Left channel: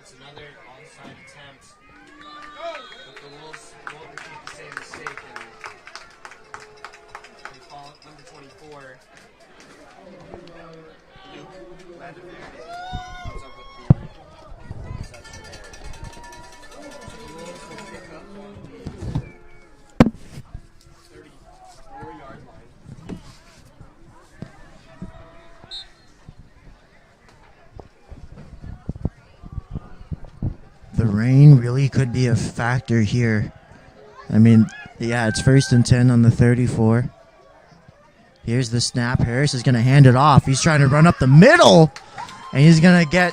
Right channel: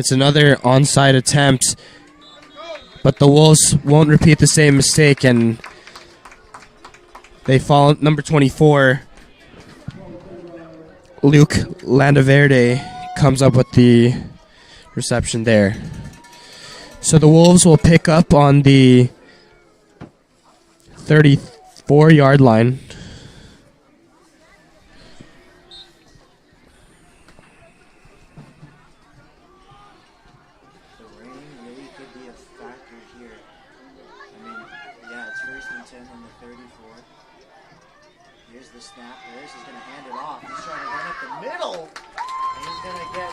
It's another onside attempt, but the Wolves won't repeat the same mistake, and they fall. Number 24, Luke Landaverde, comes up with the reception there. So the Wolves will pick up on the 34-yard line. The rain really could be a factor here. I mean, yeah, it's 1st and 10 on the 34. Here's the snap. Harris is going to hand it off. He's trying to run up the middle, and he's going to get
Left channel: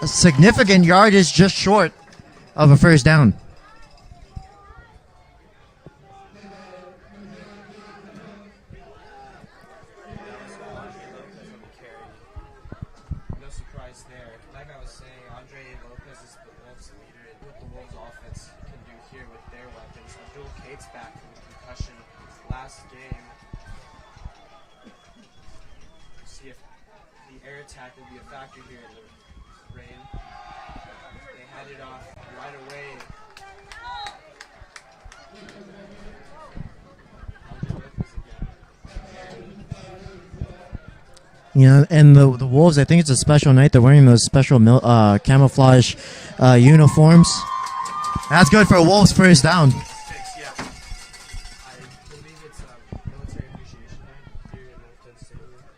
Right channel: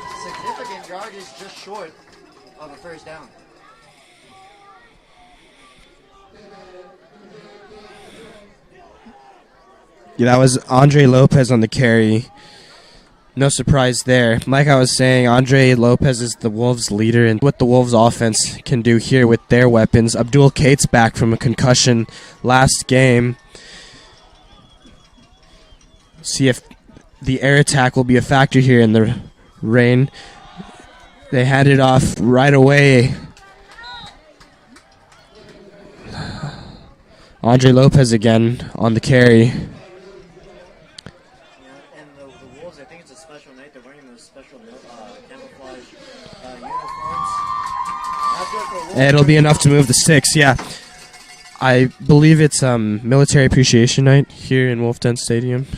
a significant yardage just short of a first down. Yeah, that was Andre Lopez on the carry. No surprise there. Like I was saying, Andre Lopez is the Wolves' leader, and what the Wolves' offense can do here with their weapons. Abdul Kate's back from a concussion last game. See if the air attack will be a factor here in the rain. They hand it off right away. Andre Lopez again on the carry. You know, and the Wolves, I think it's a special night. They're wearing those special camouflage uniforms. That's good for Wolves. It'll be enough to move the sticks, yeah. I believe it's Military Appreciation Night here in Wolf Den Stadium.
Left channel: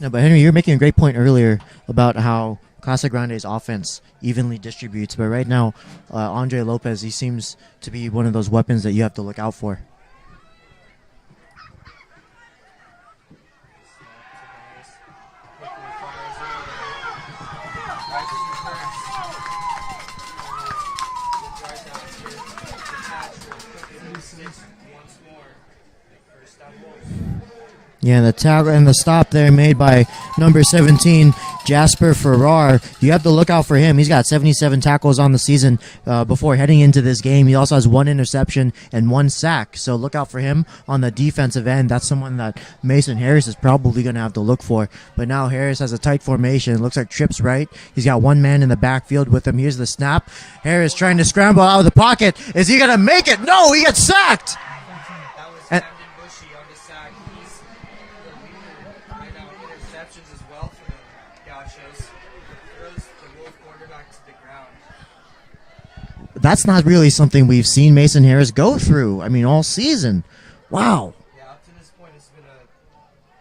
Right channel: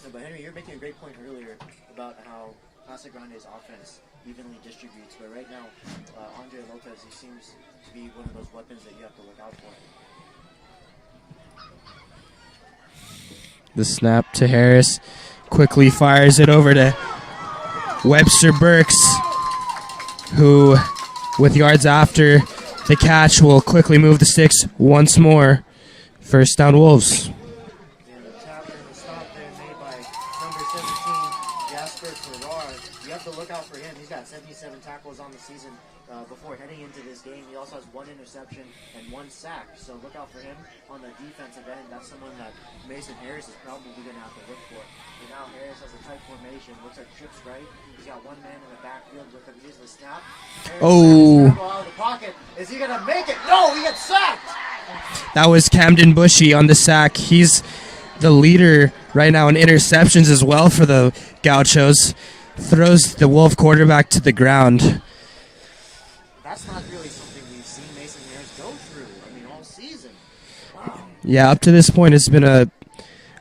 No, but Henry, you're making a great point earlier about how Casa Grande's offense evenly distributes. But right now, Andre Lopez, he seems to be one of those weapons that you have to look out for. The snap to Harris. Quickly fires it over to Webster Burks, who, with yards after the catch, will quickly move the sticks once more. First down, Wolves. Yeah, the tackle and the stop there made by number 17, Jasper Farrar. You have to look out for him. He's got 77 tackles on the season before heading into this game. He also has 1 interception and 1 sack. So look out for him on the defensive end. That's someone that Mason Harris is probably going to have to look for. But now Harris has a tight formation. It looks like Tripp's right. He's got 1 man in the backfield with him. Here's the snap. Harris trying to scramble out of the pocket. Is he going to make it? No, he gets sacked. That was Camden Bushy on the sack. He's the leader right now in interceptions as well for the Gauchos. Throws the Wolf quarterback to the ground. That's not really something we've seen Mason Harris go through, I mean, all season. Wow. Yeah, up to this point it's been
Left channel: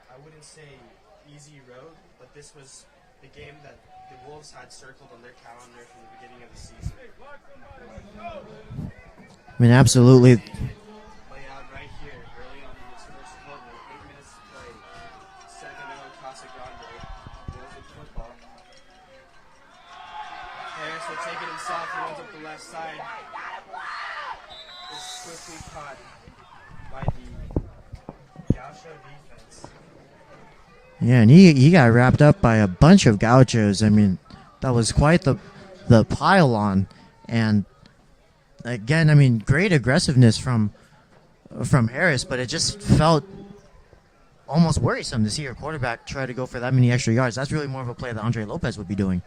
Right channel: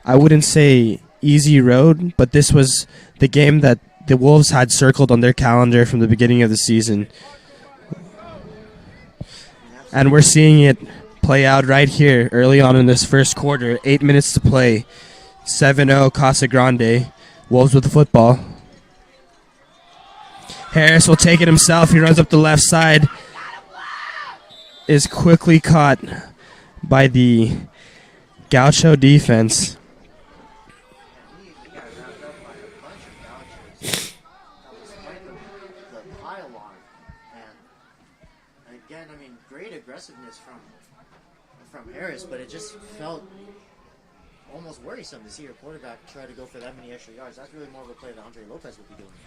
I wouldn't say easy road, but this was the game that the Wolves had circled on their calendar from the beginning of the season. I mean, absolutely. And we're seeing it play out right here early on in this first quarter. 8 minutes to play. 7-0 Casa Grande. Wolves with the football. Harris will take it himself. He runs up the left side. Is quickly caught by the Gaucho defense. Yeah, and he got wrapped up by a bunch of Gauchos. I mean, that was quite the pile-on. And again, I mean, great aggressiveness from Harris, but it just felt almost worrisome to see your quarterback try to go for that many extra yards. That's really more of a play that Andre Lopez would be doing.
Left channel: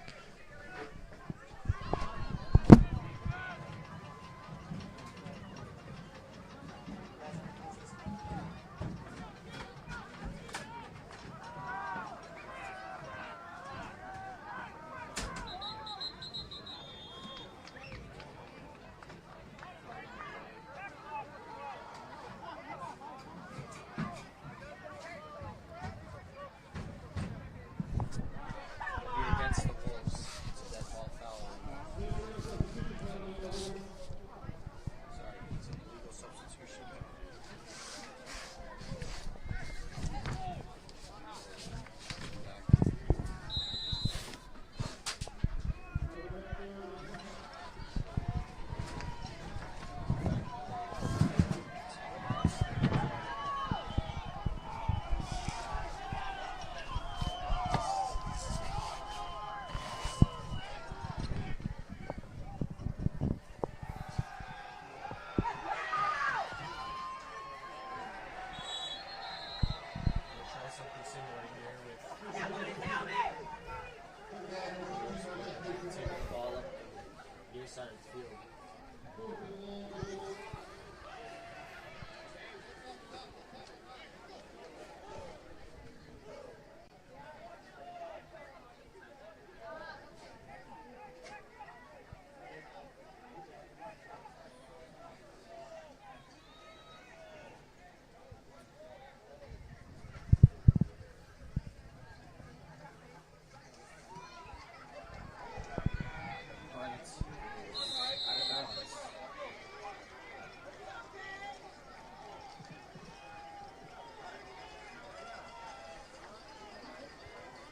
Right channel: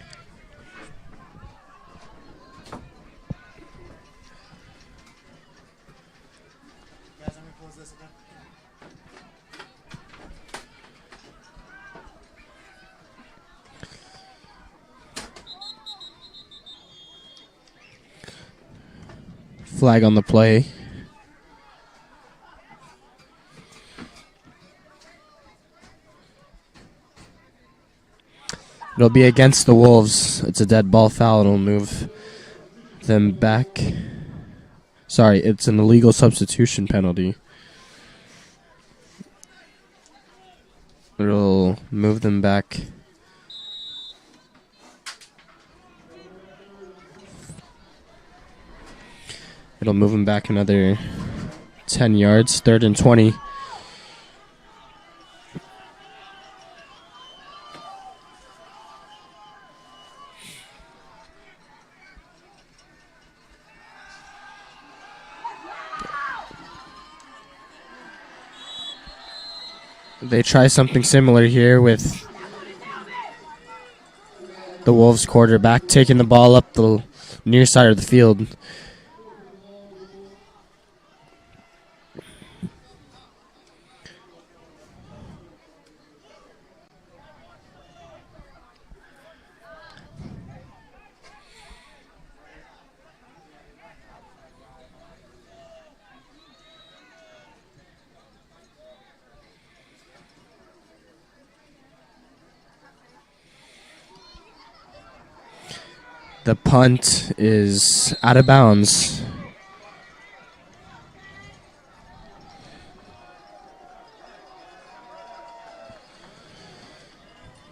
Flag on the play. It'll be against the Wolves. It's a dead ball foul. It'll move them back. Sorry, it's an illegal substitution penalty. It'll move them back. It'll move them back another 10 yards. 3rd and 20. They try something similar here with The Wolves quarterback taking the ball up the near side of the field. The punt is out of bounds.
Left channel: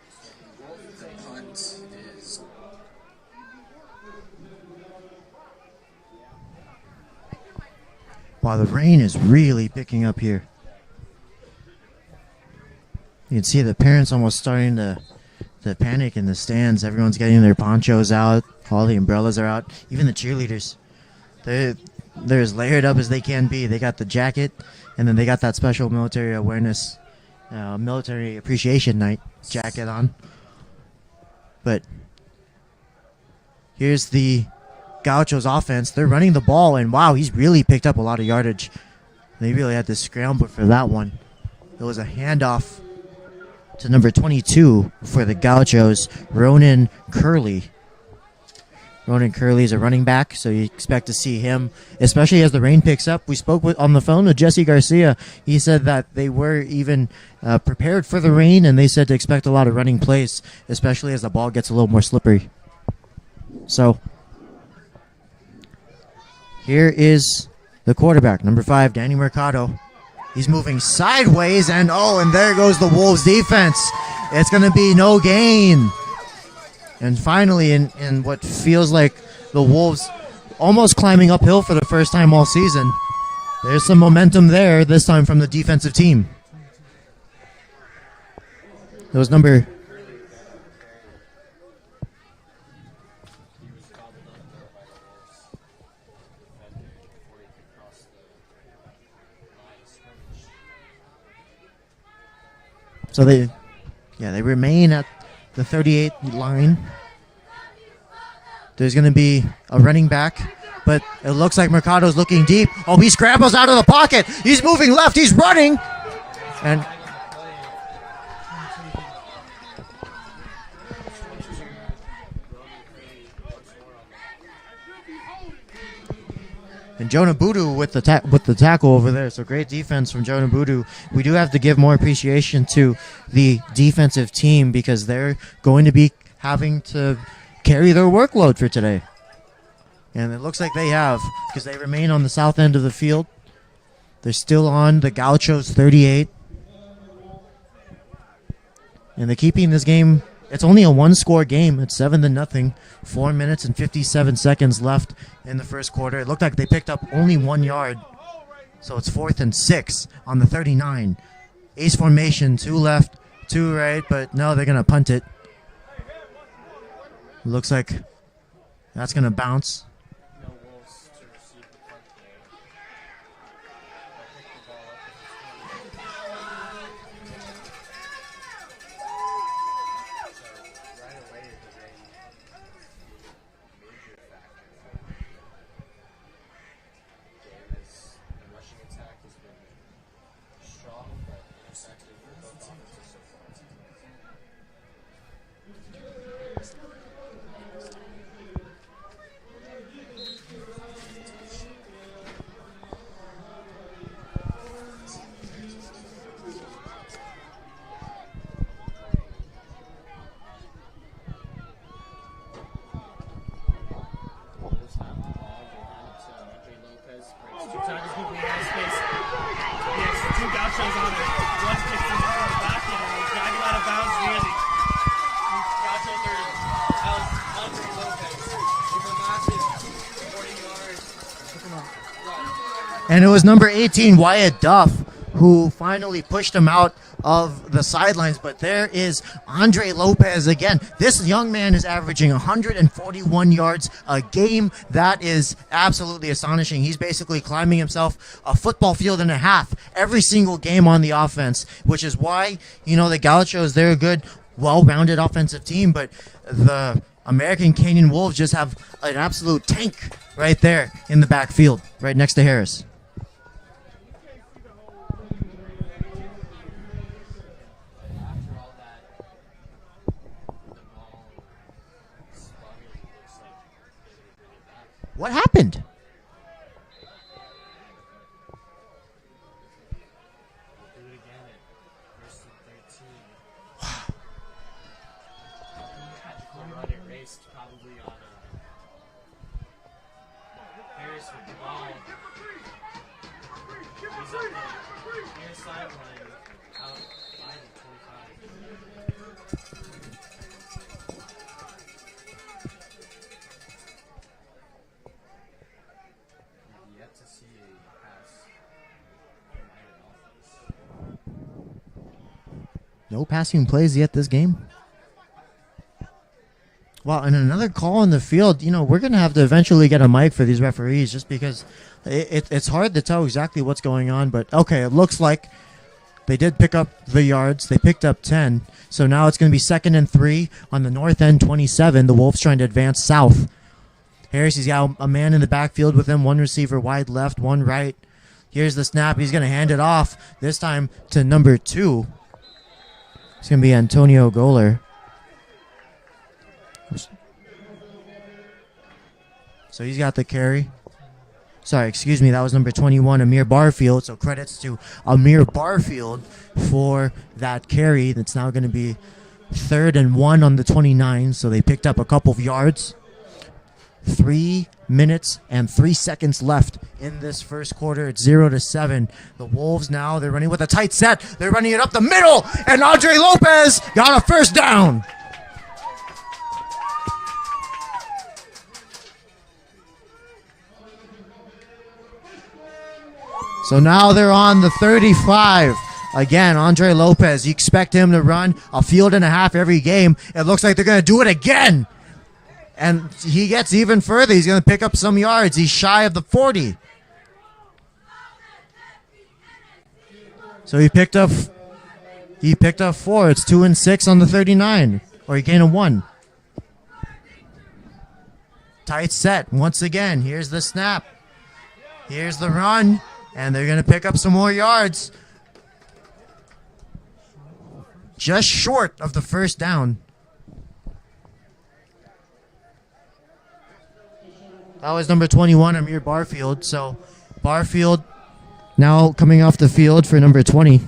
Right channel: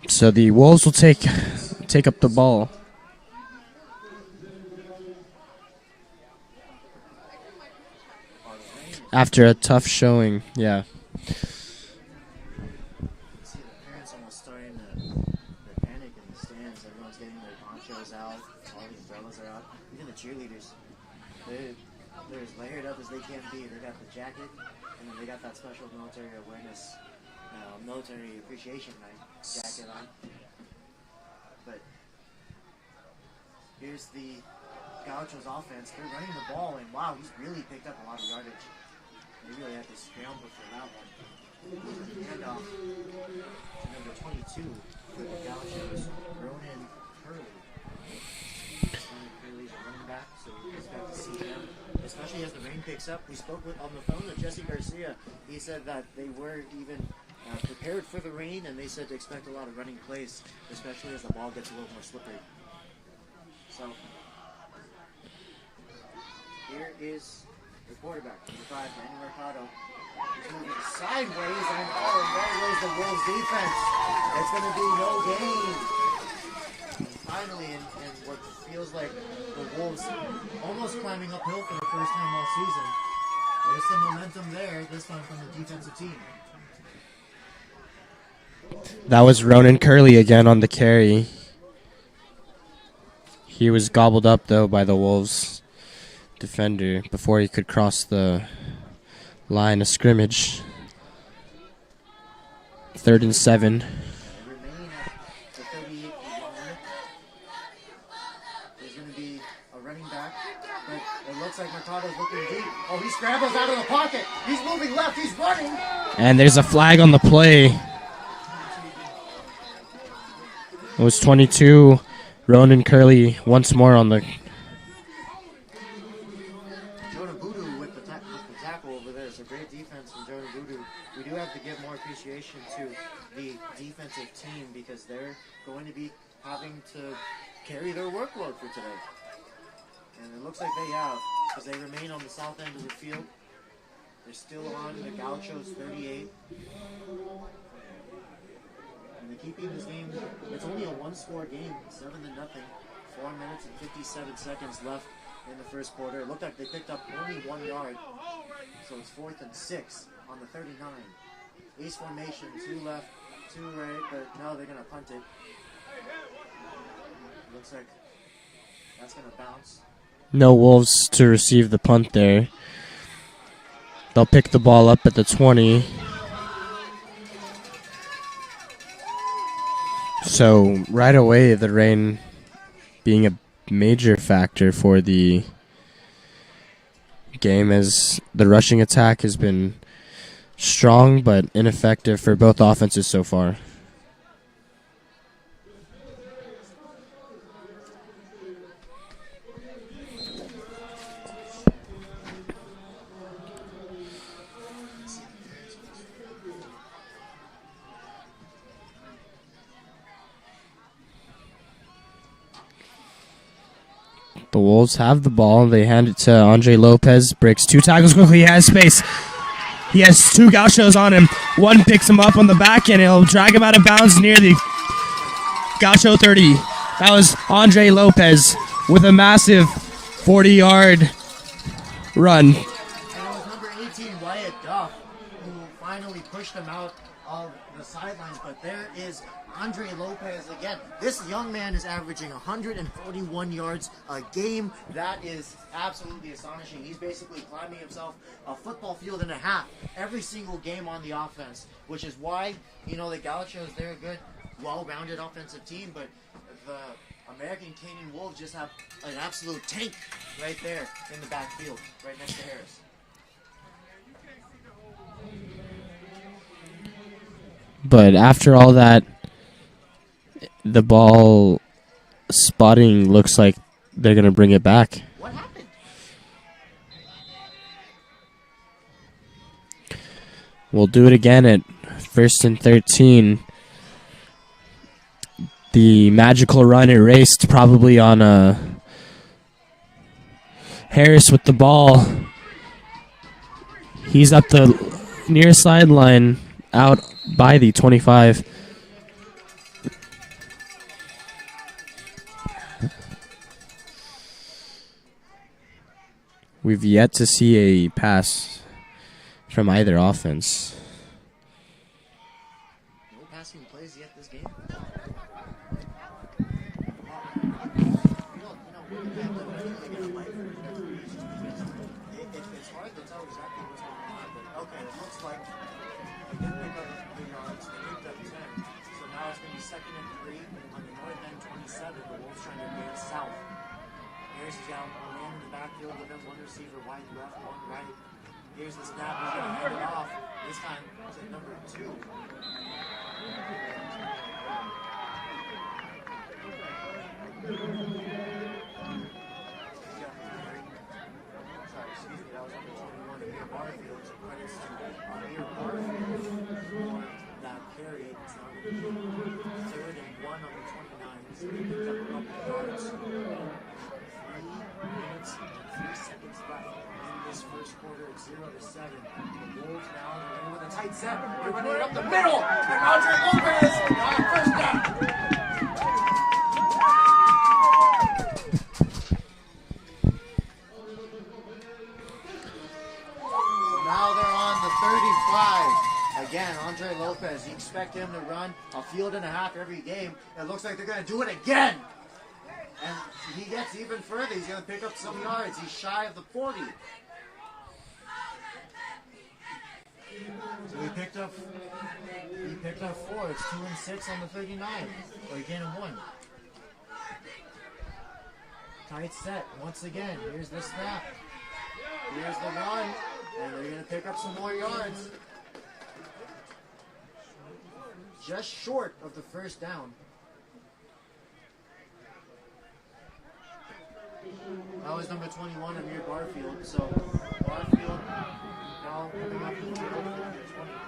So the Wolves will take up the ball. Wow, the rain is After really a tough picking up showing. here. Yeah. You can see the parents almost starting to panic in the stands. Everyone's getting their ponchos out. All the umbrellas are out. Even the cheerleaders. They're as layered up as they can be. They got the jacket, and then they got that special military awareness, military appreciation night jacket on. But here's the Gauchos offense. They're running the ball, and wow, he's really picked up a lot of yardage. They really had to scramble for that one. It was a handoff to number 22 for the Gauchos, Ronan Curley. Ronan Curley is a running back, so you expect to see him, especially as the rain picks up. We spoke on the phone with Jesse Garcia. He said that they were even prepared for the rain, and they said to expect a lot of running plays, especially as the ball gets a little more slippery. So here is the quarterback, number 5, Danny Mercado. He's moving sideways, and there goes the Wolves defense. It's going to be no gain. And finally, in what feels like the Wolves almost climbing uphill for the first time all season, there's some momentum there, this time from the defensive team. That was Ronan Curley again on the carry. He was gobbled up, though, by the Wolves defender before he could cross the line of scrimmage. 37. They remain at the 38 line. There's going to be a running back, but it looks like Mercado's looking deep. He scrambles out of the pocket. He's moving left. He's running. And there's a flag on the play. It was 22. Ronan Curley once more on the... And Jonah Boodoo with the tackle over there. So great defense from Jonah Boodoo. We do have to give more appreciation to the defensive team because they're going to be having to carry their workload for today. And it looks like they have because they remain on the south end of the field. They're still on the Gauchos 38. And they're keeping this game. It's only a one-score game. It's 7-0. 4 minutes and 57 seconds left in the first quarter. It looked like they picked up only 1 yard. So it's 4th and 6 on the 39. Ace formation, 2 left, 2 right, but no, they're going to punt it. Looks like that's going to bounce. No Wolves to receive the punt there. They'll pick the ball up at the 20. So right away, the rain being a major factor for the game as the rushing attack has been strong but ineffective for both offenses so far. The Wolves have the ball. They hand it to Andre Lopez. Breaks 2 tackles quickly. He has space. He has 2 Gauchos on him. One picks him up on the back, and he'll drag him out of bounds near the Gaucho 30. That was Andre Lopez with a massive 40-yard run. And it was number 18, Wyatt Duff, who finally pushed him out of the sidelines. But there is Andre Lopez again. This young man is averaging 141 yards a game. That is absolutely astonishing. He's basically climbing himself a football field and a half every single game on the offense, which is why, the Gauchos, they're a good, well-rounded offensive team, but the American Canyon Wolves just have an absolute tank right there in the backfield, right next to Harris. But after all that, the ball spotting looks like they're going to bring it back. What happened? We'll do it again at 1st and 13. The magical run erased probably on Harris with the ball. He's up the near sideline out by the 25. We've yet to see a pass from either offense. No passing plays yet this game. Well, and another call on the field. We're going to have to eventually get a mic for these referees just because it's hard to tell exactly what's going on. But, okay, it looks like they did pick up the yards. They picked up 10. So now it's going to be 2nd and 3 on the north end 27. The Wolves trying to advance south. Harris, he's got a man in the backfield with him. One receiver wide left, one right. Here's the snap. He's going to hand it off, this time to number 2. It's going to be Antonio Goller. So he's got the carry. Sorry, excuse me, that was number 21, Amir Barfield. So credits to Amir Barfield for that carry. That's now going to be 3rd and 1 on the 29. So they picked up a couple of yards. 3 minutes and 3 seconds left in this first quarter. It's 0-7. The Wolves now, they're running with a tight set. They're running it up the middle, and Andre Lopez got a first down. So now they're on the 35. Again, Andre Lopez, you expect him to run a field and a half every game. It looks like they're going to do it again. And he gets even further. He's going to pick up some yards. He's shy of the 40. So he picked up 4. It's 2 and 6 on the 39. Or he gained a 1. Tight set once again. Here's the snap. Here's the run. And they're going to pick up some more yards. Just short of the first down. That was number 21, Amir Barfield. So Barfield now coming off the field for number 20.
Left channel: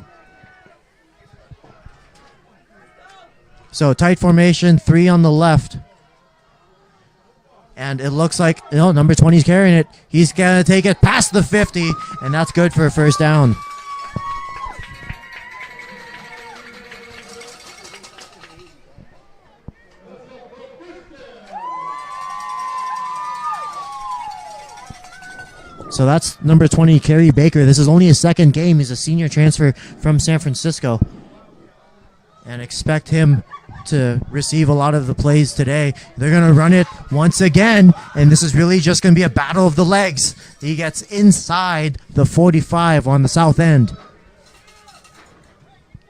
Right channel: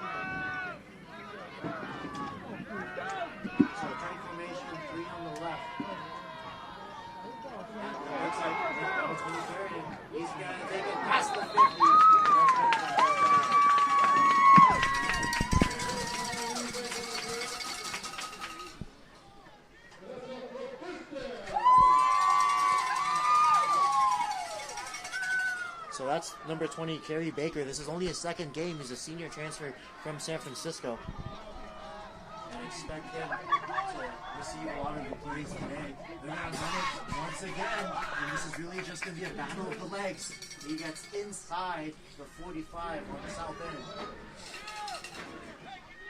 So tight formation, 3 on the left. And it looks like, number 20 is carrying it. He's going to take it past the 50, and that's good for a first down. So that's number 20, Kerry Baker. This is only his second game. He's a senior transfer from San Francisco. And expect him to receive a lot of the plays today. They're going to run it once again, and this is really just going to be a battle of the legs. He gets inside the 45 on the south end.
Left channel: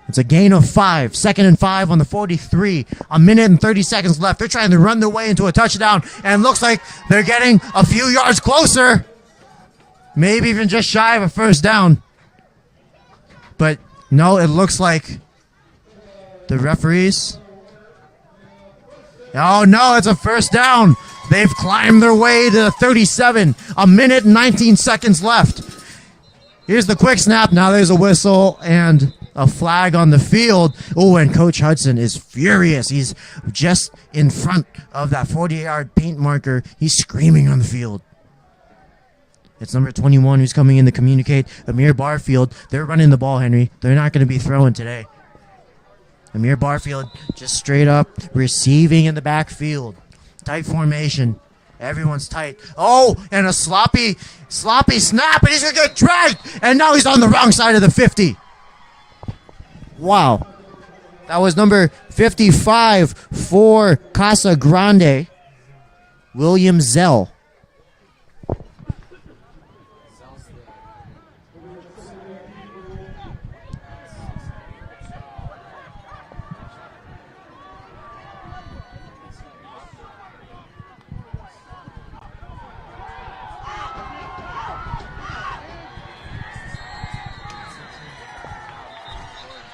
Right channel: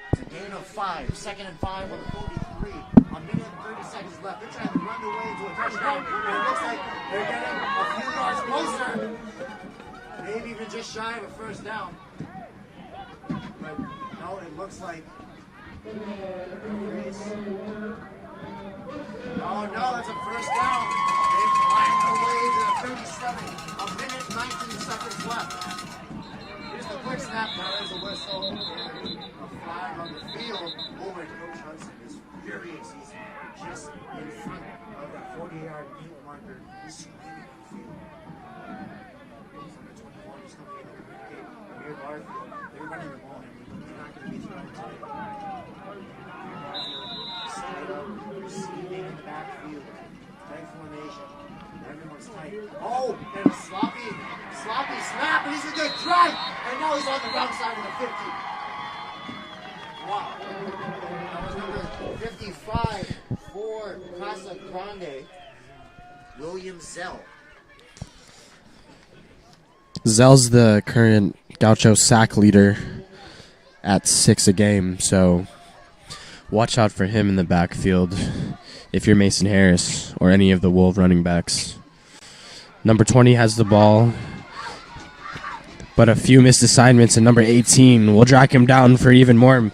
It's a gain of 5. 2nd and 5 on the 43. A minute and 30 seconds left. They're trying to run their way into a touchdown, and looks like they're getting a few yards closer. Maybe even just shy of a first down. But no, it looks like the referees. Oh no, it's a first down. They've climbed their way to 37. A minute and 19 seconds left. Here's the quick snap. Now there's a whistle and a flag on the field. Oh, and Coach Hudson is furious. He's just in front of that 40-yard paint marker. He's screaming on the field. It's number 21 who's coming in to communicate. Amir Barfield. They're running the ball, Henry. They're not going to be throwing today. Amir Barfield just straight up receiving in the backfield. Tight formation. Everyone's tight. Oh, and a sloppy snap, and he's going to get dragged. And now he's on the wrong side of the 50. Wow. That was number 55 for Casa Grande, William Zell. Zell's the current Gaucho sack leader at 6 a game, so watch out for him in the backfield. if you're Mason Harris or any of the Wolf running backs. Number 20 has the ball, but a few missed assignments, and number 18 will drag him down for even more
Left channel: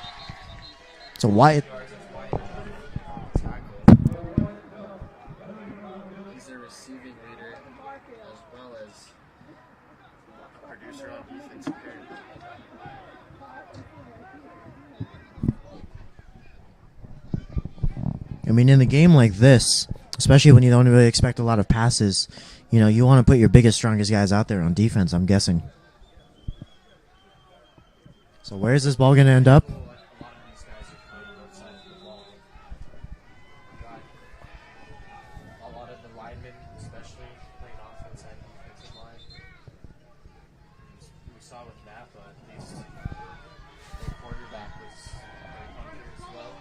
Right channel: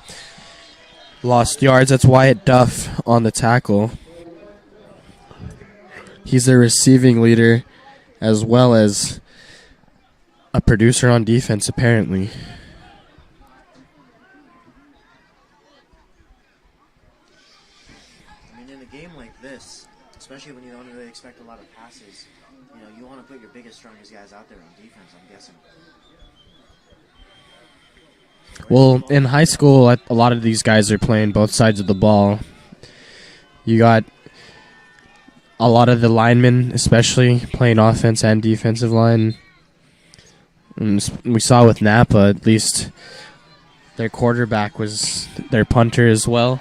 lost yards. That's Wyatt Duff on the tackle. He's their receiving leader as well as a producer on defense, apparently. I mean, in a game like this, especially when you don't really expect a lot of passes, you know, you want to put your biggest, strongest guys out there on defense, I'm guessing. So where's this ball in gonna high end up? school, a lot of these guys are playing both sides of the ball. You got a lot of the linemen, especially, playing offense and defensive line. And we saw with Napa, at least, their quarterback was their punter as well.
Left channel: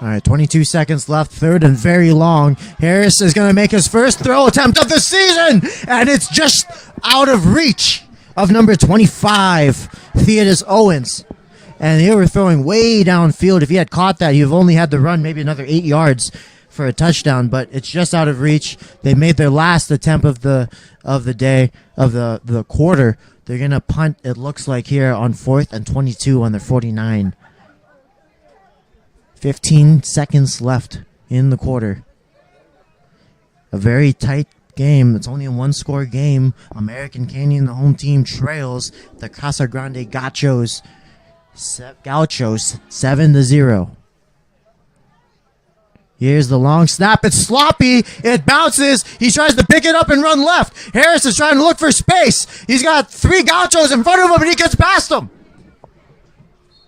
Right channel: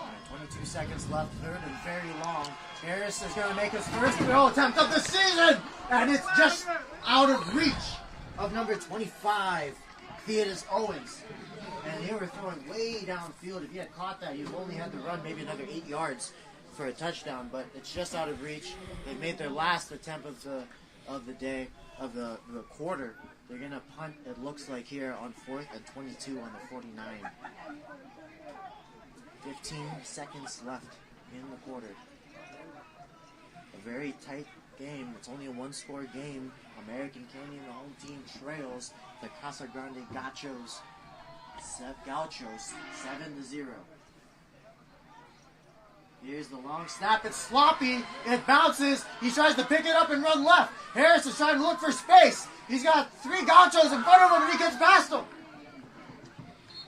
All right, 22 seconds left, third and very long. Harris is going to make his first throw attempt of the season, and it's just out of reach of number 25, Theodis Owens. And they were throwing way downfield. If he had caught that, you've only had to run maybe another 8 yards for a touchdown, but it's just out of reach. They made their last attempt of the day, of the quarter. They're going to punt, it looks like, here on 4th and 22 on their 49. 15 seconds left in the quarter. A very tight game. It's only a one-score game. American Canyon, the home team, trails the Casa Grande Gauchos 7-0. Here's the long snap. It's sloppy. It bounces. He tries to pick it up and run left. Harris is trying to look for space. He's got 3 Gauchos in front of him, and he gets past them.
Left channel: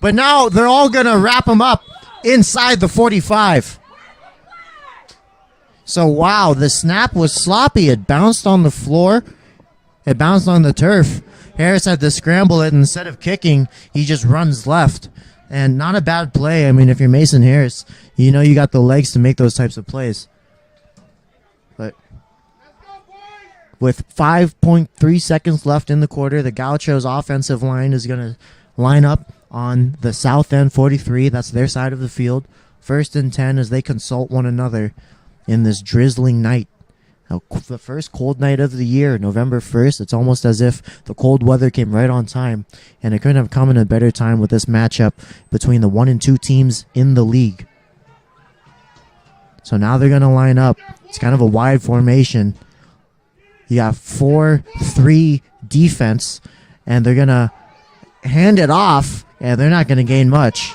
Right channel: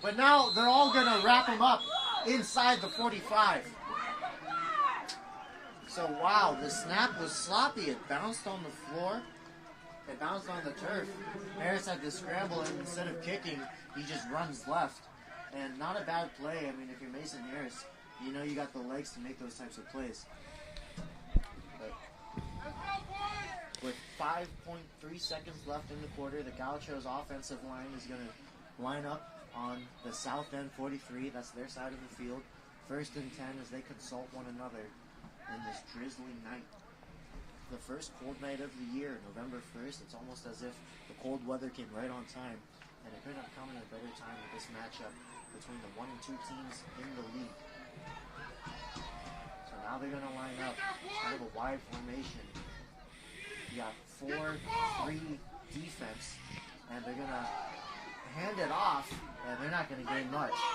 But now they're all going to wrap him up inside the 45. So, wow, the snap was sloppy. It bounced on the floor. It bounced on the turf. Harris had to scramble it, and instead of kicking, he just runs left. And not a bad play. I mean, if you're Mason Harris, you know you got the legs to make those types of plays. But with 5.3 seconds left in the quarter, the Gauchos offensive line is going to line up on the south end 43. That's their side of the field. 1st and 10 as they consult one another in this drizzling night. Now, the first cold night of the year, November 1st. It's almost as if the cold weather came right on time, and it couldn't have come in a better time with this matchup between the 1 and 2 teams in the league. So now they're going to line up. It's kind of a wide formation. You got 4-3 defense, and they're going to hand it off, and they're not going to gain much.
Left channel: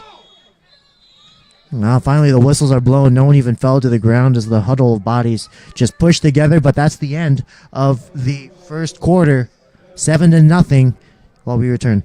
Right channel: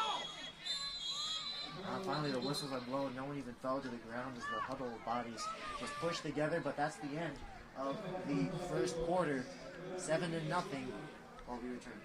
Now, finally, the whistles are blown. No one even fell to the ground as the huddle of bodies just pushed together, but that's the end of the first quarter. 7-0 while we return.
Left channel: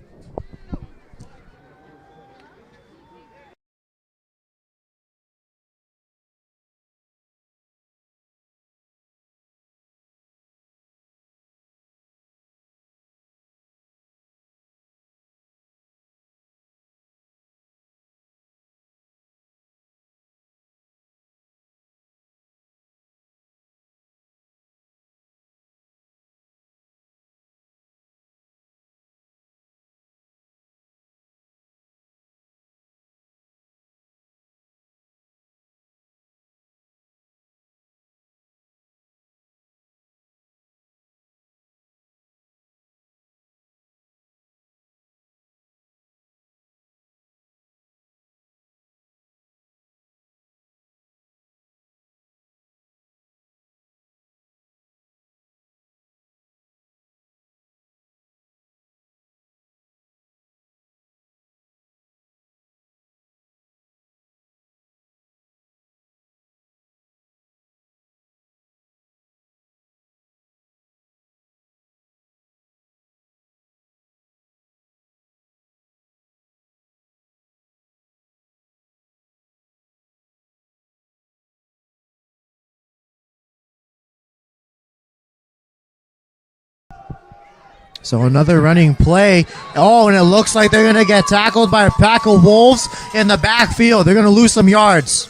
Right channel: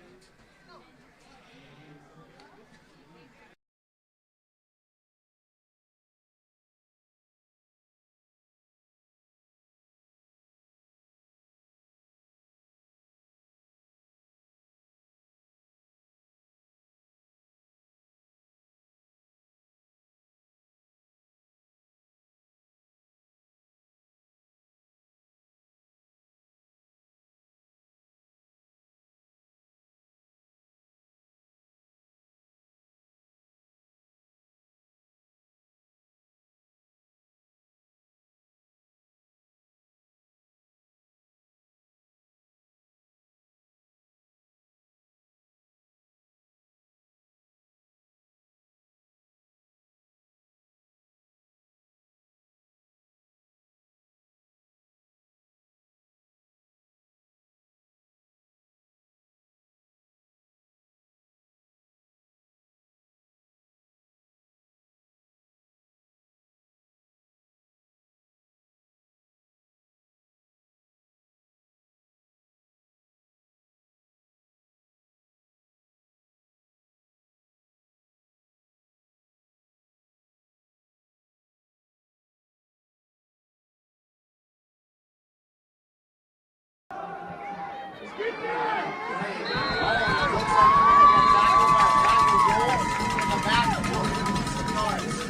So another running play. Oh, and it looks like they're going to get tackled by a pack of Wolves in the backfield. They're going to lose some yards.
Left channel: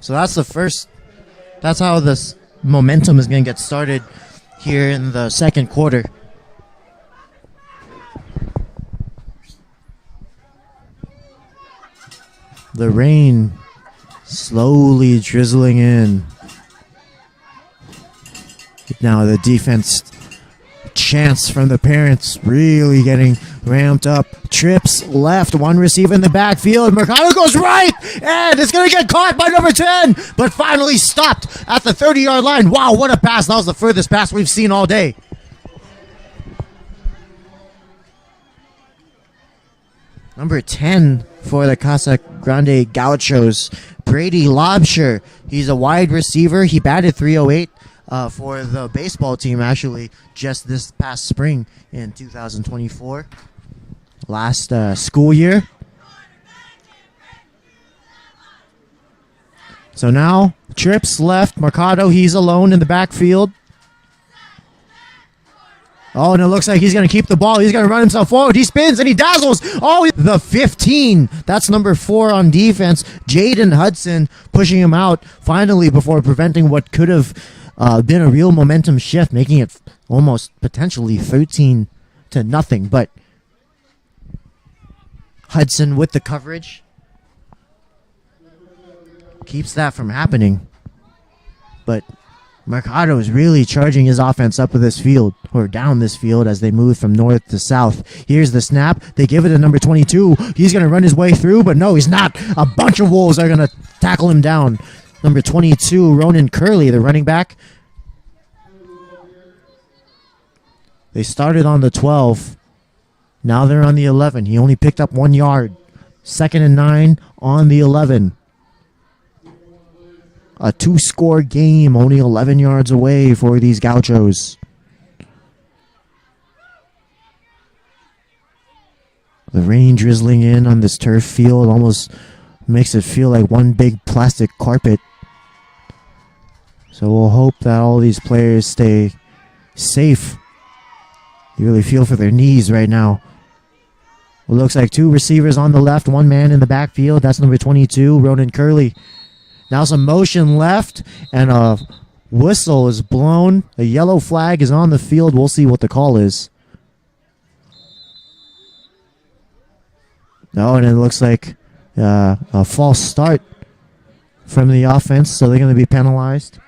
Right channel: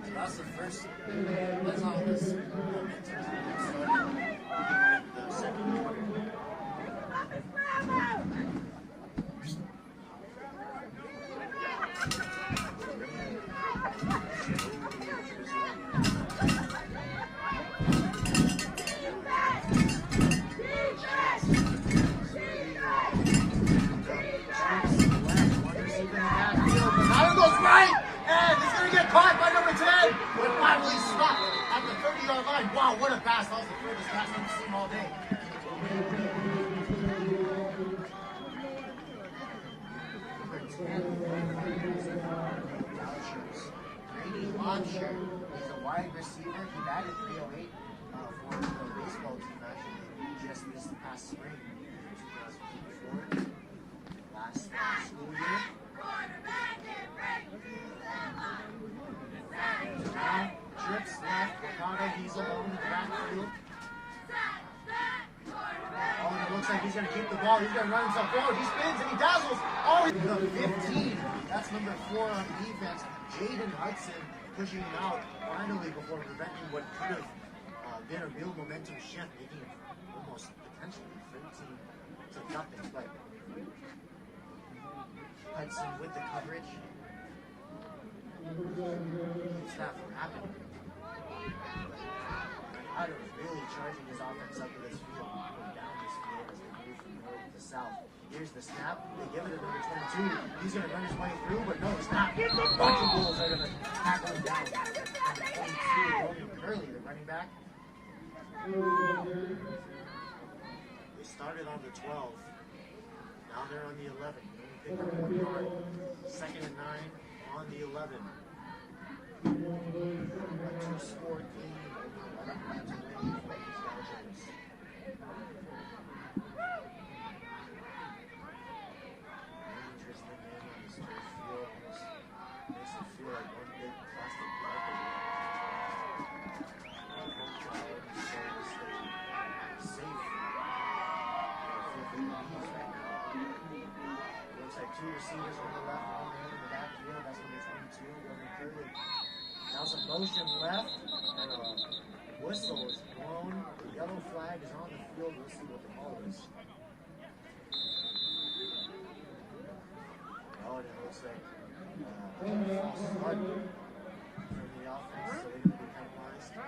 So that's the first. That's how this momentum is going to get started here in the second quarter. The rain slowly drizzling in. Now the defense chants from the parents really getting ramped up. Trips left, one receiver in the backfield. Mercado goes right, and it's going to get caught by number 10, but finally stopped at the 30-yard line. Wow, what a pass. That was the furthest pass we've seen all day. Number 10 for the Casa Grande Gauchos, Brady Lobsher. He's a wide receiver. He batted .308 for the baseball team, actually, just this past spring in 2024. Last school year. So now, Trips left. Mercado, he's alone in the backfield. Oh, and it looks like he's going to keep the ball. He's going to run himself forward. He spins and he dazzles. Oh, the 15. That's number 4 on defense. Jaden Hudson pushing him out finally before preventing what could have been a real momentum shift, making it almost potentially 13-0. But Hudson with the coverage keeps that from happening. But Mercado is really charging his offense up this field, or down this field, as they move from north to south. Here's the snap. They give it to number 22. He's going to run his way through, but no, he's not. A bunch of Wolves are going to tackle him down. Number 22, Ronan Curley, the running back. They started on the 12. Now they're on the 11. He only picked up 1 yard. 2nd and 9 on the 11. A 2-score game, only 11 yards away for these Gauchos. The rain drizzling in on this turf field almost makes it feel like one big plastic carpet. So we'll hope that all these players stay safe. You really feel for their knees right now. It looks like 2 receivers on the left, 1 man in the backfield. That's number 22, Ronan Curley. Now some motion left, and a whistle is blown. A yellow flag is on the field. We'll see what the call is. Oh, and it looks like a false start from the offense, so they're going to be penalized.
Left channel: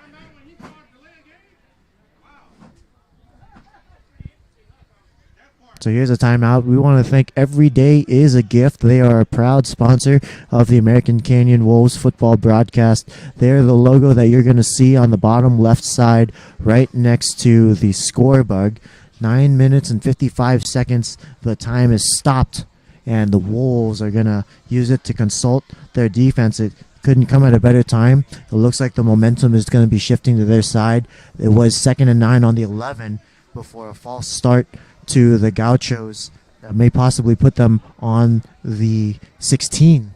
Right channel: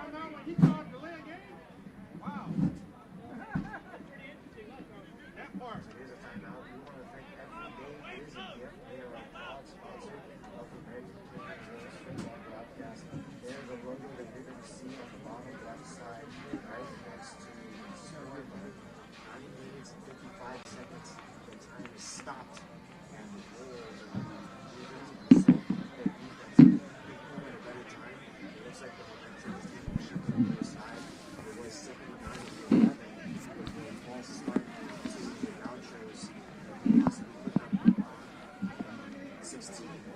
So here's a timeout. We want to thank Every Day is a Gift. They are a proud sponsor of the American Canyon Wolves football broadcast. They're the logo that you're going to see on the bottom left side right next to the score bug. 9 minutes and 55 seconds. The time is stopped, and the Wolves are going to use it to consult their defense. It couldn't come at a better time. It looks like the momentum is going to be shifting to their side. It was 2nd and 9 on the 11 before a false start to the Gauchos that may possibly put them on the 16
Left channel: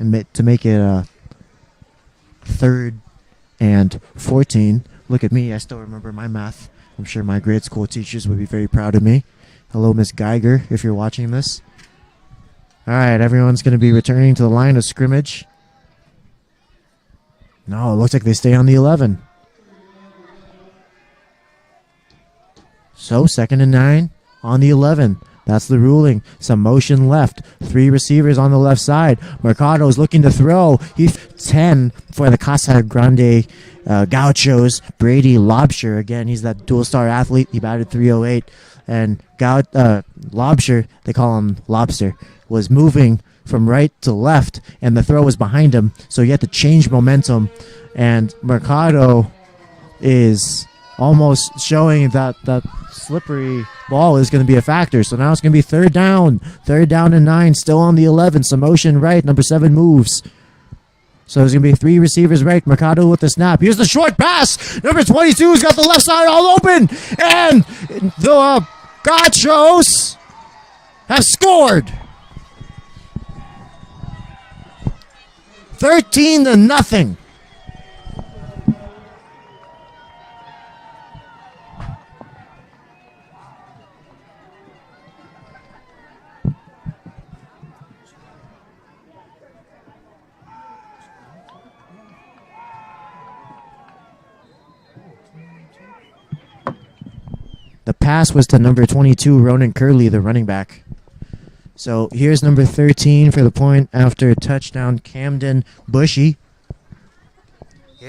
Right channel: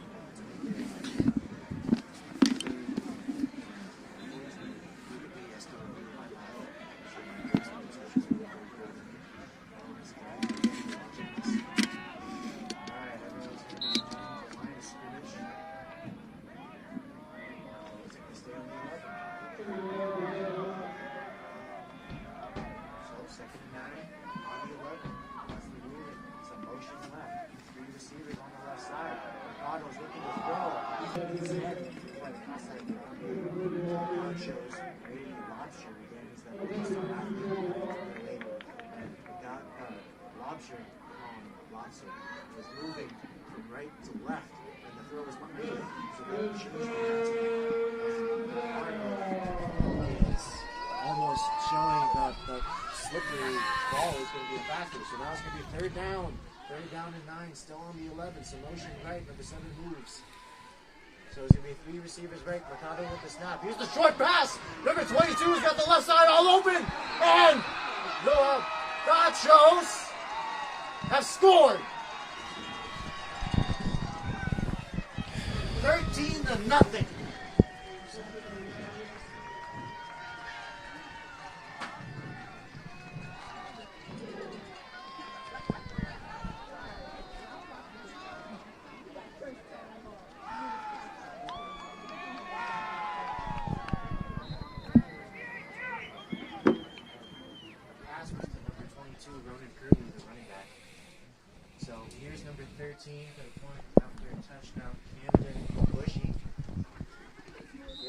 and to make it a 3rd and 14. Look at me, I still remember my math. I'm sure my grade school teachers would be very proud of me. Hello, Miss Geiger, if you're watching this. All right, everyone's going to be returning to the line of scrimmage. No, it looks like they stay on the 11. So 2nd and 9 on the 11. That's the ruling. Some motion left. 3 receivers on the left side. Mercado's looking to throw. He's 10 for the Casa Grande Gauchos. Brady Lobsher. Again, he's that dual-star athlete. He batted .308. And Lobsher, they call him Lobster, was moving from right to left, and the throw was behind him. So he had to change momentum. And Mercado is almost showing that slippery ball is going to be a factor. So now it's going to be 3rd down. 3rd down and 9, still on the 11. Some motion right. Number 7 moves. So there's going to be 3 receivers right. Mercado with the snap. Here's the short pass. Number 22's got the left side all open. And the Gauchos have scored. 13-0. The pass was to number 22, Ronan Curley, the running back. So here's number 13 for the point after a touchdown, Camden Bushy.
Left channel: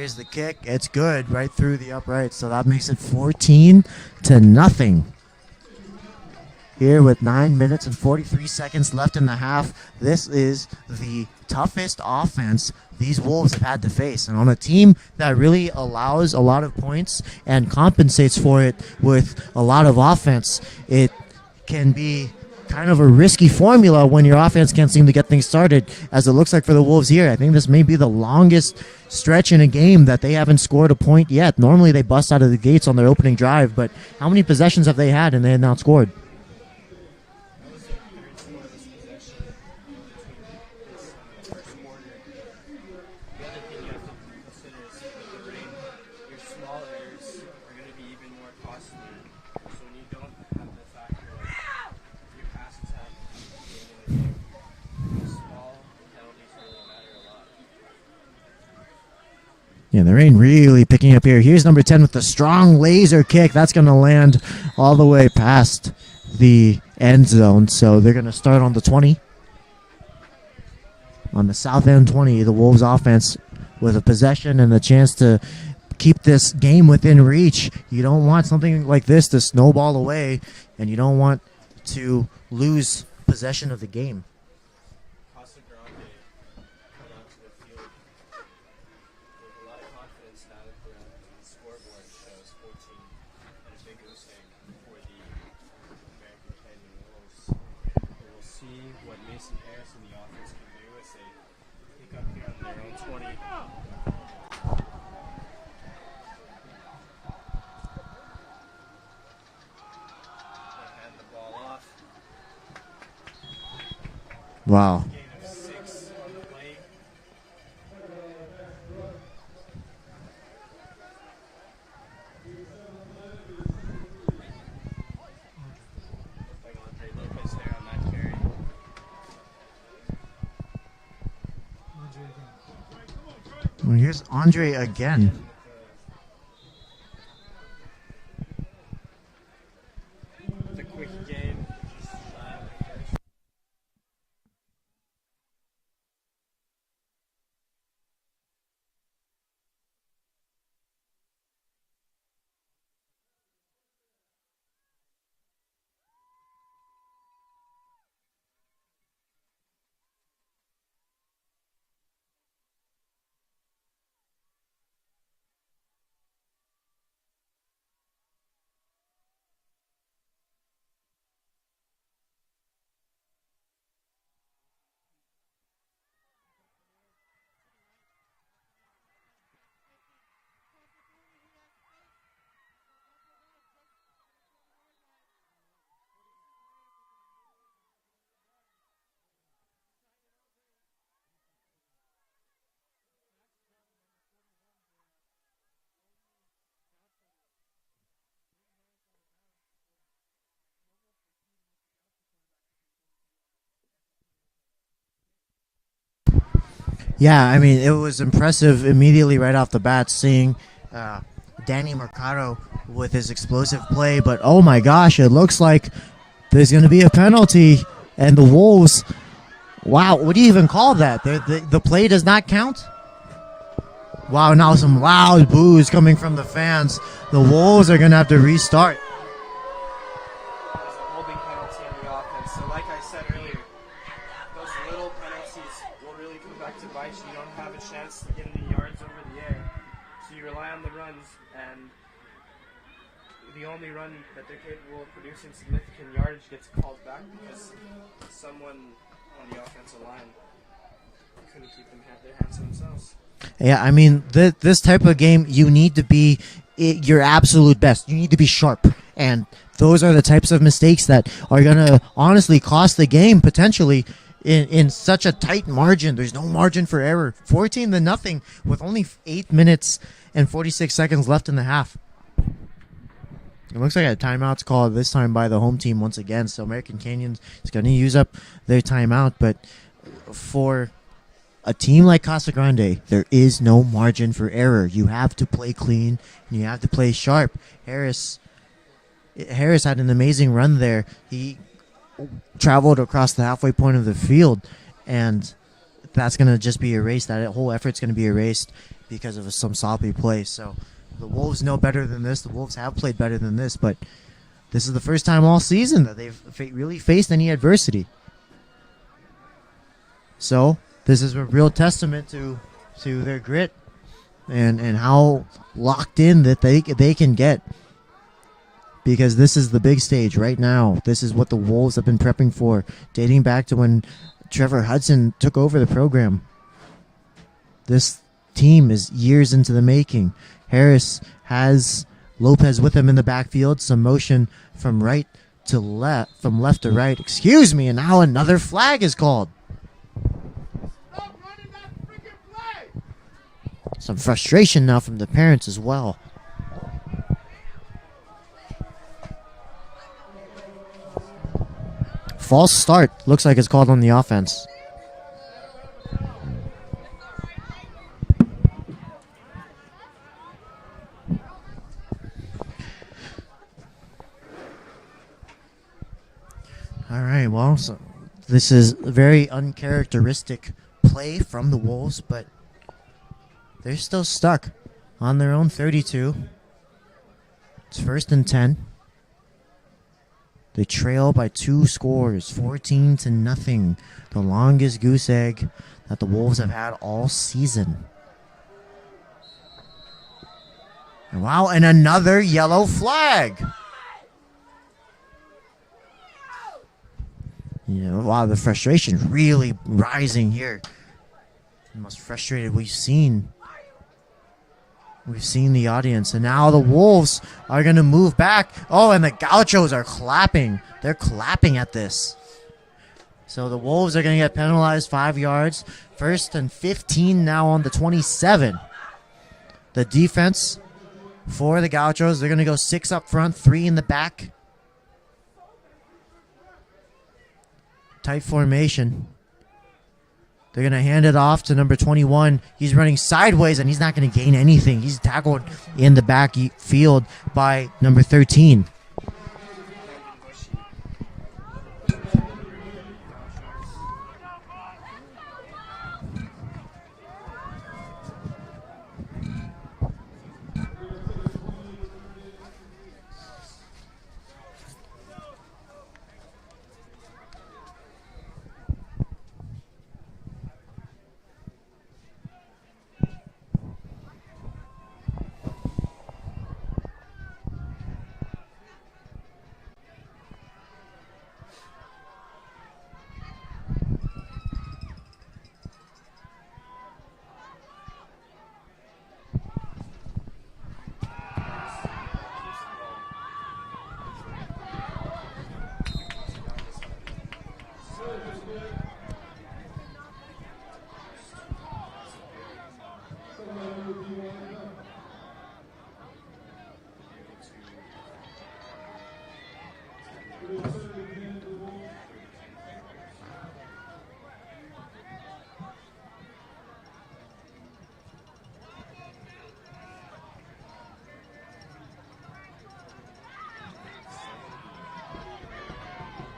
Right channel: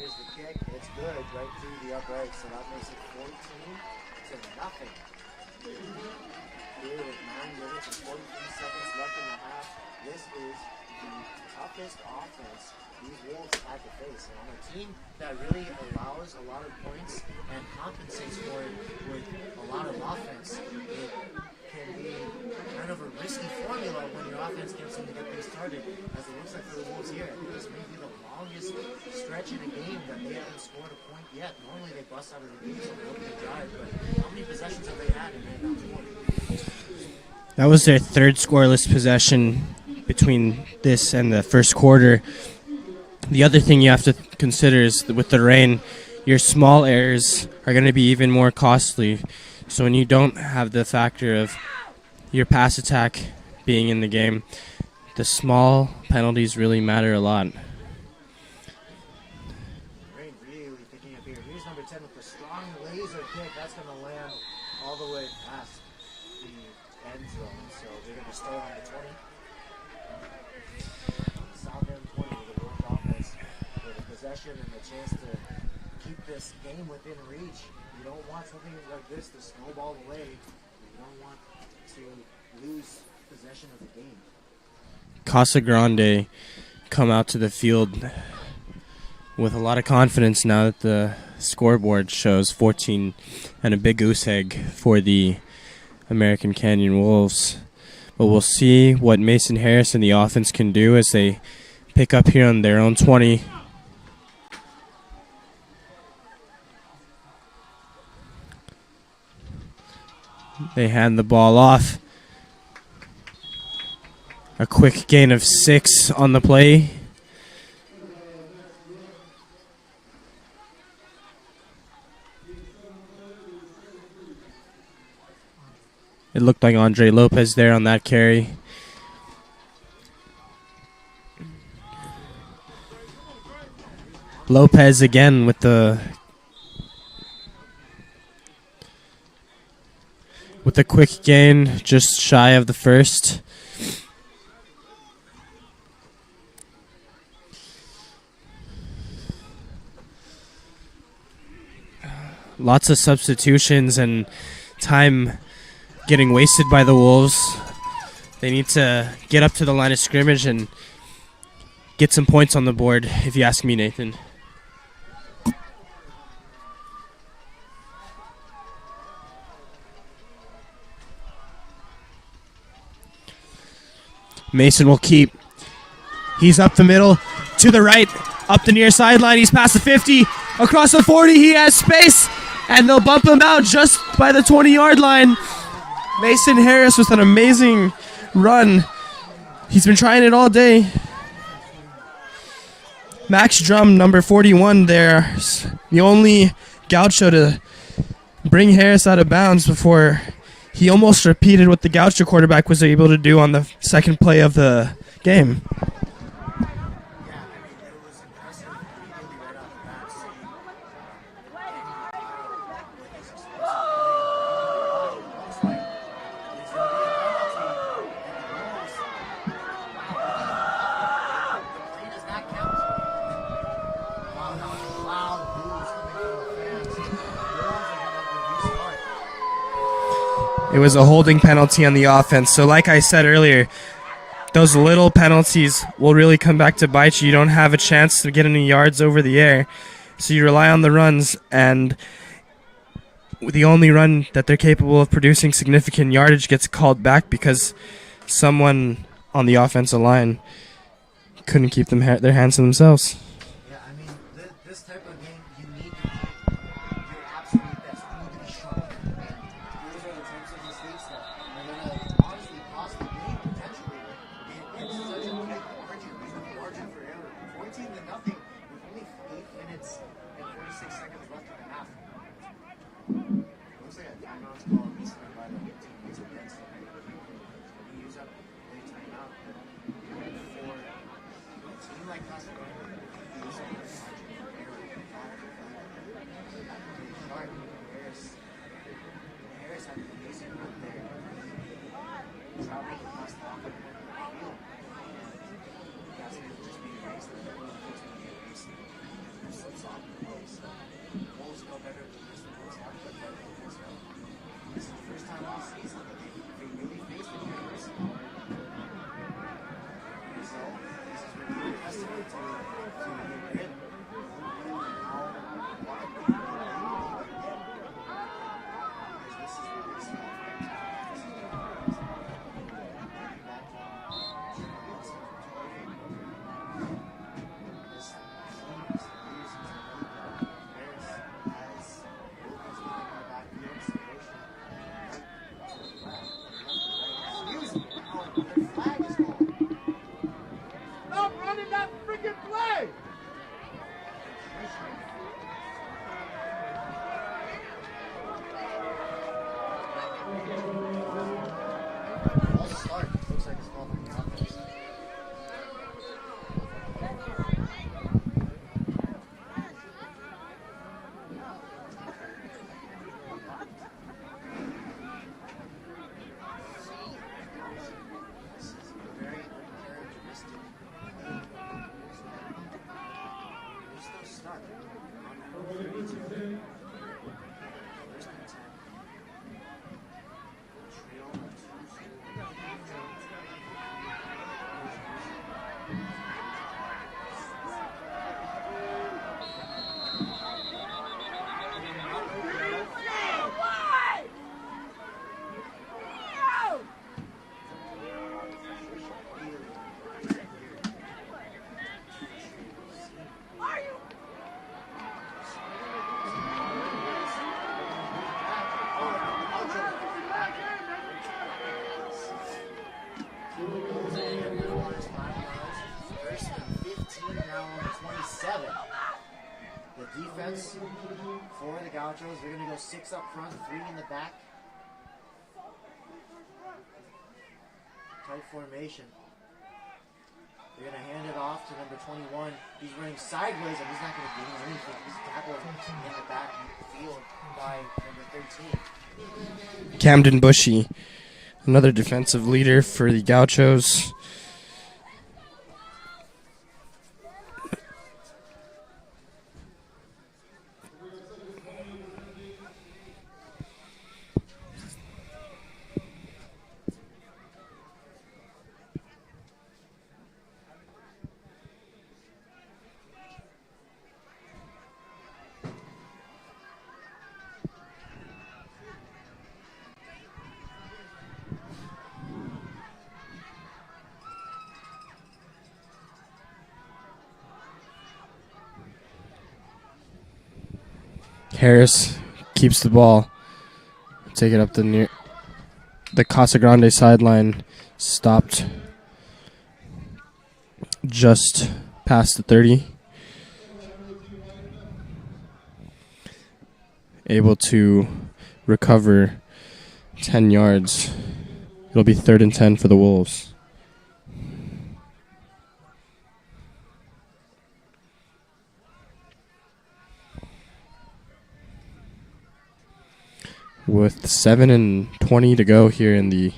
Here's the kick. It's good right through the upright, so that makes it 14-0. Here with 9 minutes and 43 seconds left in the half, this is the toughest offense these Wolves have had to face. And on a team that really allows a lot of points and compensates for it with a lot of offense, it can be kind of a risky formula when your offense can't seem to get things started, as it looks like for the Wolves here. I think this may be the longest stretch in a game that they haven't scored a point yet. Normally they bust out of the gates on their opening drive, but how many possessions have they had and they had not scored? That was their third scoreless possession between this and the first quarter. The other thing you have to consider is that with the rain, your small errors are going to be even more costly. So when you don't have the factor of your pass attack being in the game, the small penalties really matter a lot. Yeah, the rain really picking up here. Here's number 10 with the strong laser kick. That's going to land all the way past the end zone. So they're going to start on the 20. On the south end 20, the Wolves offense with a possession and the chance to keep this game within reach. You don't want something like this to snowball away, and you don't want to lose possession of the game. Casa Grande come out to the field with a lot of confidence now that the scoreboard shows 14 and a big goose egg for the American Canyon Wolves. But we'll see what Mason Harris and the offense can do as they pick up here on their own 20. They hand the ball off. A quick gain of 6 on the play. It looked like Andre Lopez there on that carry. Well, here's Andre Lopez again with the quick gain, just shy of the first. Lots of substitutions and time getting wasted by the Wolves. They need to get up to the line of scrimmage and get some points on the board, if you ask me, Nathan. Mason will keep. He's up the middle, to the right, up the near sideline. He's past the 50, across the 40. He has space, and they'll bump him out just by the 20-yard line. Mason Harris with an amazing run. He's been trying it all day. Max Drum, number 41 there. The only Gaucho to bring Harris out of bounds before he almost repeated what the Gaucho quarterback was able to do on the second play of the game. Yeah, I mean, it was impressive immediately right off the bat seeing Danny Mercado with his explosive play. But, oh, my gosh, it looks like there's going to be a penalty. And the Wolves, wow, what do you even call that? The play does not count? Wow, now some loud boos coming from the fans. The Wolves are going to have to restart. It was a holding penalty on the offense. So like I said earlier, those little penalties will really come back to bite you. You don't have a chance to get any yards over the air. So you rely on the runs, and the only run that they're capable of producing significant yardage gets called back because someone on the offensive line couldn't keep their hands to themselves. Yeah, I mean, this type of game, you need to be your absolute best. You need to be sharp. And those are the types of mistakes that are going to honestly cost the game potentially in such a tight margin. There's no margin for error. 14-0 with only 8 minutes and 46 seconds left in the half. It looks like a timeout's called this time by the home team once again. So American Canyon is going to use up their timeout. But for a team like Casa Grande, there is no margin for error. You have to play clean. You have to play sharp. Harris had an amazing run there. He traveled across the halfway point of the field, and that's going to just be erased. That whole effort's going to be erased. because of some sloppy play. So the Wolves know better than this. The Wolves have played better than this, but this is the first time all season that they've really faced any adversity. So this is a real testament to their grit and how locked in that they can get, because this is the big stage right now. This is what the Wolves have been prepping for, dating back to when Trevor Hudson took over the program. This team is years into the making. Harris has Lopez with him in the backfield, some motion from right to left, from left to right, excuse me, and now another flag is called. Stop running that freaking play! Some frustration now from the parents as well. False start. Looks like it's called on the offense. All right, well, so this is a very uncharacteristic play from the Wolves, but they're still stuck on their own 32. It's 1st and 10. They trail by 2 scores, 14-0. The longest goose egg that the Wolves have had all season. Wow, and another yellow flag. Wow, the frustration really rising here. The most frustrated we've seen. We've seen the audience, and now the Wolves are going to move back. Oh, and the Gauchos are clapping. They're clapping at this. So the Wolves are going to get penalized 5 yards. 1st and 15 now on the 27. The defense for the Gauchos, they're going to go 6 up front, 3 in the back. Tight formation. They're going to hand it off to number 21. He's running sideways, and he's not going to gain anything. He's tackled in the back field by number 13. Camden Bushy, another defensive leader for the Gauchos. Harris keeps the ball. Take it up the Casa Grande sideline. Stopped just past the 30. Able to recover 10 yards. It'll be 3rd and 10 for the Wolves. With 7:20 to go here in the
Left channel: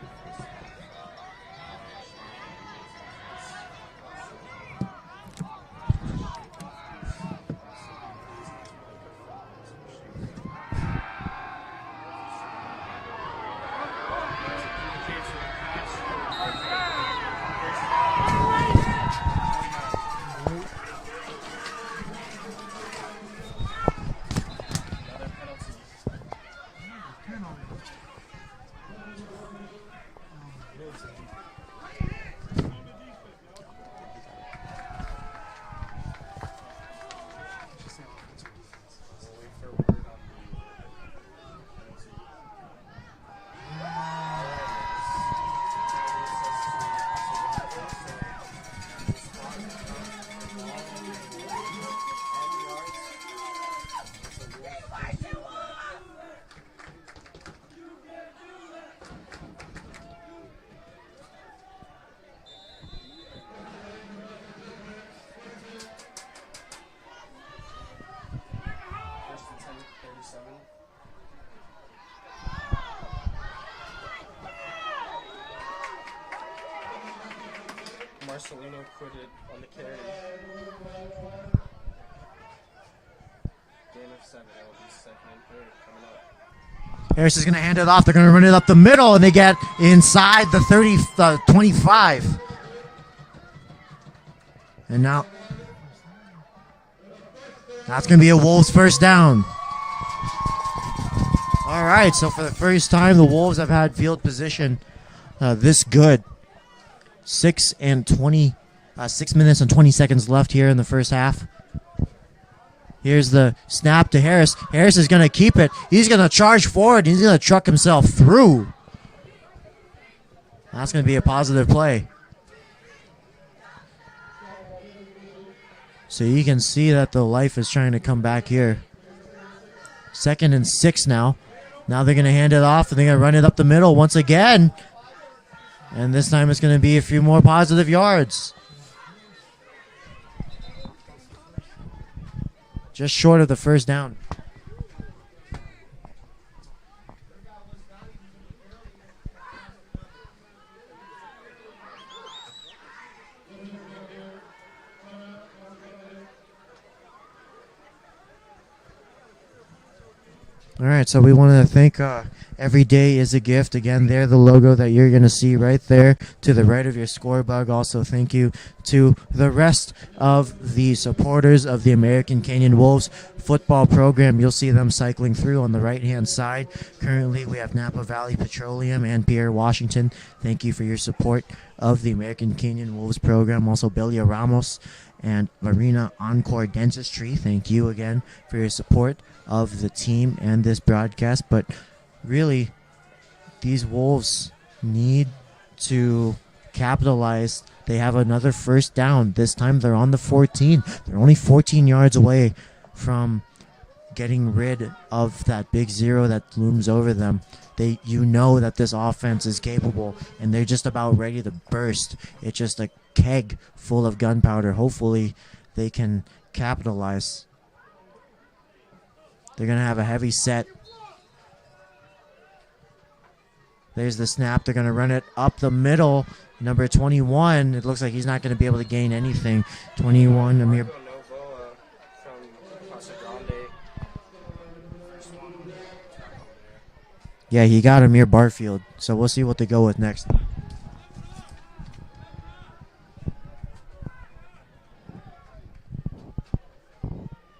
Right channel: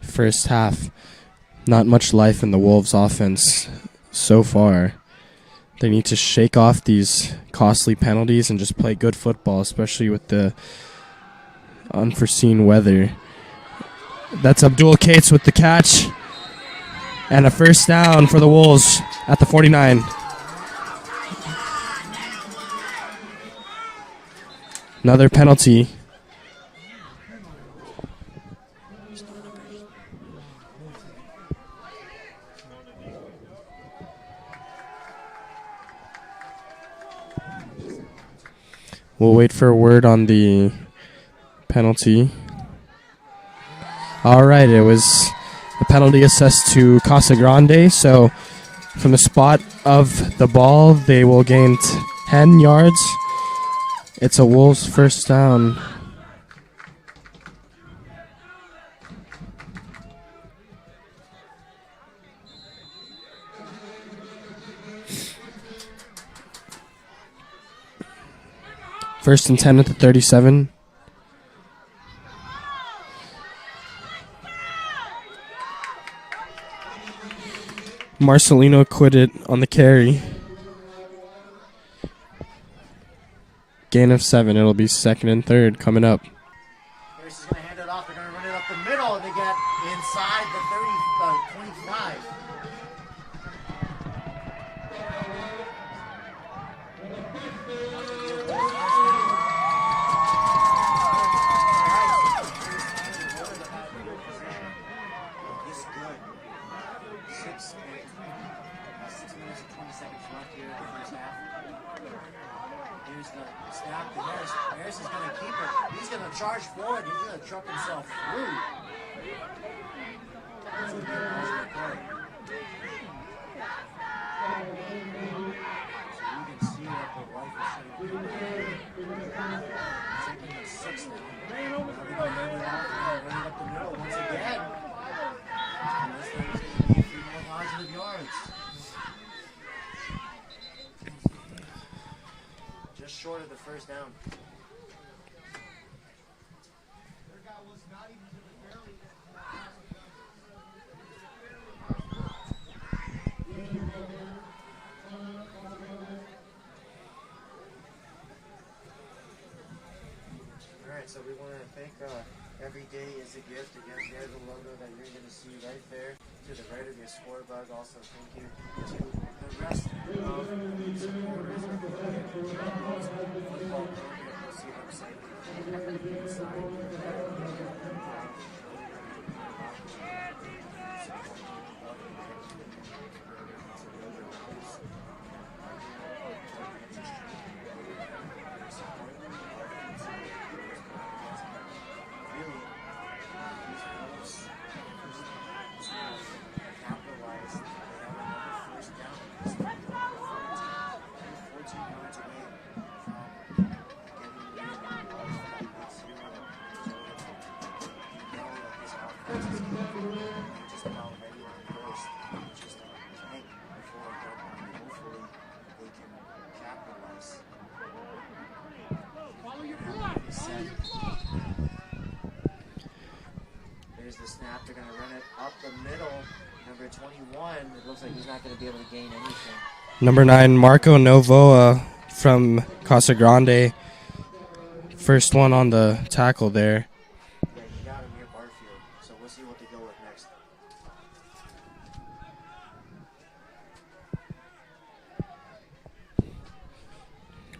first half, not much life in the Wolves' offense so far. They need to shake off these costly penalties and just play good football, especially with the unforeseen weather. That's Abdul Cates with the catch. And a 1st down for the Wolves at the 49. Another penalty. We'll wait for a word on the penalty. All right, it was a penalty assessed to Casa Grande. So from the spot of the ball, they will gain 10 yards. It's a Wolves 1st down. First and 10 at the 37. Marcelino quit it on the carry. gain of 7. It'll be second and third coming up. Harris is going to hand it off. They're going to run it up the middle, and they get inside the 25. And now that's going to be a Wolves first down. All right, so for the first time, the Wolves have had field position this good. 6 minutes and 20 seconds left here in the first half. Here's the snap to Harris. Harris is going to keep it. He's going to charge forward. He's going to truck himself through. That's going to be a positive play. So you can see that the life is trying to come back here. 2nd and 6 now. Now they're going to hand it off, and they're going to run it up the middle once again. And this time it's going to be a few more positive yards. Just short of the first down. All right, so we want to thank Every Day is a Gift. Again, they're the logo that you're going to see right there to the right of your score bug. Also, thank you to the rest of the supporters of the American Canyon Wolves football program. You'll see them cycling through on the right-hand side. Currently, we have Napa Valley Petroleum and Pierre Washington. Thank you for your support of the American Canyon Wolves program. Also, Belia Ramos and Marina Encore Dentistry. Thank you again for your support of the team and this broadcast. But really, these Wolves need to capitalize. They have another first down. This time they're on the 14. They're only 14 yards away from getting rid of that big zero that looms over them. You know that this offense is capable, and they're just about ready to burst. It's just a keg full of gunpowder. Hopefully they can capitalize. They're going to have a heavy set. There's the snap. They're going to run it up the middle. Number 21, it looks like he's not going to be able to gain anything. Number 9, Marco Novoa from Casa Grande. First one on the tackle there. Yeah, he got Amir Barfield. So we'll see what they go with next.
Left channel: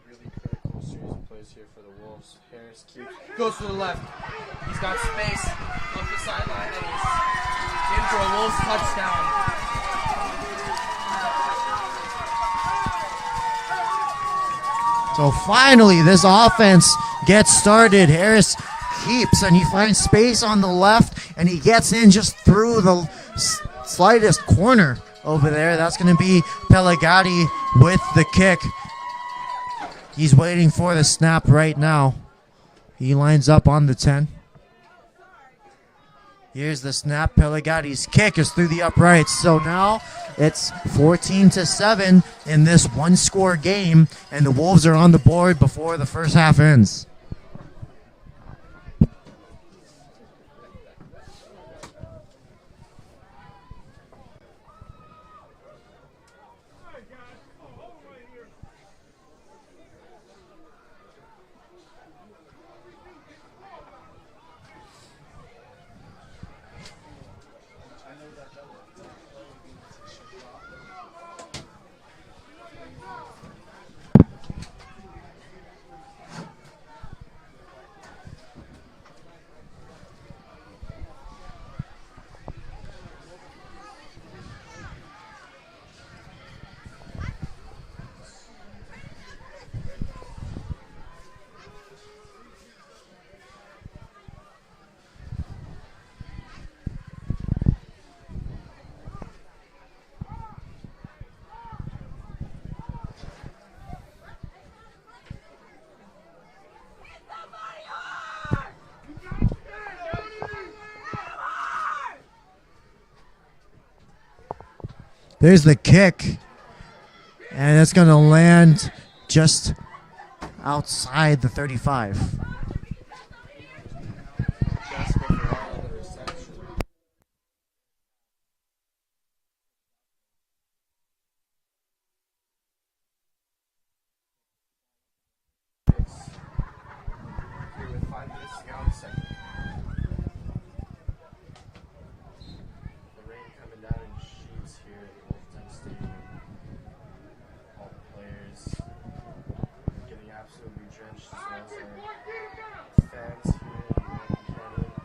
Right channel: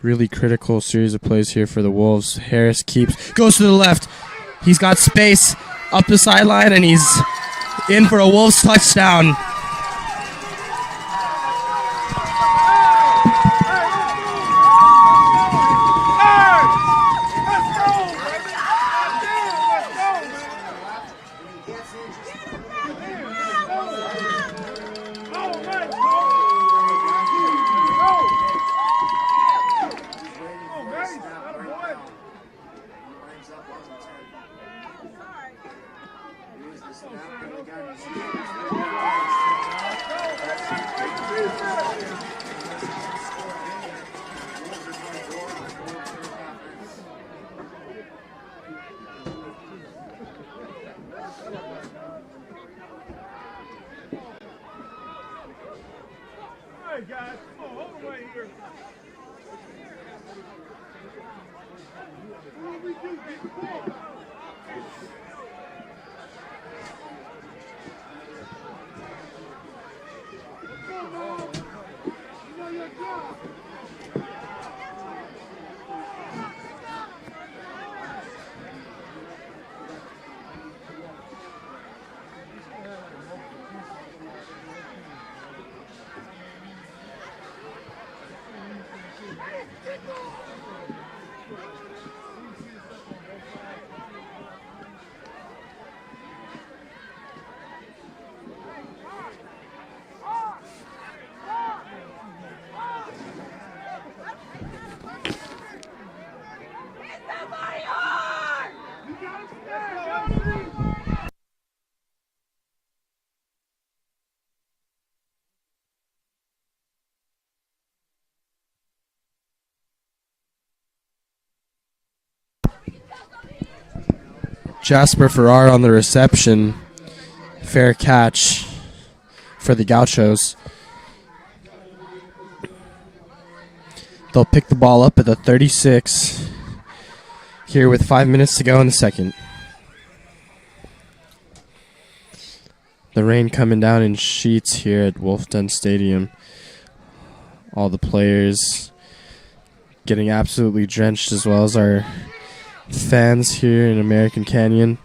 Really critical series of plays here for the Wolves. Harris goes to the left. He's got space up the sideline, and he's in for a Wolves touchdown. So finally, this offense gets started. Harris keeps, and he finds space on the left, and he gets in just through the slightest corner over there. That's going to be Pelagatti with the kick. He's waiting for the snap right now. He lines up on the 10. Here's the snap. Pelagatti's kick is through the uprights. So now it's 14-7 in this one-score game, and the Wolves are on the board before the first half ends. There's the kick, and it's going to land just outside the 35. Jasper Farrar on the reception. Fair catch for the Gauchos. They'll pick the ball up at the 36 here with 5 minutes to go in the second. The rain coming down in sheets here at Wolf Den Stadium. All the players getting absolutely drenched, as well as our fans here in American Canyon.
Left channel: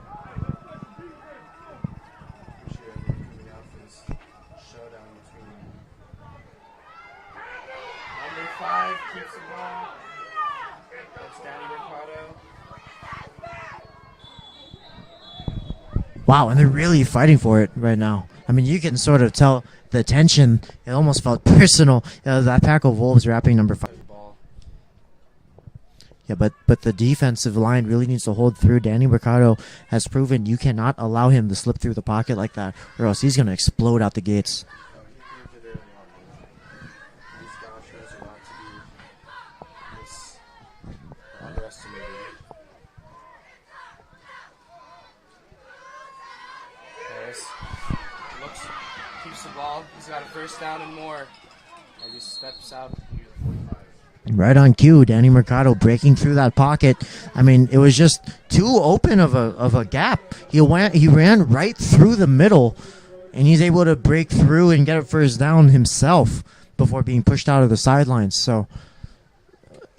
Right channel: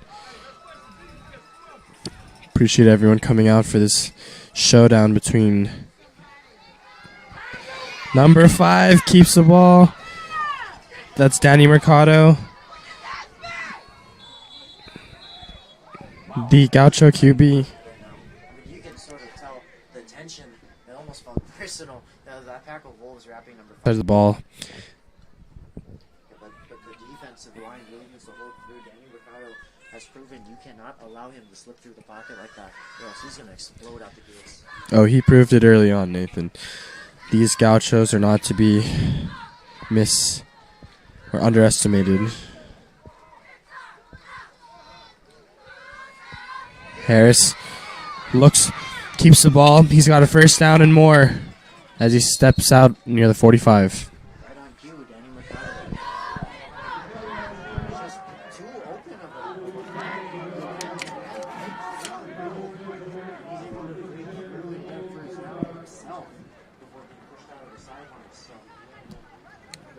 Appreciate everyone coming out for this showdown between number 5 keeps the ball. That's Danny Mercado. Wow, The they're really Gaucho fighting QB. for it right now. I mean, you can sort of tell the tension. It almost felt personal. That pack of Wolves wrapping number 5. There's the ball. Yeah, but the defensive line really needs to hold through. Danny Mercado has proven you cannot allow him to slip through the pocket like that, or else he's going to explode out the gates. Oh, he proved it early on, Nathan. These Gauchos are not to be underestimated. Harris keeps the ball. He's got a first down and more as he steps out near the 45. Right on cue, Danny Mercado breaking through that pocket. I mean, it was just too open of a gap. He ran right through the middle, and he's able to break through and get a first down himself before being pushed out of the sidelines. So,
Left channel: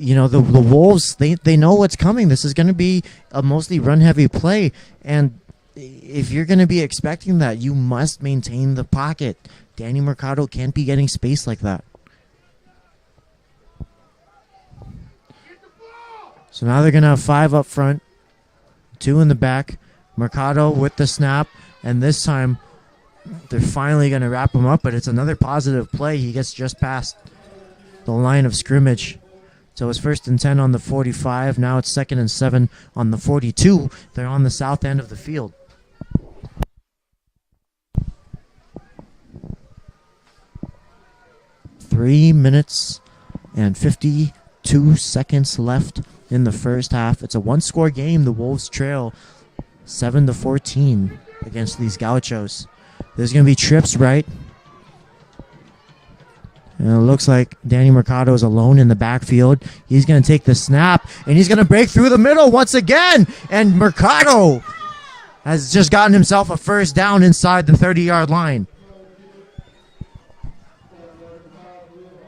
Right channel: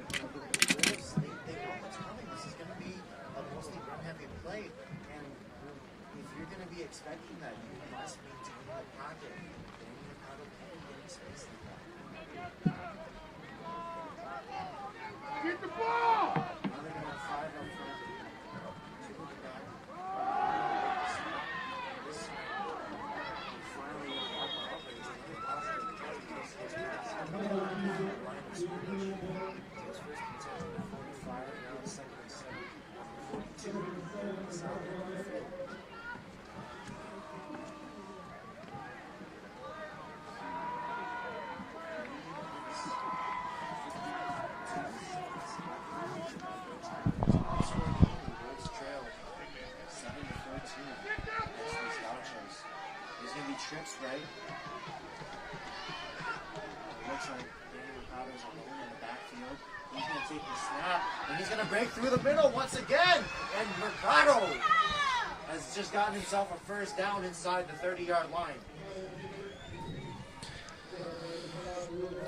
the Wolves, they know what's coming. This is going to be a mostly run-heavy play, and if you're going to be expecting that, you must maintain the pocket. Danny Mercado can't be getting space like that. So now they're going to have 5 up front, 2 in the back. Mercado with the snap, and this time they're finally going to wrap him up, but it's another positive play. He gets just past the line of scrimmage. So it's 1st and 10 on the 45. Now it's 2nd and 7 on the 42. They're on the south end of the field. Three minutes and 52 seconds left in the first half. It's a one-score game. The Wolves trail 7-14 against these Gauchos. There's going to be trips right. And it looks like Danny Mercado is alone in the backfield. He's going to take the snap, and he's going to break through the middle once again. And Mercado has just gotten himself a first down inside the 30-yard line.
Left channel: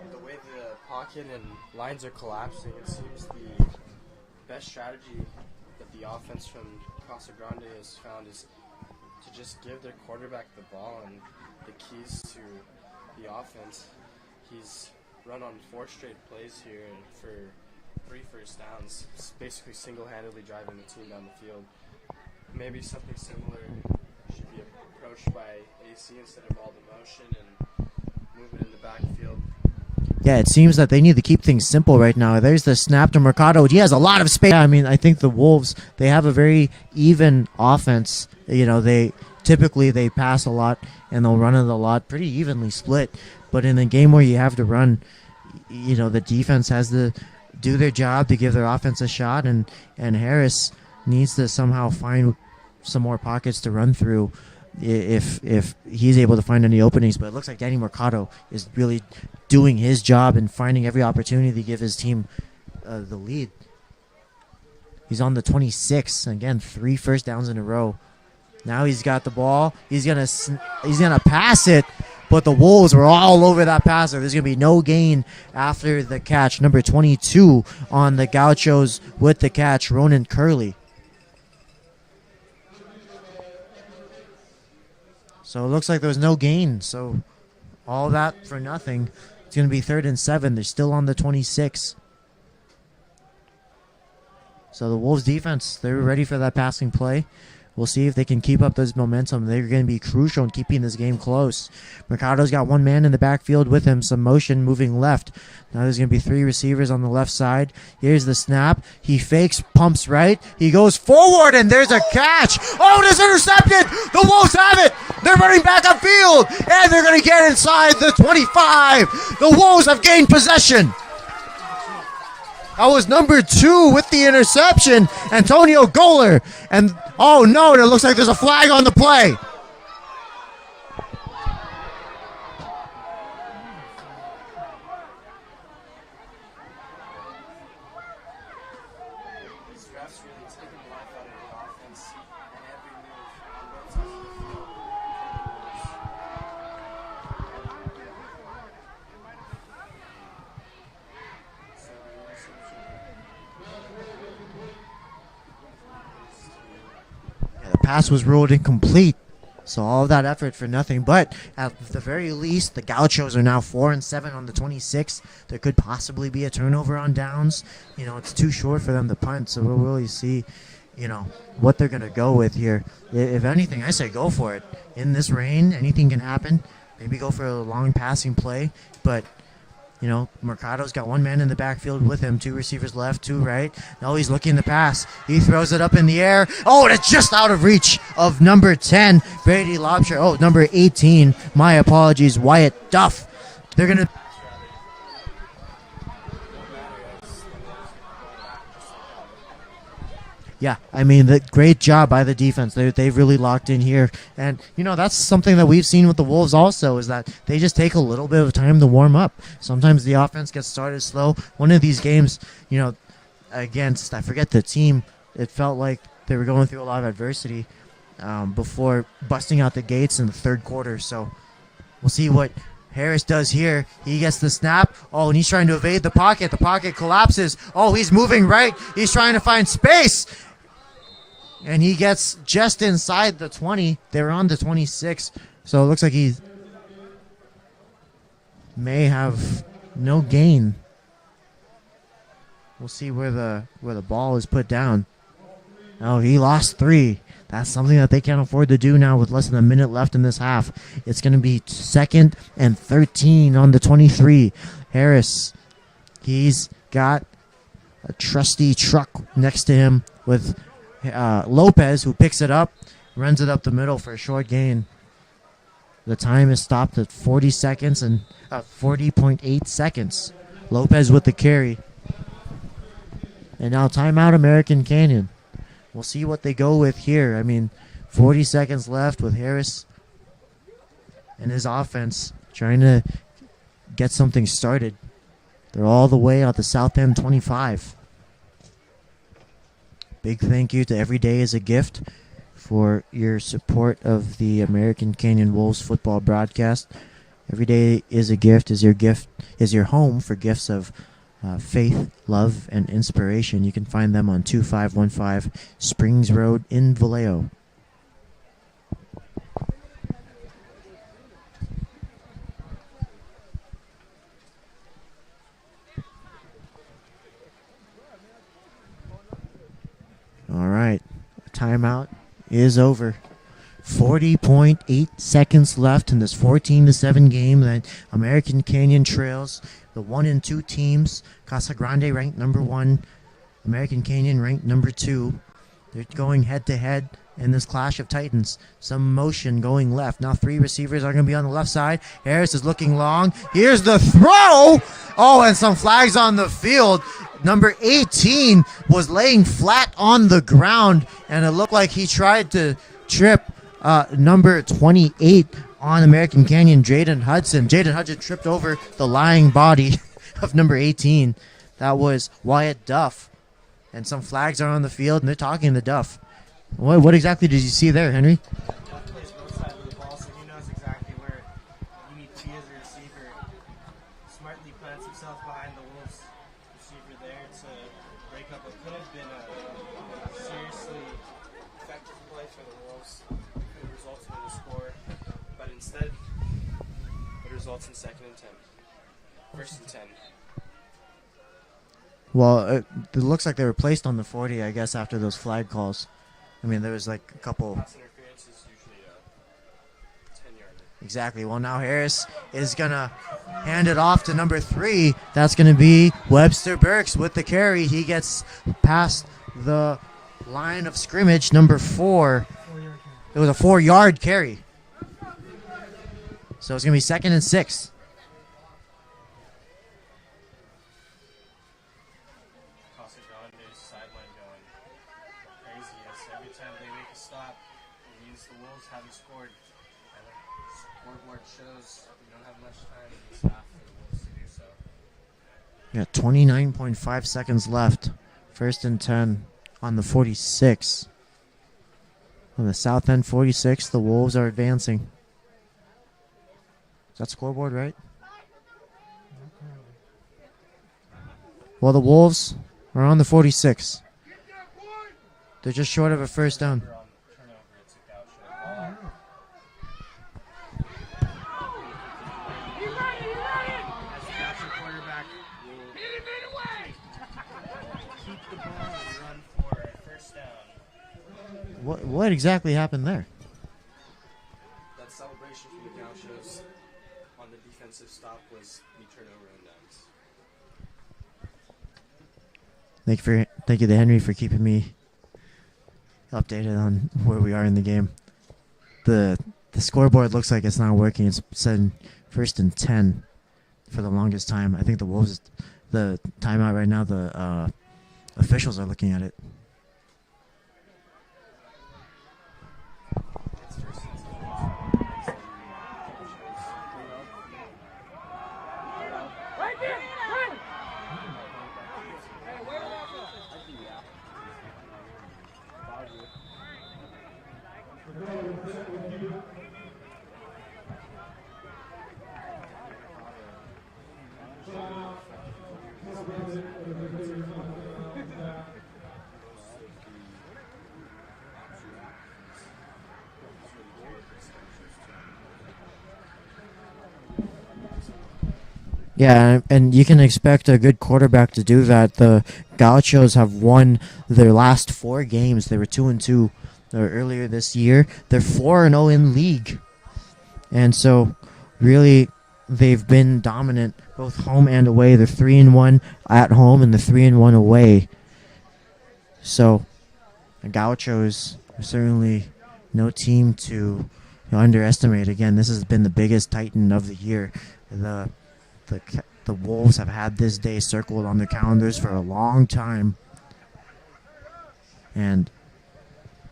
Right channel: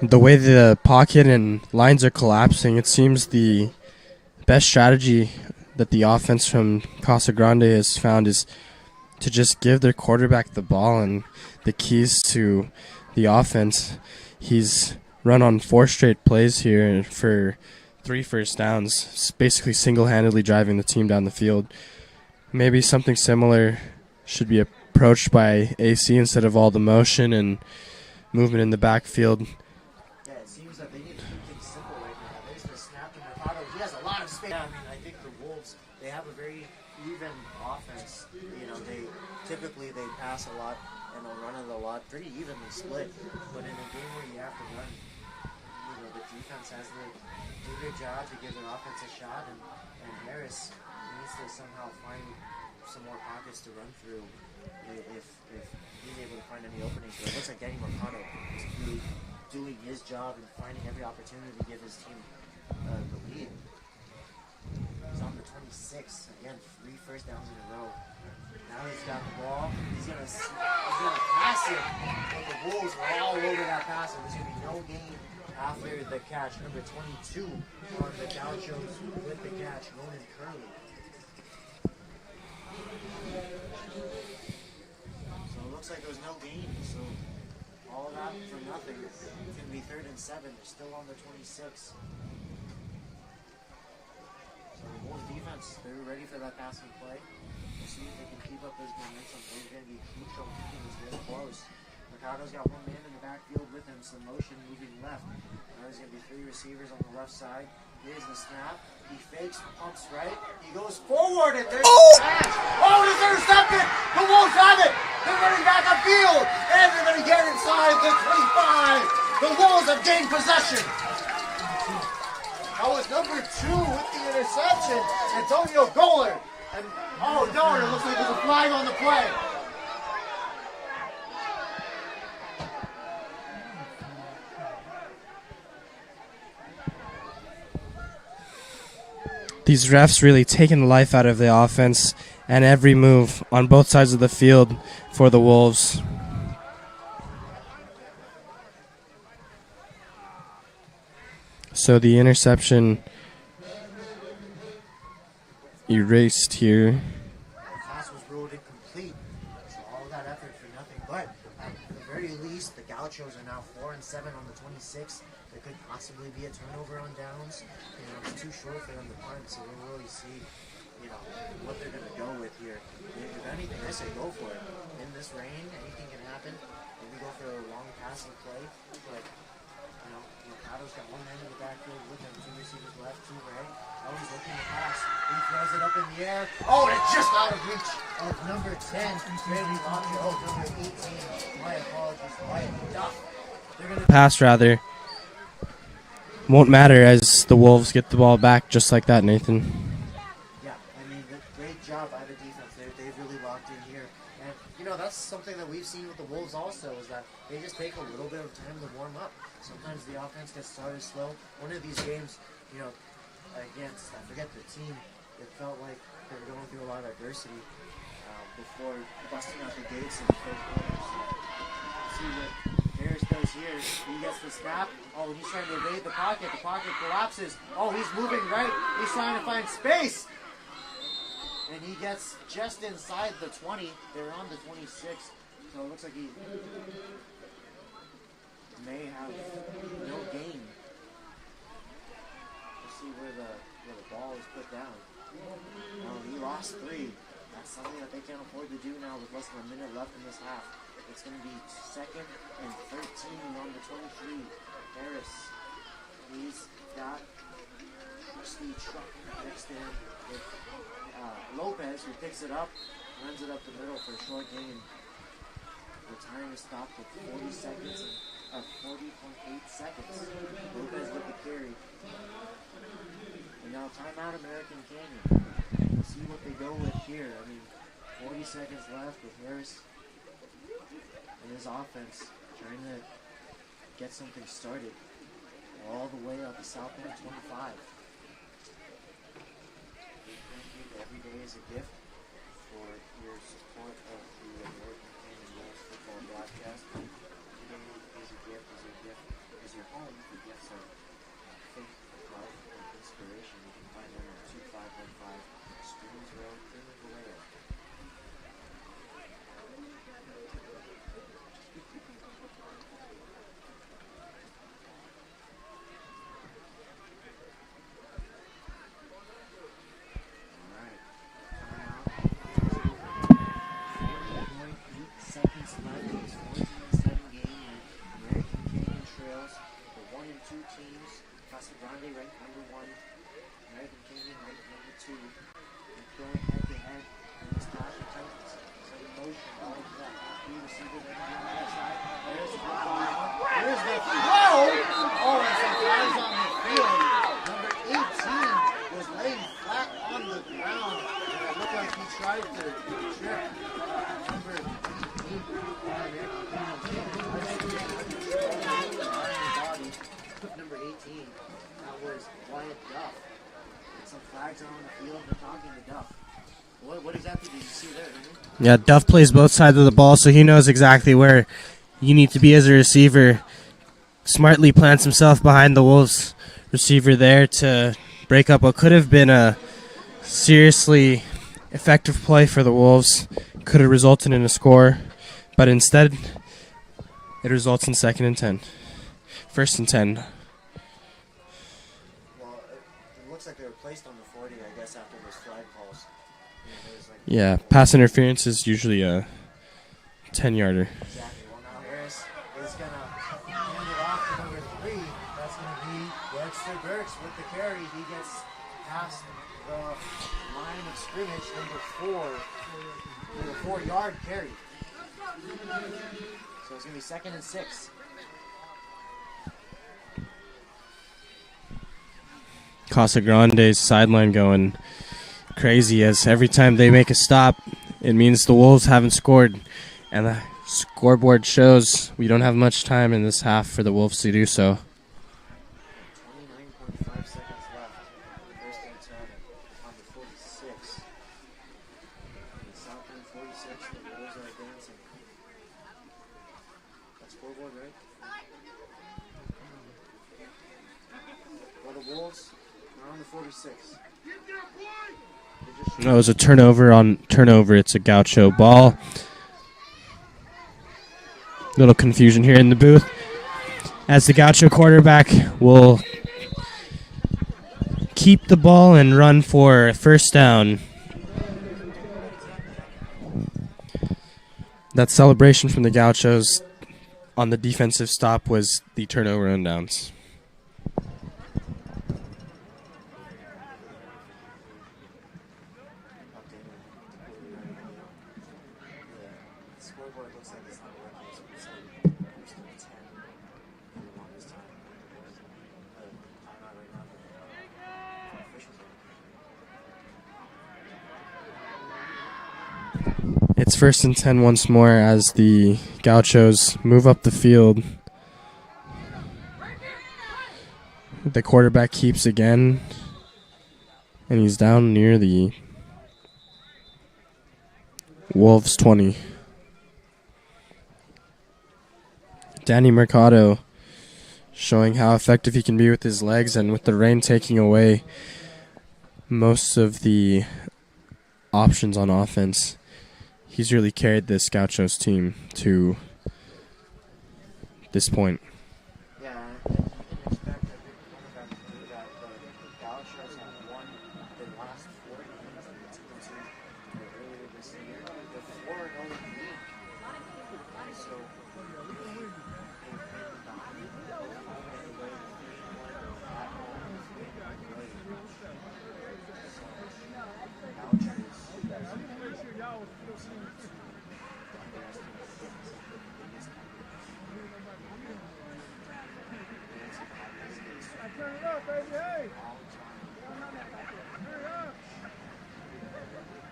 The way the pocket and lines are collapsing, it seems the best strategy that the offense from Casa Grande has found is to just give their quarterback the ball and the keys to the offense. He's run on 4 straight plays here for 3 first downs, basically single-handedly driving the team down the field. Maybe something similar should be approached by AC instead of all the motion and movement in the backfield. Yeah, it seems that they need to keep things simple right now. There's the snap to Mercado. He has a lot of space. I mean, I think the Wolves, they have a very even offense. They typically pass a lot and they'll run it a lot, pretty evenly split. But in a game where you have to run, the defense has to do their job to give their offense a shot, and Harris needs to somehow find some more pockets to run through if he's able to find any openings. But it looks like Danny Mercado is really doing his job and finding every opportunity to give his team the lead. He's on the 26. Again, 3 first downs in a row. Now he's got the ball. He's gonna pass it, but the Wolves were all over that passer. There's gonna be no gain after the catch. Number 22 on the Gauchos with the catch, Ronan Curley. So it looks like there was no gain. So all that for nothing. It's going to be 3rd and 7. They're still on the 26. So the Wolves defense, they're ready for that passing play. We'll see if they can keep up this momentum. They're going to be crucial in keeping this game close. Mercado's got 1 man in the backfield with him, some motion moving left. Now there's going to be 3 receivers on the left side. Here's the snap. He fakes, pumps right. He goes forward, and there's a catch. Oh, it is intercepted. The Wolves have it. They're running back upfield, and they're going to get inside the 25. The Wolves have gained possession. That was number 2 with the interception, Antonio Goller. And, oh, no, it looks like there's a flag on the play. These refs really taking the life out of the offense and every move on both sides of the field for the Wolves. So the interception erased here. The pass was ruled incomplete. So all of that effort for nothing. But at the very least, the Gauchos are now 4-7 on the 26. There could possibly be a turnover on downs. You know, it's too short for them to punt. So we'll really see, you know, what they're going to go with here. If anything, I say go for it. In this rain, anything can happen. Maybe go for a long passing play. But, you know, Mercado's got one man in the backfield with him. Two receivers left, two right. Now he's looking to pass. He throws it up in the air. Oh, and it's just out of reach of number 10, Brady Lobster. Oh, number 18, my apologies, Wyatt Duff. They're going to Pass, rather. Won't matter as the Wolves get the ball back just like that, Nathan. Yeah, I mean, great job by the defense. They've really locked in here. And, you know, that's something that we've seen with the Wolves also is that they just take a little bit of time to warm up. Sometimes the offense gets started slow. One of these games, you know, against, I forget the team, it felt like they were going through a lot of adversity before busting out the gates in the third quarter. So we'll see what Harris does here. He gets the snap. Oh, and he's trying to evade the pocket. The pocket collapses. Oh, he's moving right. He's trying to find space. And he gets just inside the 20. They were on the 26. So it looks like he may have no gain. We'll see where the ball is put down. Oh, he lost 3. That's something that they can't afford to do now with less than a minute left in this half. It's going to be 2nd and 13 on the 23. Harris, he's got a trusty truck next to him with Lopez, who picks it up, runs it up the middle for a short gain. The time is stopped at 40 seconds and 40.8 seconds. Lopez with the carry. And now timeout American Canyon. We'll see what they go with here. I mean, 40 seconds left with Harris and his offense trying to get something started. They're all the way out the south end 25. Big thank you to Every Day is a Gift for your support of the American Canyon Wolves football broadcast. Every Day is a Gift is your home for gifts of faith, love, and inspiration. You can find them on 2515 Springs Road in Vallejo. All right, timeout is over. 40.8 seconds left in this 14-7 game that American Canyon trails the 1 and 2 teams. Casa Grande ranked number 1, American Canyon ranked number 2. They're going head to head in this clash of titans. Some motion going left. Now 3 receivers are going to be on the left side. Harris is looking long. Here's the throw. Oh, and some flags on the field. Number 18 was laying flat on the ground, and it looked like he tried to trip number 28 on American Canyon, Jaden Hudson. Jaden Hudson tripped over the lying body of number 18. That was Wyatt Duff. And some flags are on the field, and they're talking to Duff. What exactly did you see there, Henry? Yeah, Duff plays both sides of the ball, so he knows exactly where you need to be as a receiver. Smartly plants himself behind the Wolves receiver there to break up what could have been a seriously effective play for the Wolves. Could have resulted in a score, but instead it results in 2nd and 10. 1st and 10. Well, it looks like they were placed on the 40, I guess, after those flag calls. I mean, there was like a couple. Pass interference is usually a 10-yarder. Exactly. Well, now Harris is going to hand it off to number 3. That's going to be Webster Burks with the carry. He gets past the line of scrimmage, number 4. It was a 4-yard carry. So it's going to be 2nd and 6. Casa Grande's sideline going crazy as every time they make a stop, it means the Wolves haven't scored. And the scoreboard shows we don't have much time in this half for the Wolves to do so. Yeah, 29.5 seconds left. 1st and 10. on the 46. On the south end 46, the Wolves are advancing. Is that scoreboard right? Well, the Wolves are on the 46. They're just short It of was a a first turnover down. on turnover. It's a Gaucho ball. Little confusion here in the booth as the Gaucho quarterback will keep the ball and run for first down. What exactly happened there? That celebration from the Gauchos on the defensive stop was the turnover and downs. Thank you to Henry for keeping me updated on where we are in the game. The scoreboard looks like it's not working. It's said first and 10 for the longest time. I think the Wolves, the timeout right now, the officials are looking at it. It's first and 10 once more as the Gauchos move up the field. The quarterback keeps again, and he's down near the Wolves 20. Danny Mercado showing how effective he can be with his legs, and with the rain taking away most of the options on offense, he's really carried this Gauchos team to this point. Yeah, and you can expect a good quarterback to do that. The Gauchos have won their last 4 games. They were 2-2 earlier this year. They're 4-0 in league. And so, really, they've been dominant both home and away. They're 3-1 at home and they're 3-1 away. So, the Gauchos are certainly no team to underestimate. Again, this has been the biggest Titan of the year. The Wolves have had this day circled on their calendars for a long time. And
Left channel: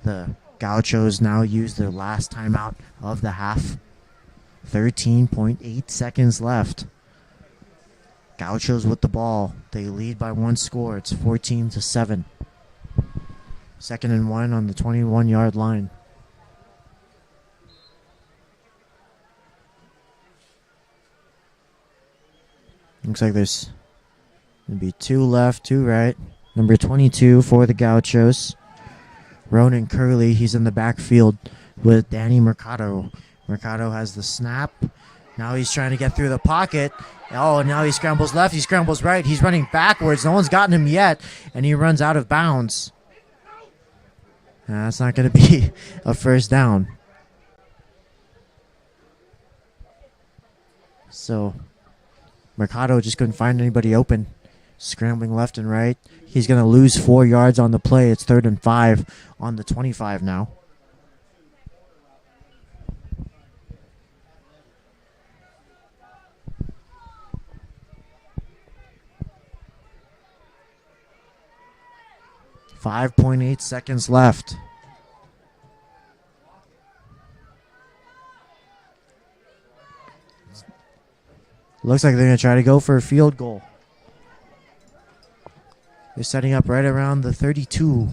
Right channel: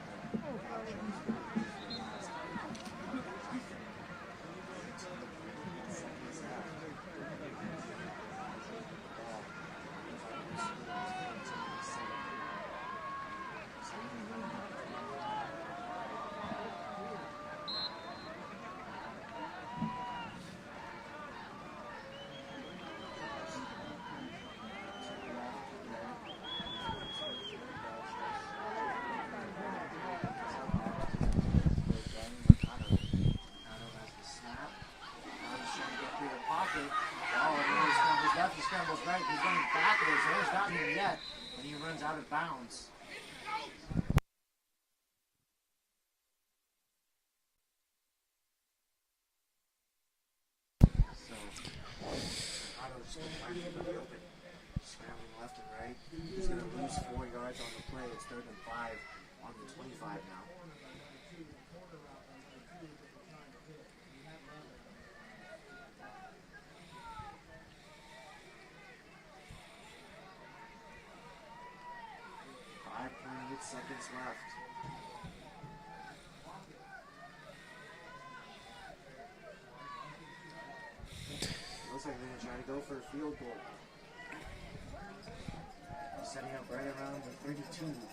the Gauchos now use their last timeout of the half. 13.8 seconds left. Gauchos with the ball. They lead by 1 score. It's 14-7. 2nd and 1 on the 21-yard line. Looks like there's going to be 2 left, 2 right. Number 22 for the Gauchos. Ronan Curley, he's in the backfield with Danny Mercado. Mercado has the snap. Now he's trying to get through the pocket. Oh, and now he scrambles left, he scrambles right. He's running backwards. No one's gotten him yet, and he runs out of bounds. That's not going to be a first down. So Mercado just couldn't find anybody open. Scrambling left and right. He's going to lose 4 yards on the play. It's 3rd and 5 on the 25 now. .8 seconds left. Looks like they're going to try to go for a field goal. They're setting up right around the 32.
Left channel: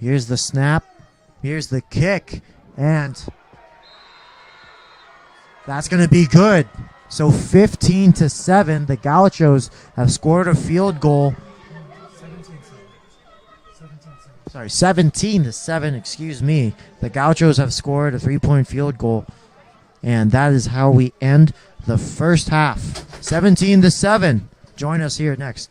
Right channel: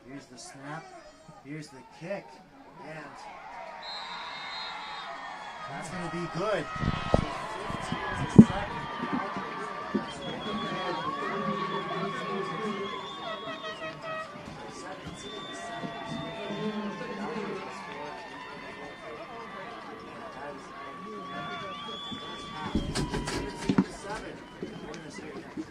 Here's the snap. Here's the kick. And that's going to be good. So 15-7. The Gauchos have scored a field goal. Sorry, 17-7, excuse me. The Gauchos have scored a 3-point field goal. And that is how we end the first half. 17-7. Join us here next.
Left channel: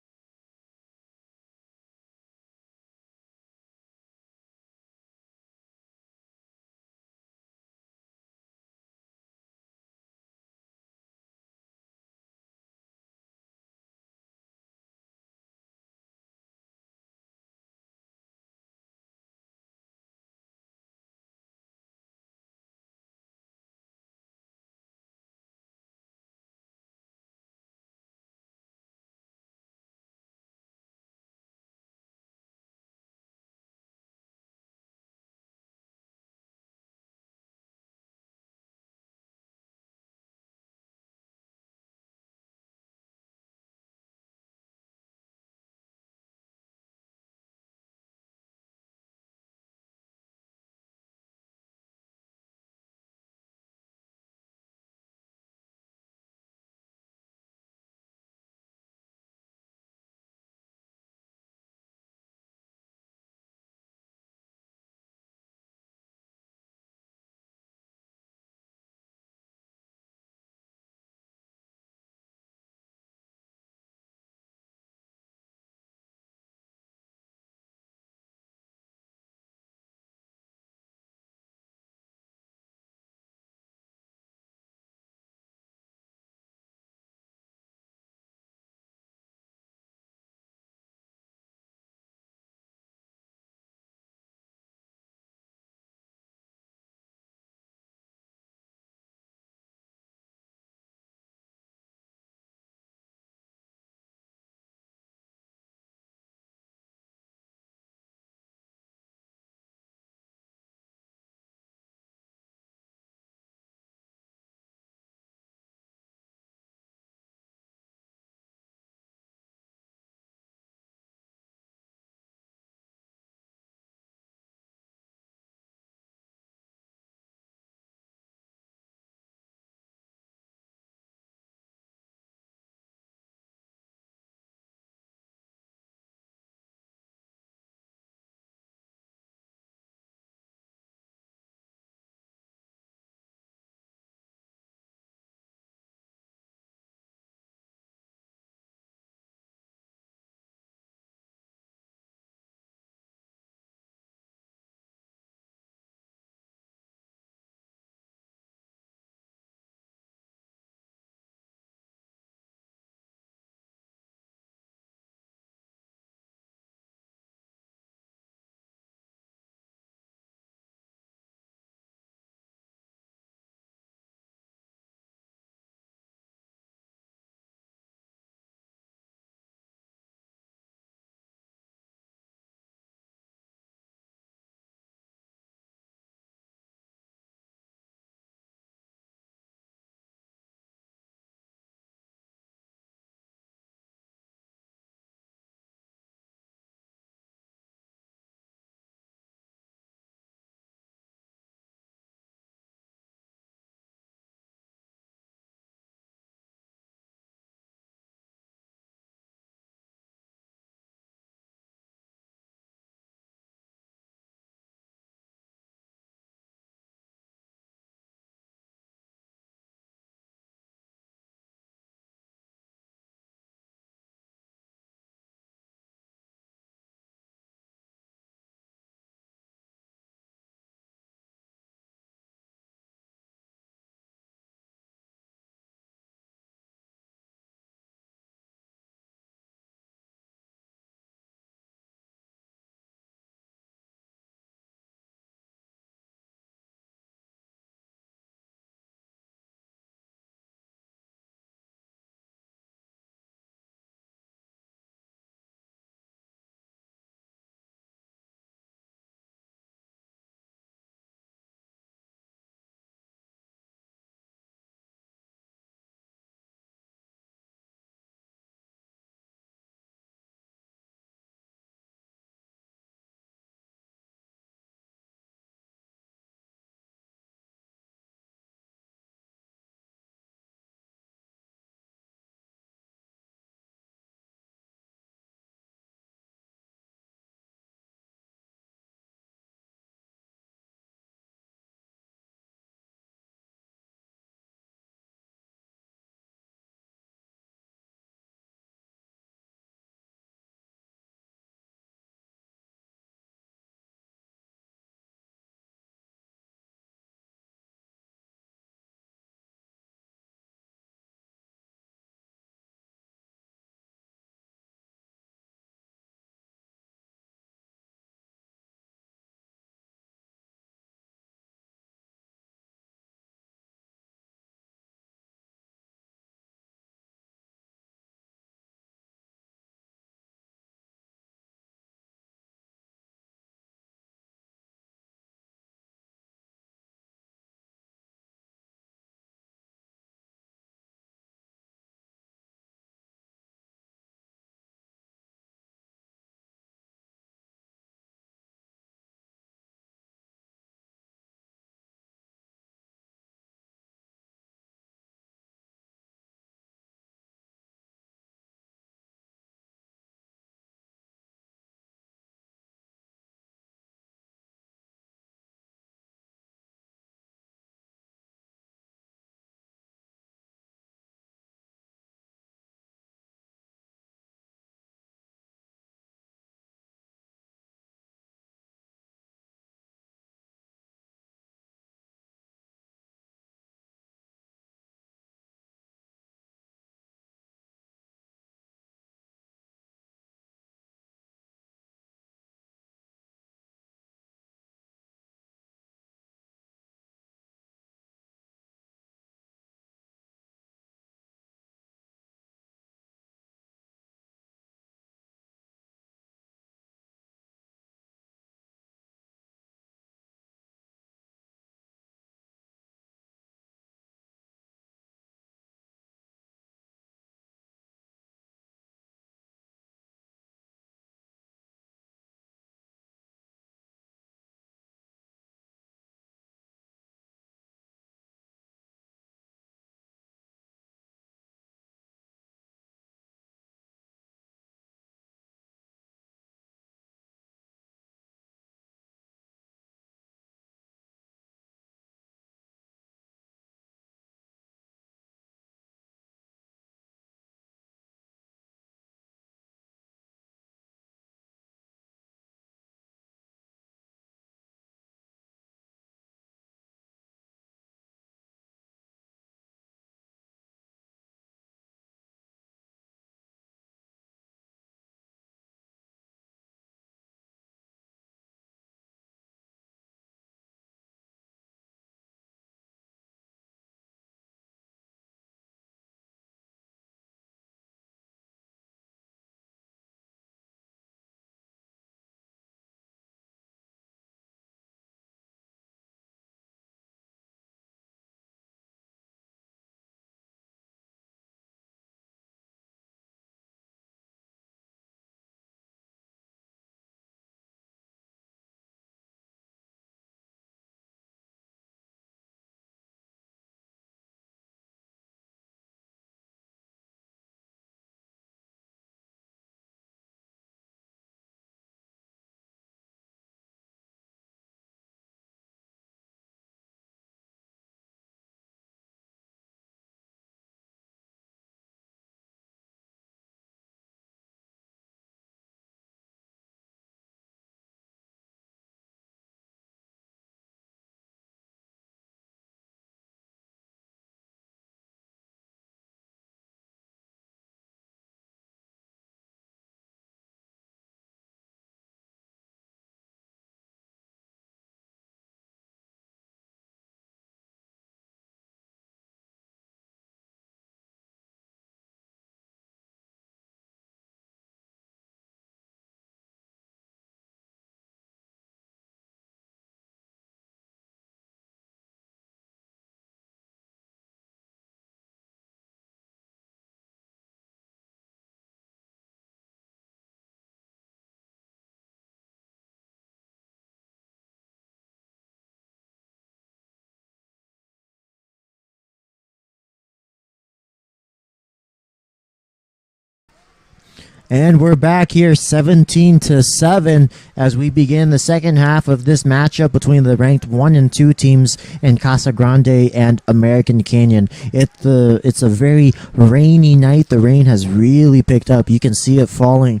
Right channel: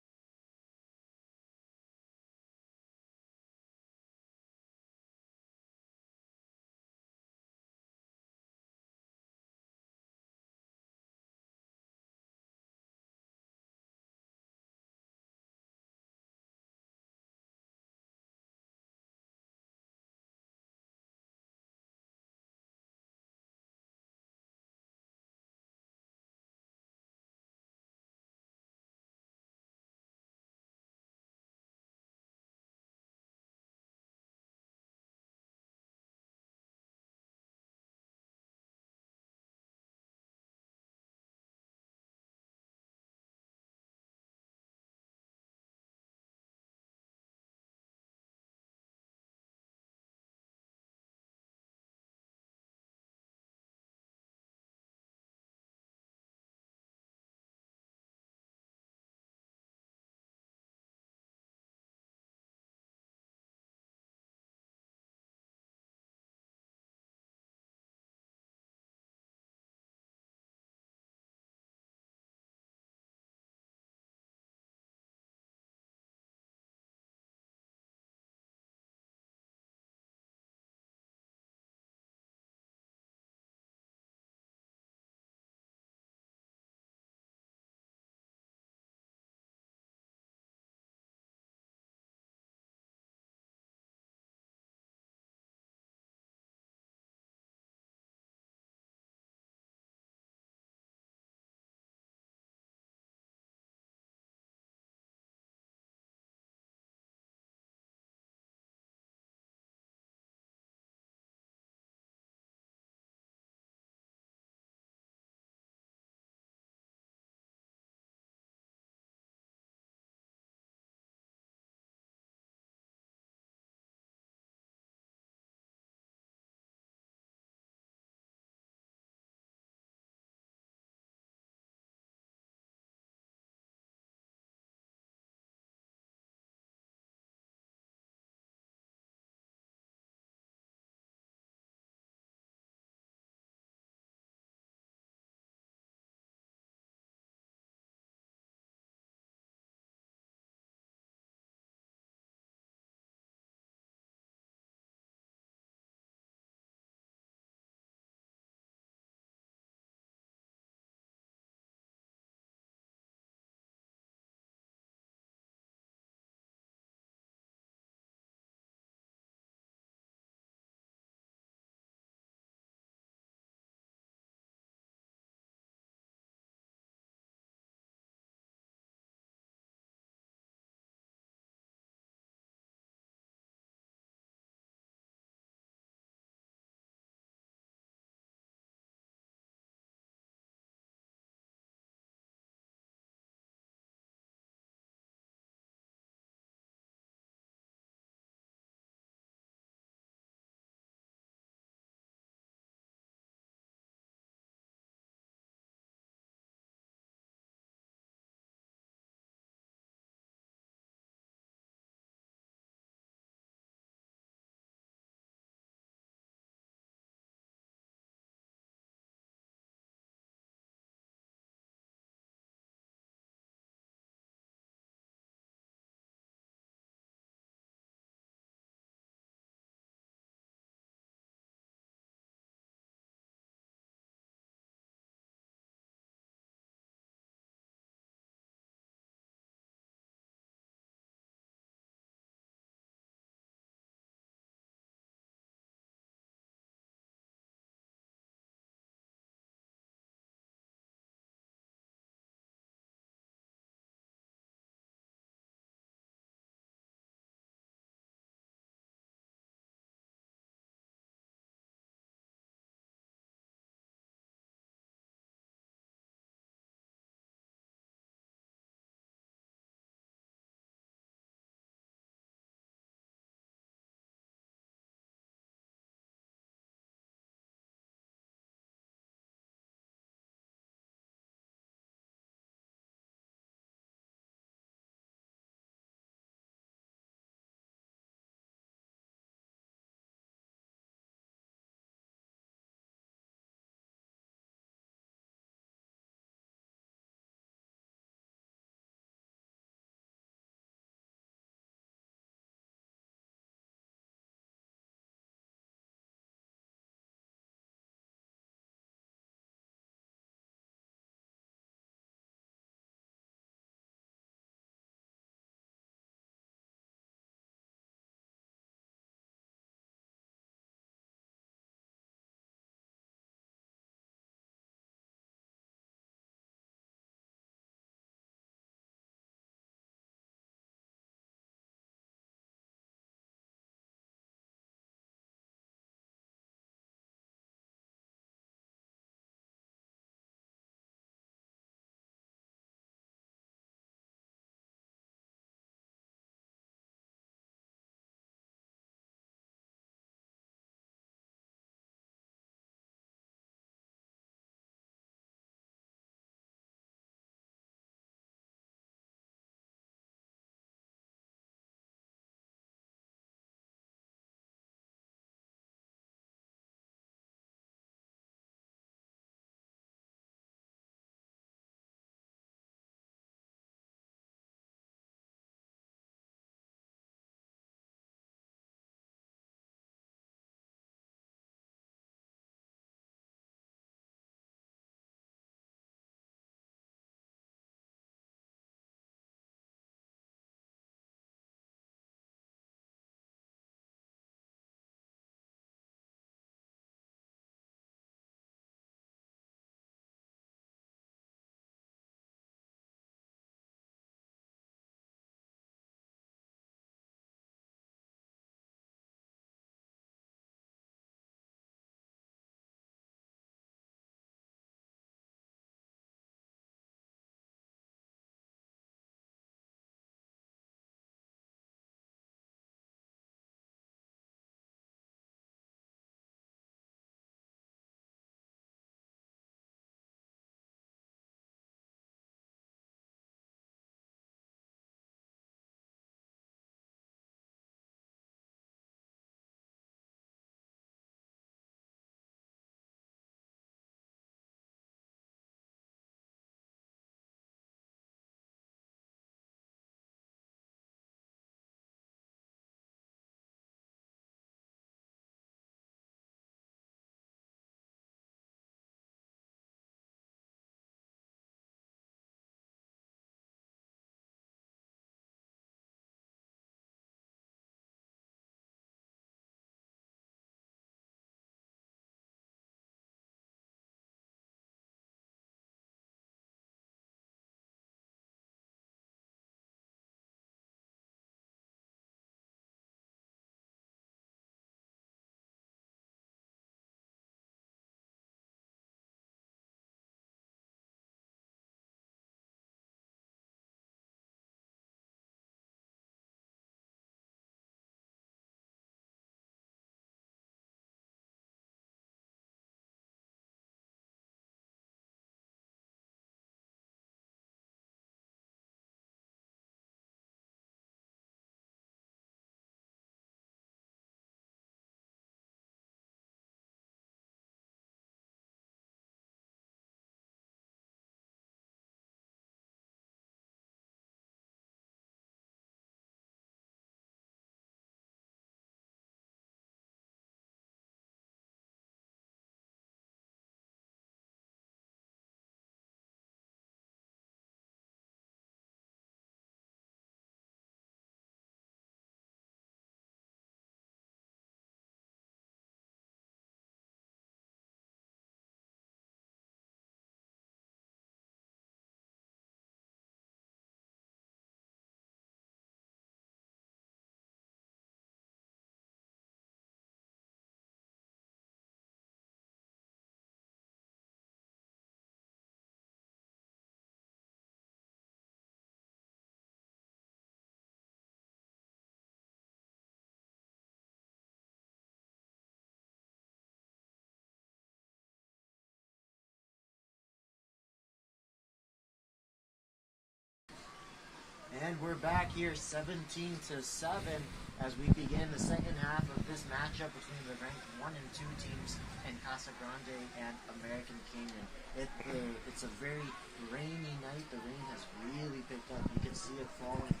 And we're back here 17-7 as we begin the second half of this matchup between the ranked 1 and 2 teams in Casa Grande and American Canyon. It's a very rainy night. The rain has really picked up. You can see it falling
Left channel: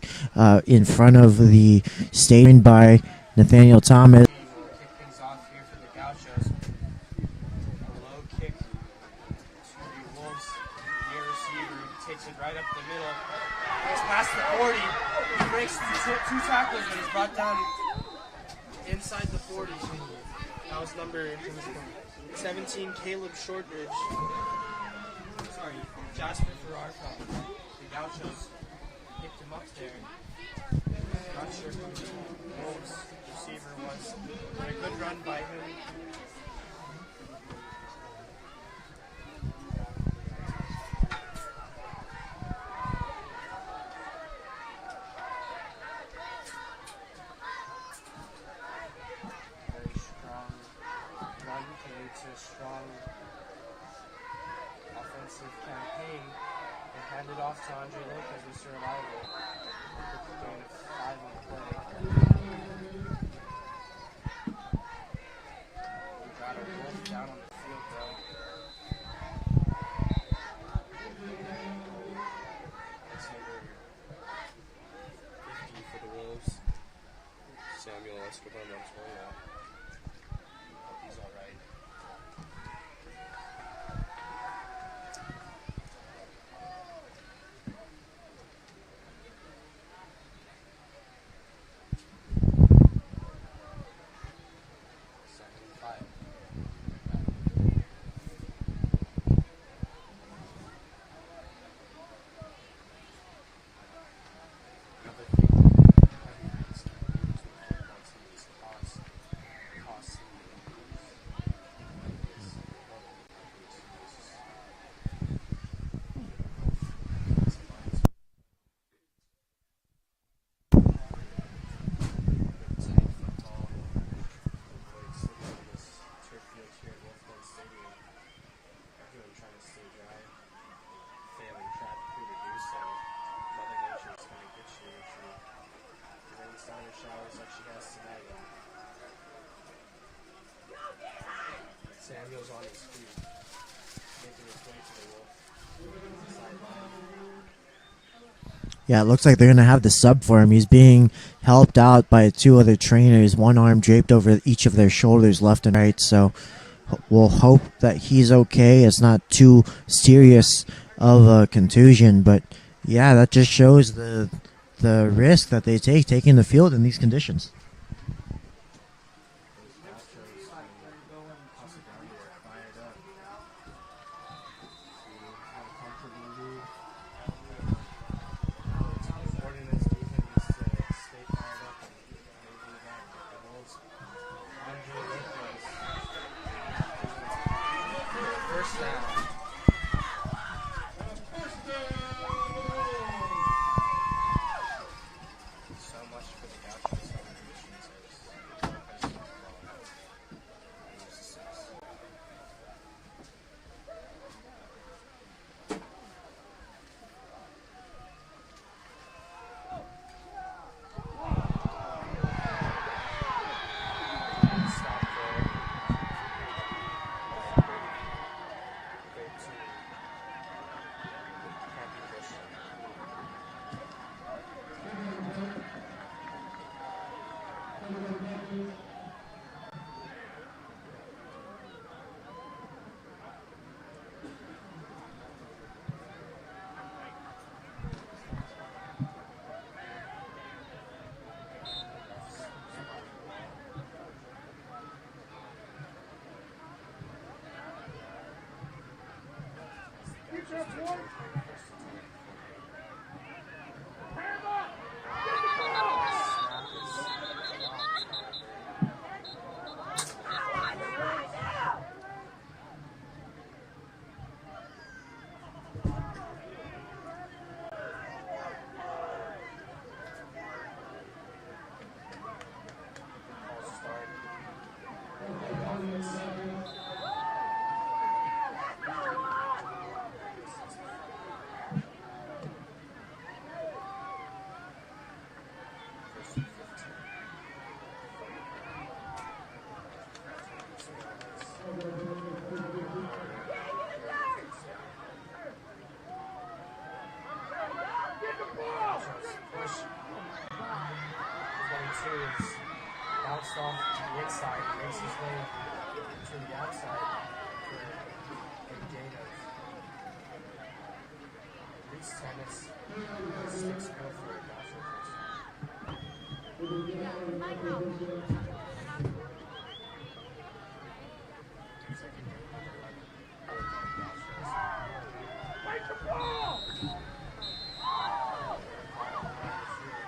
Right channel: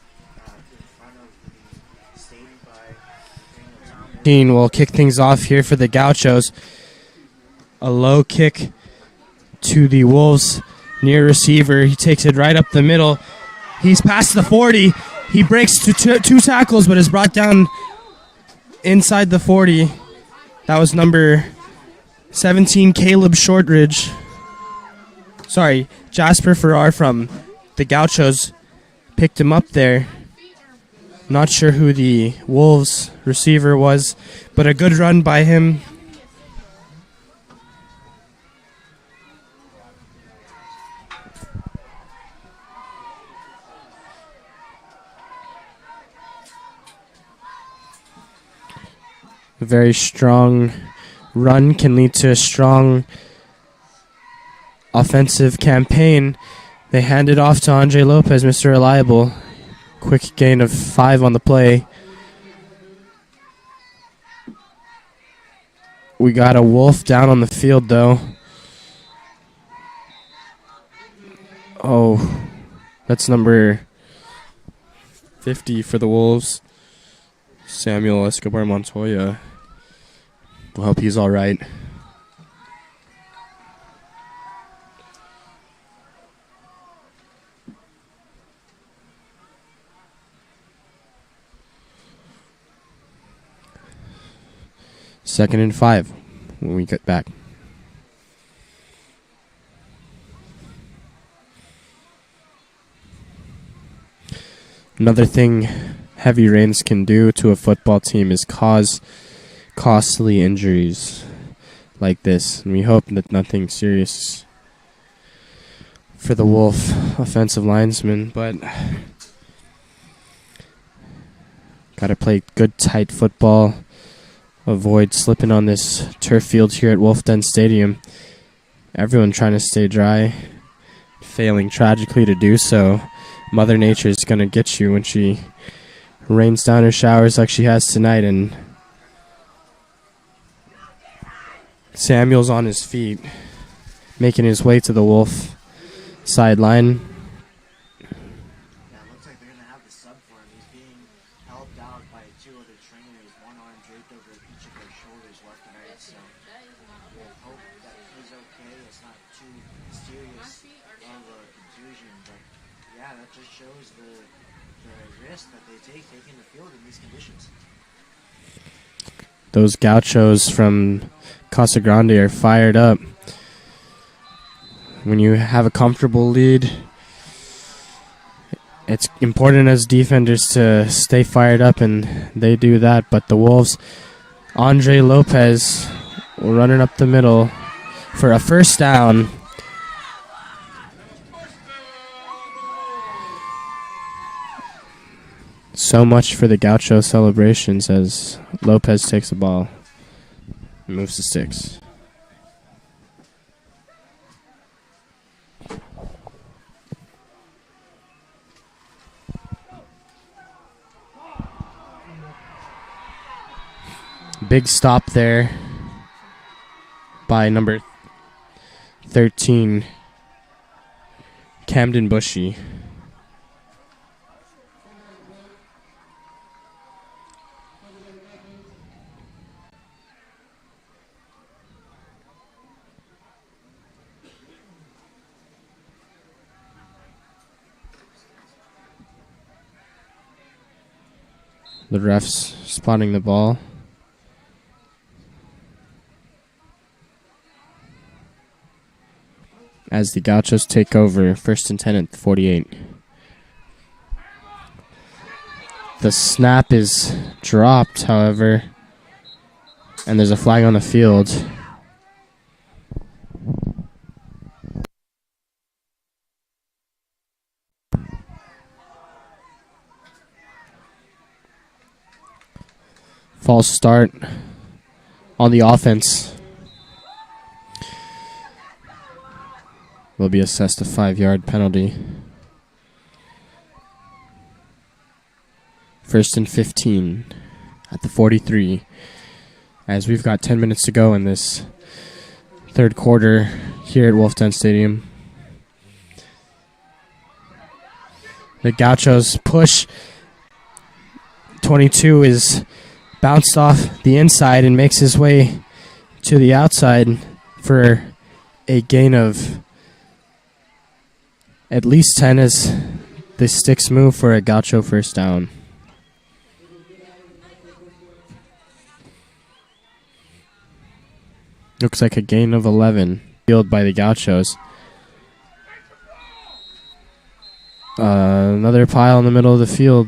in front of the stadium by Nathaniel Thomas. Will kick things off here for the Gauchos. A low kick to the Wolves near receiver. He takes it right up the middle. He's past the 40. He breaks two tackles, but is brought down inside the 40. That was number 17, Caleb Shortridge. Sorry, Jasper Farrar from the Gauchos picked him up there. Not sure who the Wolves receiver was, but a good run by him. A very strong run can lead to a strong offensive campaign. They hand it off to Andre Lopez, Mr. Reliable. Quick gain of 5 on the play. We got a Wolf down on the field, though. Oh, that's number 50 for the Wolves. Samuel Escobar Montoya. We'll hope he's all right. Second and 5 when we get back. Another thing heavy rains can do to a football team is cause costly injuries like this. And we hope that nothing serious for the Wolf offensive linesman, but gotta play good tight football. Avoid slipping on this turf field here at Wolf Den Stadium. Everyone trying to stay dry, failing tragically to do so. Mother Nature is going to get you when she rains down her showers like she has tonight. And Samuel's on his feet, making his way to the Wolf sideline. Yeah, it looks like they're going to have the sub for him. He's being helped out by 2 other trainers, one arm draped over each of their shoulders, left and right. So we'll hope that he's okay. It's not too serious of a contusion, but yeah, that just shows the risk that they take taking the field in these conditions. Those Gauchos from Casa Grande are fired up. When you have a comfortable lead, it's important as defenders to stay fired up, and they do that. But the Wolves, Andre Lopez running up the middle for a first down. So much for the Gaucho celebrations as Lopez takes the ball and moves to 6. Big stop there by number 13, Camden Bushy. The refs spotting the ball. As the Gauchos take over, 1st and 10 at the 48. The snap is dropped, however, and there's a flag on the field. False start on the offense. Will be assessed a 5-yard penalty. First and 15 at the 43. As we've got 10 minutes to go in this third quarter here at Wolf Den Stadium. The Gauchos push. 22 is bounced off the inside and makes his way to the outside for a gain of at least 10 as the sticks move for a Gaucho first down. Looks like a gain of 11 field by the Gauchos. Another pile in the middle of the field.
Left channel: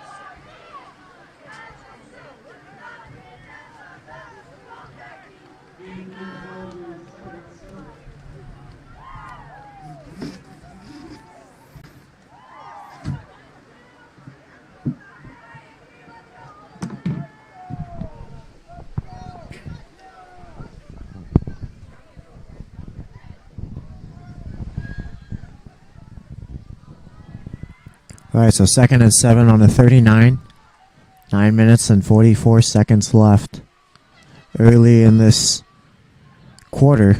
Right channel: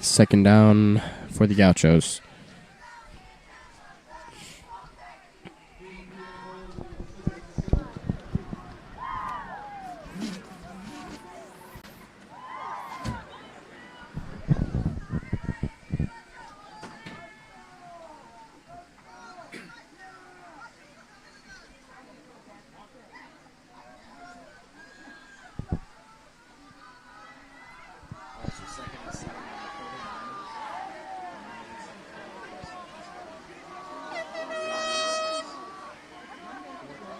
Second down for the Gauchos. All right, so 2nd and 7 on the 39. 9 minutes and 44 seconds left early in this quarter.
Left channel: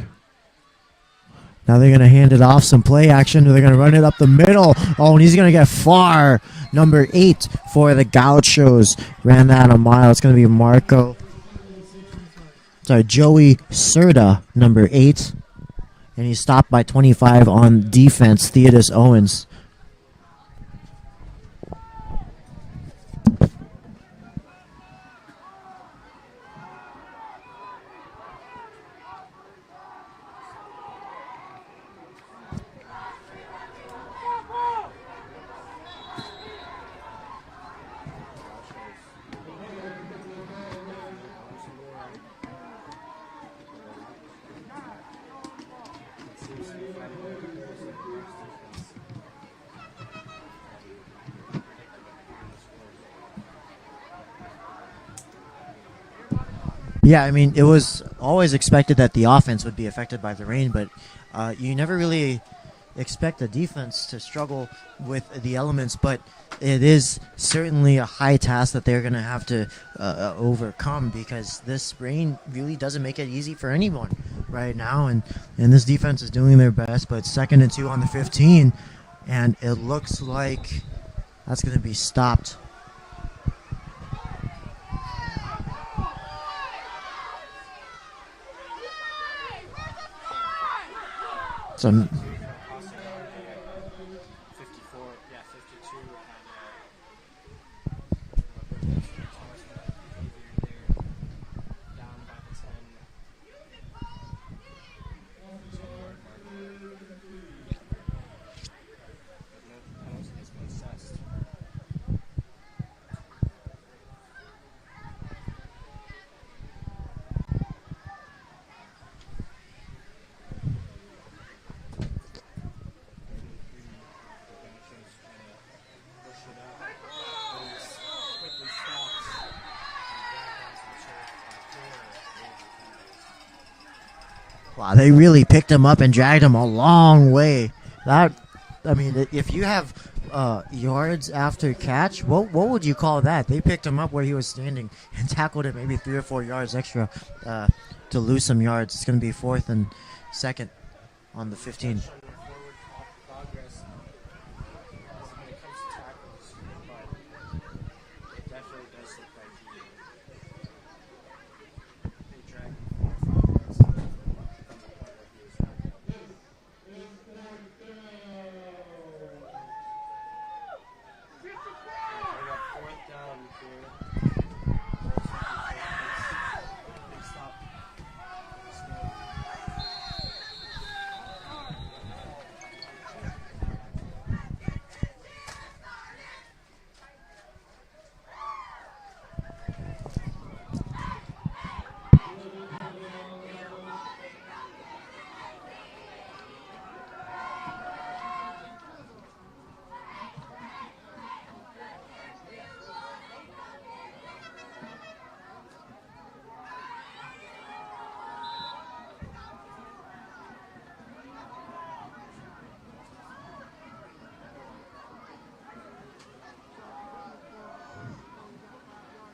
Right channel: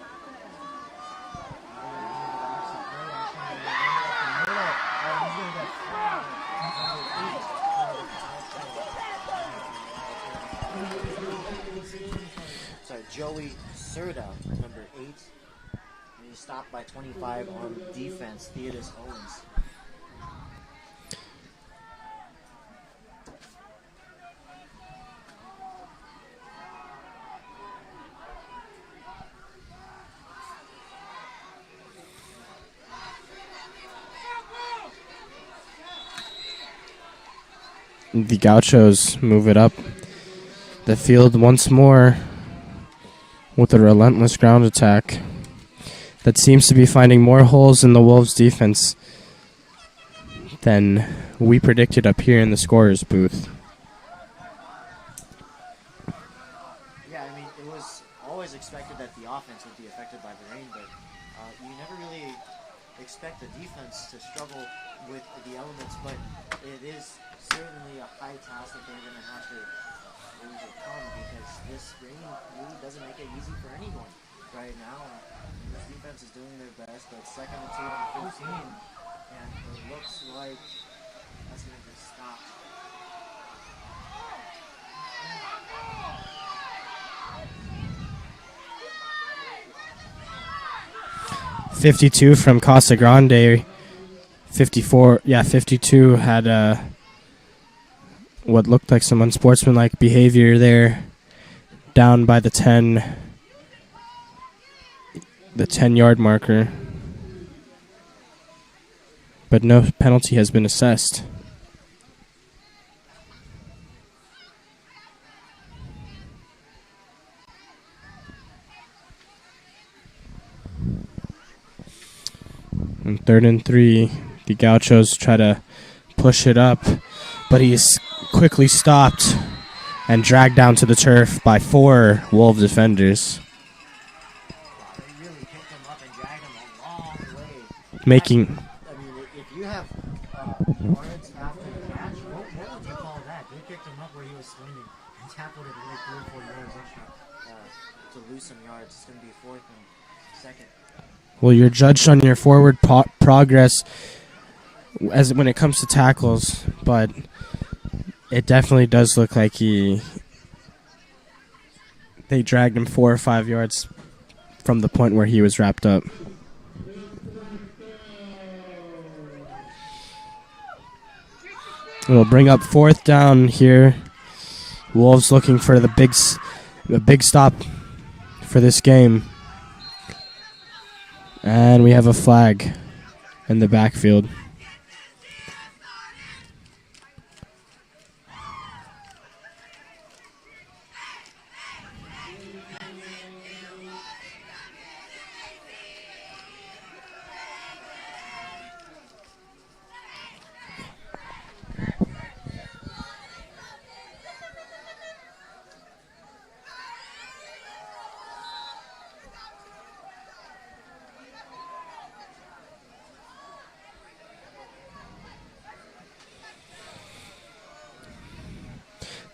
Now they're going to hand it off, some play action. They're going to run it up the middle. Oh, and he's going to get far. Number 8 for the Gauchos. Ran that a mile. It's going to be Joey Serta, number 8. And he's stopped by 25 on defense, Theodis Owens. The Gauchos move it up the field once more with a relentless ground attack that seems to be finding more holes in the Wolves' defense than we predicted up here in the scorer's booth. Yeah, I mean, it was always expected that the offense would be affected by the rain, but you never really expect the defense to struggle with the elements, but it is certainly a high task that they're going to have to overcome, because this rain really doesn't make it easy for anyone right now, and this defense is doing their best. But 2nd and 2 on the 15, and it looks like that's going to be stopped. .52 from Casa Grande. 52 had what looked like some unsportsmanlike behavior there down by the 10-yard marker. But no penalty has been assessed. On 3rd and 3, the Gauchos try to push it up, but he's quickly stopped and dragged down to the turf by 4 Wolves defenders. Wow, they really picked him up and dragged him a long way. If you have yards after catch, what would you call that? They picked him up where he was standing and tackled him maybe 3 or 4 yards extra to lose some yards. It's going to be 4th and 2nd. Well, you're judged on your forward progress as when it comes to tackles, but it definitely does look like they dragged him 4 or 5 yards from the point where he was wrapped up. We'll bring up 4th down here. Wolves looking for the big stop for this game. And we have a flag in the backfield.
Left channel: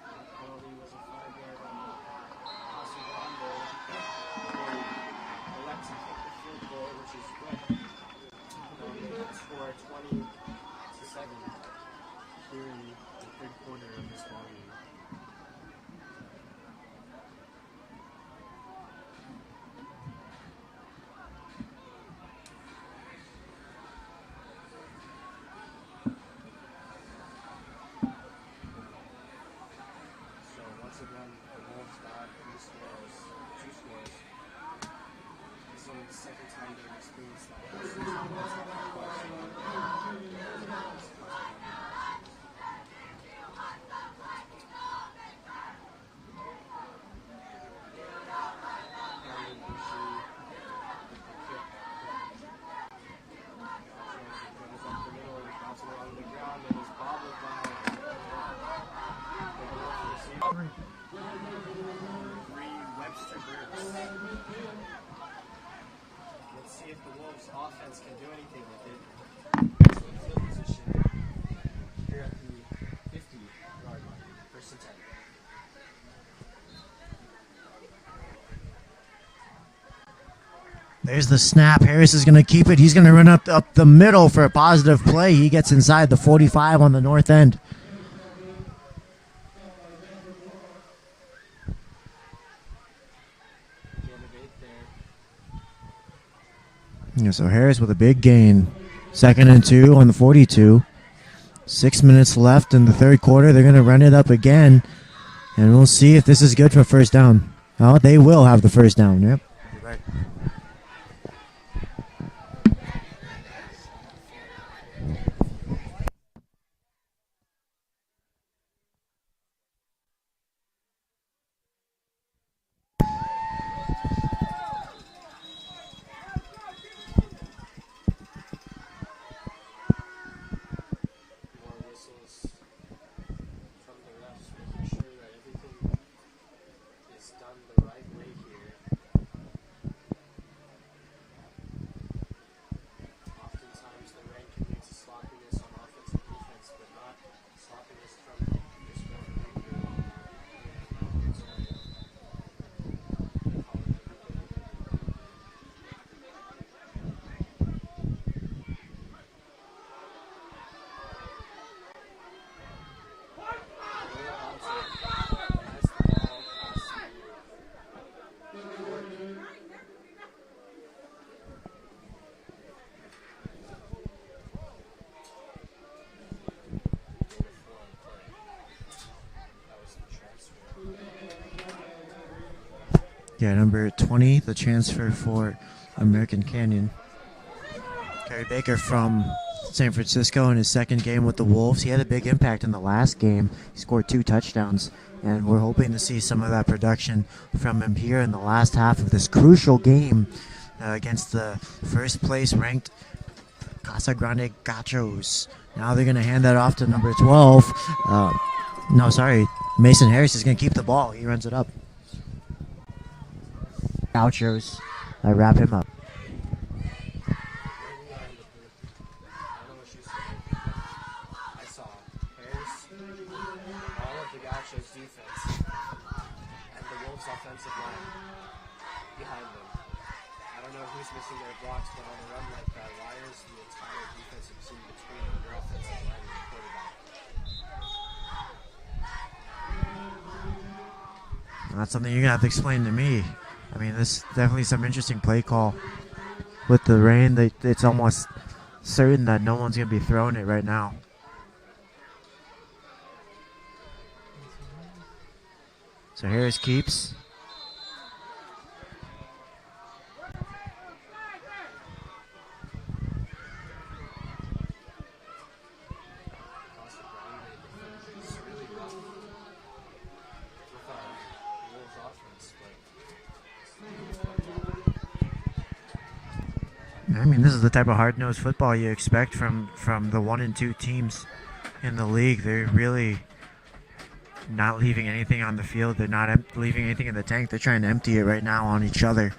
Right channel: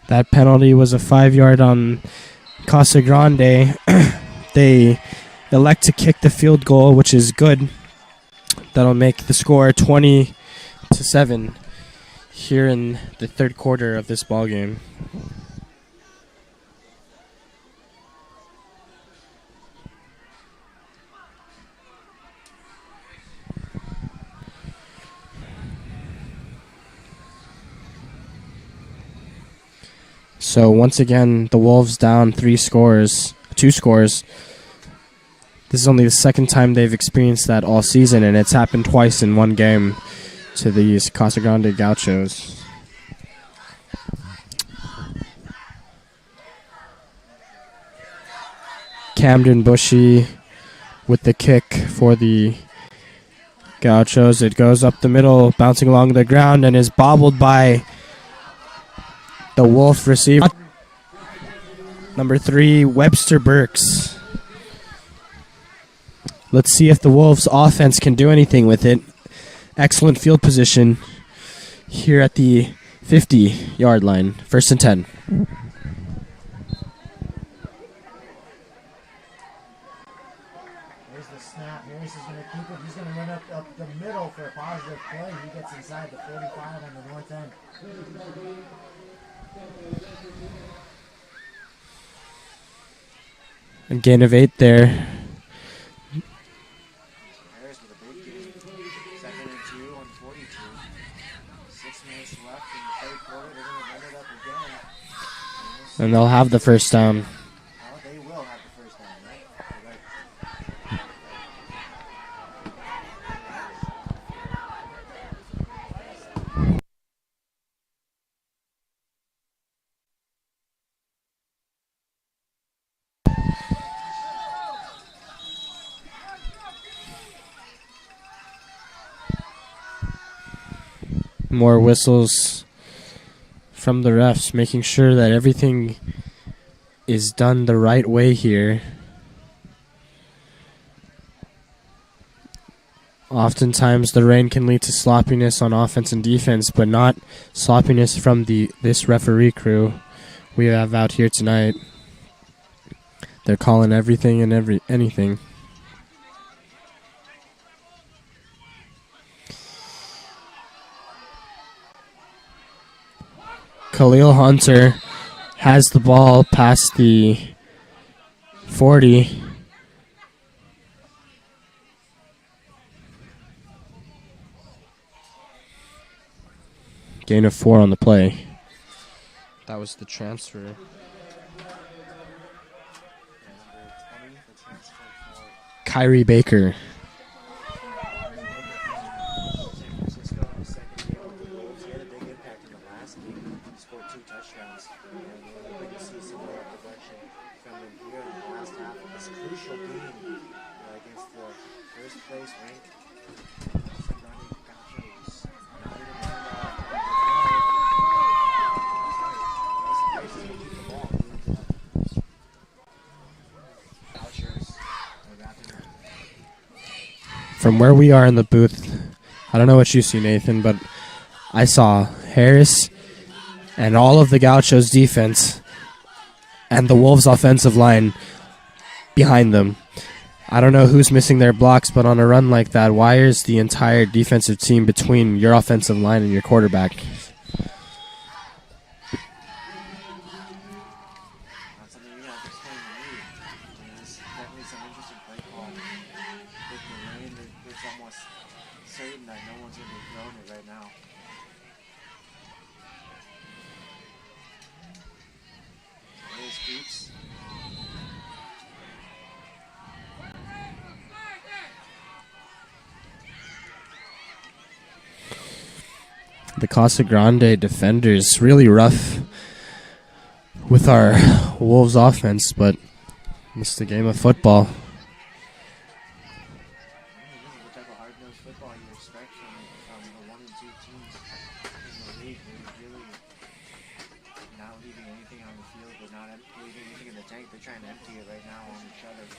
That penalty was a 5-yard on Casa Grande. They elect to kick the field goal, which is good. That'll make the score 20-7 here in the third quarter of this ball game. So once again, the Wolves down 2 scores. This is only the second time they've experienced that all season, and it's happened twice in one game to these Casa Grande Gauchos. Camden Bushy with the kick for the Gauchos. It goes up the middle, bouncing along the ground, and is bobbled by the Wolf receiver. Number 3, Webster Burks. Let's see if the Wolves offense can do anything with it. Excellent field position here at the 50-yard line. 1st and 10. There's the snap. Harris is going to keep it. He's going to run up the middle for a positive play. He gets inside the 45 on the north end. And gain of 8 there. Yeah, so Harris with a big gain. 2nd and 2 on the 42. 6 minutes left in the third quarter. They're going to run it up again. And we'll see if this is good for first down. Oh, they will have the first down. Yep. More whistles from the refs, making sure that everything is done the right way here. Oftentimes the rain can lead to sloppiness on offense and defense, but not sloppiness from this referee crew we have out here tonight. They're calling everything and anything. Khalil Hunter has the ball past the 40. Gain of 4 on the play. That was the transfer. Yeah, number 20, the transfer for Kyrie Baker. Kyrie Baker from San Francisco in his second game with the Wolves. He had a big impact in the last game. He scored 2 touchdowns, and we're hoping to see some of that production from him here in the last half of this crucial game against the first place ranked Casa Grande Gauchos. Now they're going to hand that off to number 12. Mason Harris is going to keep the ball. He runs it up. Gauchos. I wrap him up. From where we are in the booth, I don't know what you see, Nathan, but I saw Harris and all of the Gauchos defense and the Wolves offensive line behind them. I don't know who's missing their blocks, but on a run like that, why is the entire defensive team between your offensive line and your quarterback? That's something you're going to have to explain to me. I mean, this is definitely some interesting play call. With the rain, it's almost certain that no one's going to be throwing it right now. So Harris keeps. The Casa Grande defenders really rough with our Wolves offense, but it's the game of football. I mean, this is the type of hard-nosed football you expect from the 1 and 2 teams in the league. They're really not leaving anything on the field. They're not leaving anything in the tank. They're trying to empty it right now on each other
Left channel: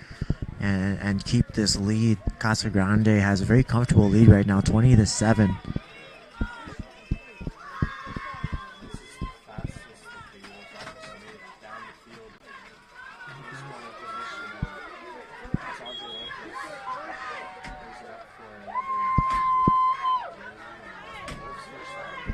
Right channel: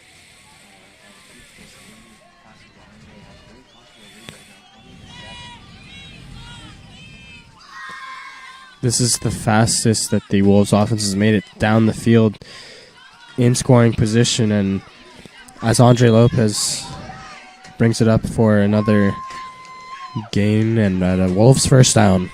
and keep this lead. Casa Grande has a very comfortable lead right now, 20-7. This is the fastest that the Wolves offense has made it down the field in scoring position, and as Andre Lopez brings it up for another gain and a Wolves first down.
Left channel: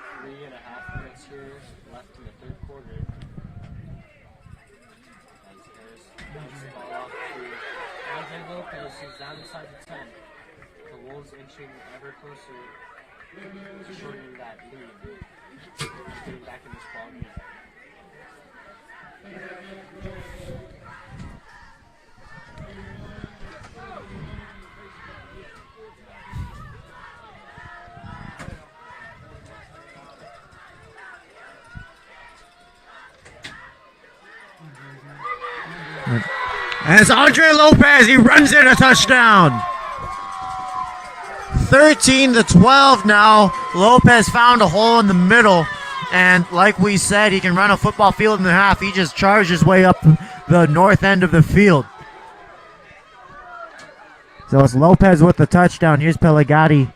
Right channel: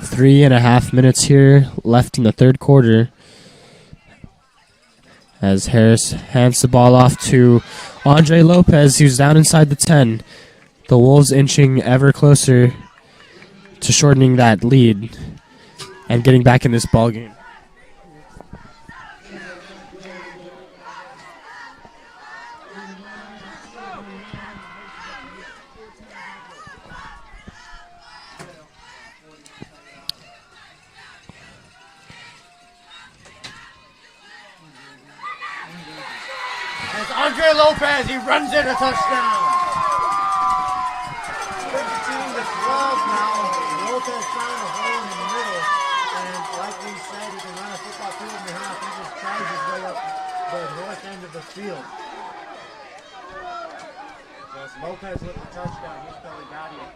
Three and a half minutes here left in the third quarter as Harris hands the ball off to Andre Lopez, who's down inside the 10. The Wolves inching ever closer to shortening that lead and getting back in this ball game. And it's Andre Lopez. He runs in a touchdown. 13-12 now. Lopez found a hole in the middle. And like we said, he can run a football field in the half. He just charged his way up the north end of the field. So it's Lopez with the touchdown. Here's Pelagatti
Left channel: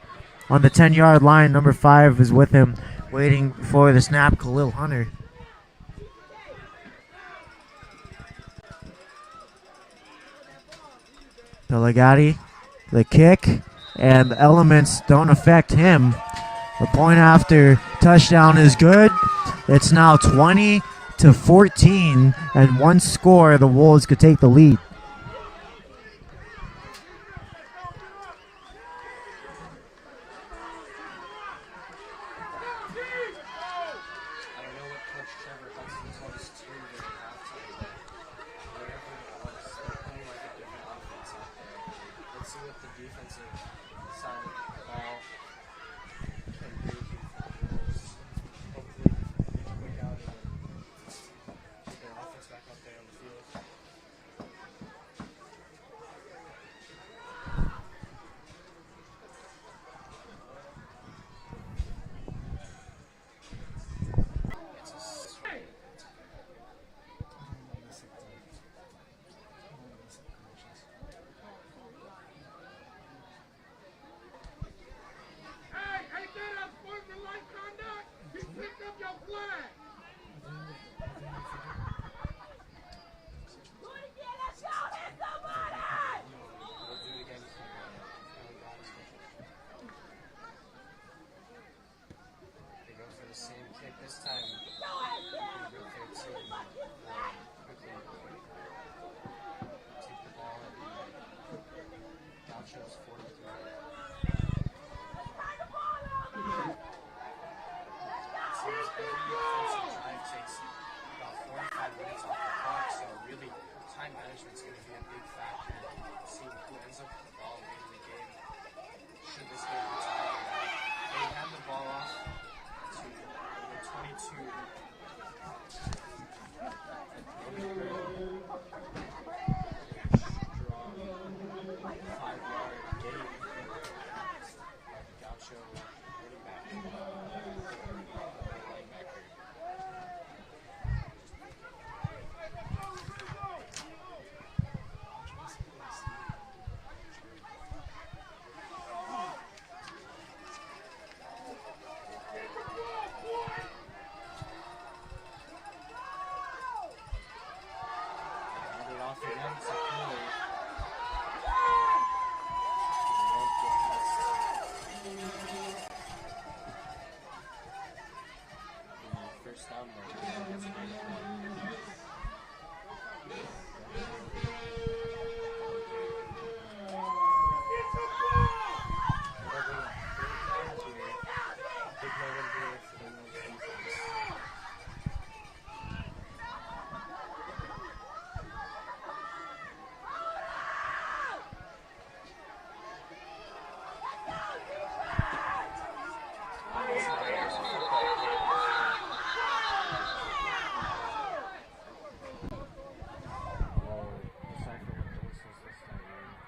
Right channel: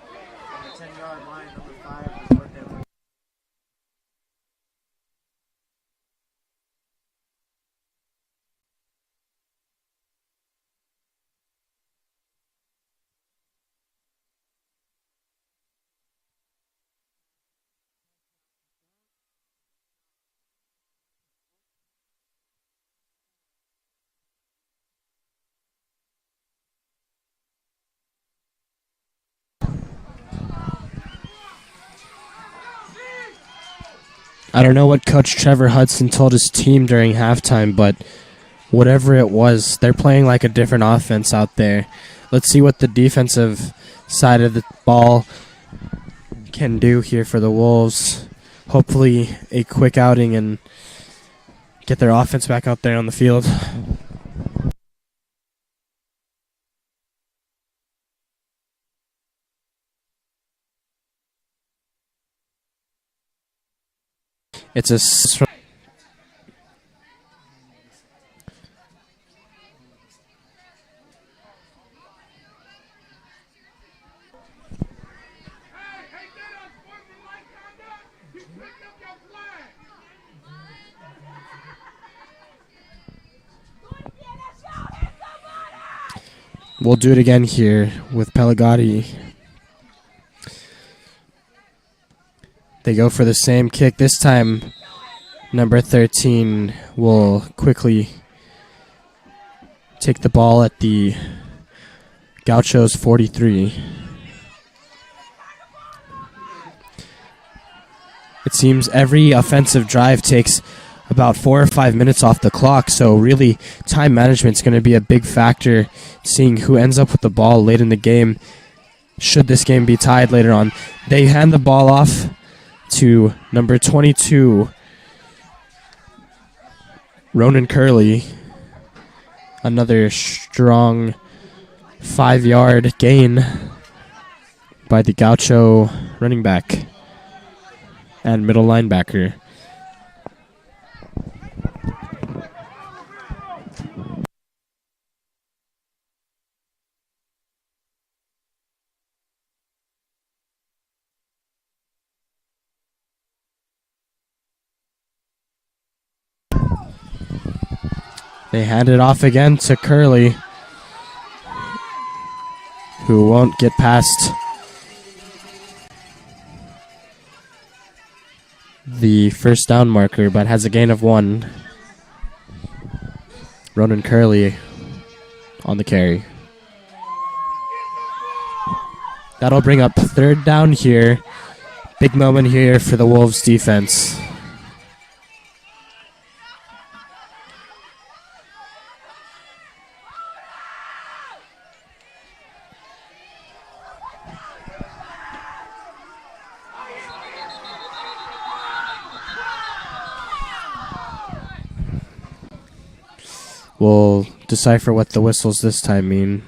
on the 10-yard line. Number 5 is with him, waiting for the snap. Khalil Hunter. Pelagatti, the kick, and the elements don't affect him. The point after touchdown is good. It's now 20-14, and one score, the Wolves could take the lead. I don't know what Coach Trevor Hudson told his team during halftime, but whatever it was, they're playing like a different offense out there. Let's see what the defensive side of the ball can do here for the Wolves. Hopefully a quick outing and get their offense back out there on the field. It's a We'll do it again here with Pelagatti. They go for the same kick. This time, number 13 will quickly take the ball at the Gauchos 43. It seems every offensive drive takes about 4 or 5 minutes off the clock, so really time management is going to be a big factor, seeing who ends up with the ball late in the game should this game be tied later on. They hand the ball off to number 22, Ronan Curley. Another strong 5-yard gain by the Gaucho running back and middle linebacker. They hand it off again to Curley, who won't get past the first down marker, but has a gain of 1. Ronan Curley on the carry. That'll bring up 3rd down here. Big moment here for the Wolves defense. We'll decipher what the whistles this time mean.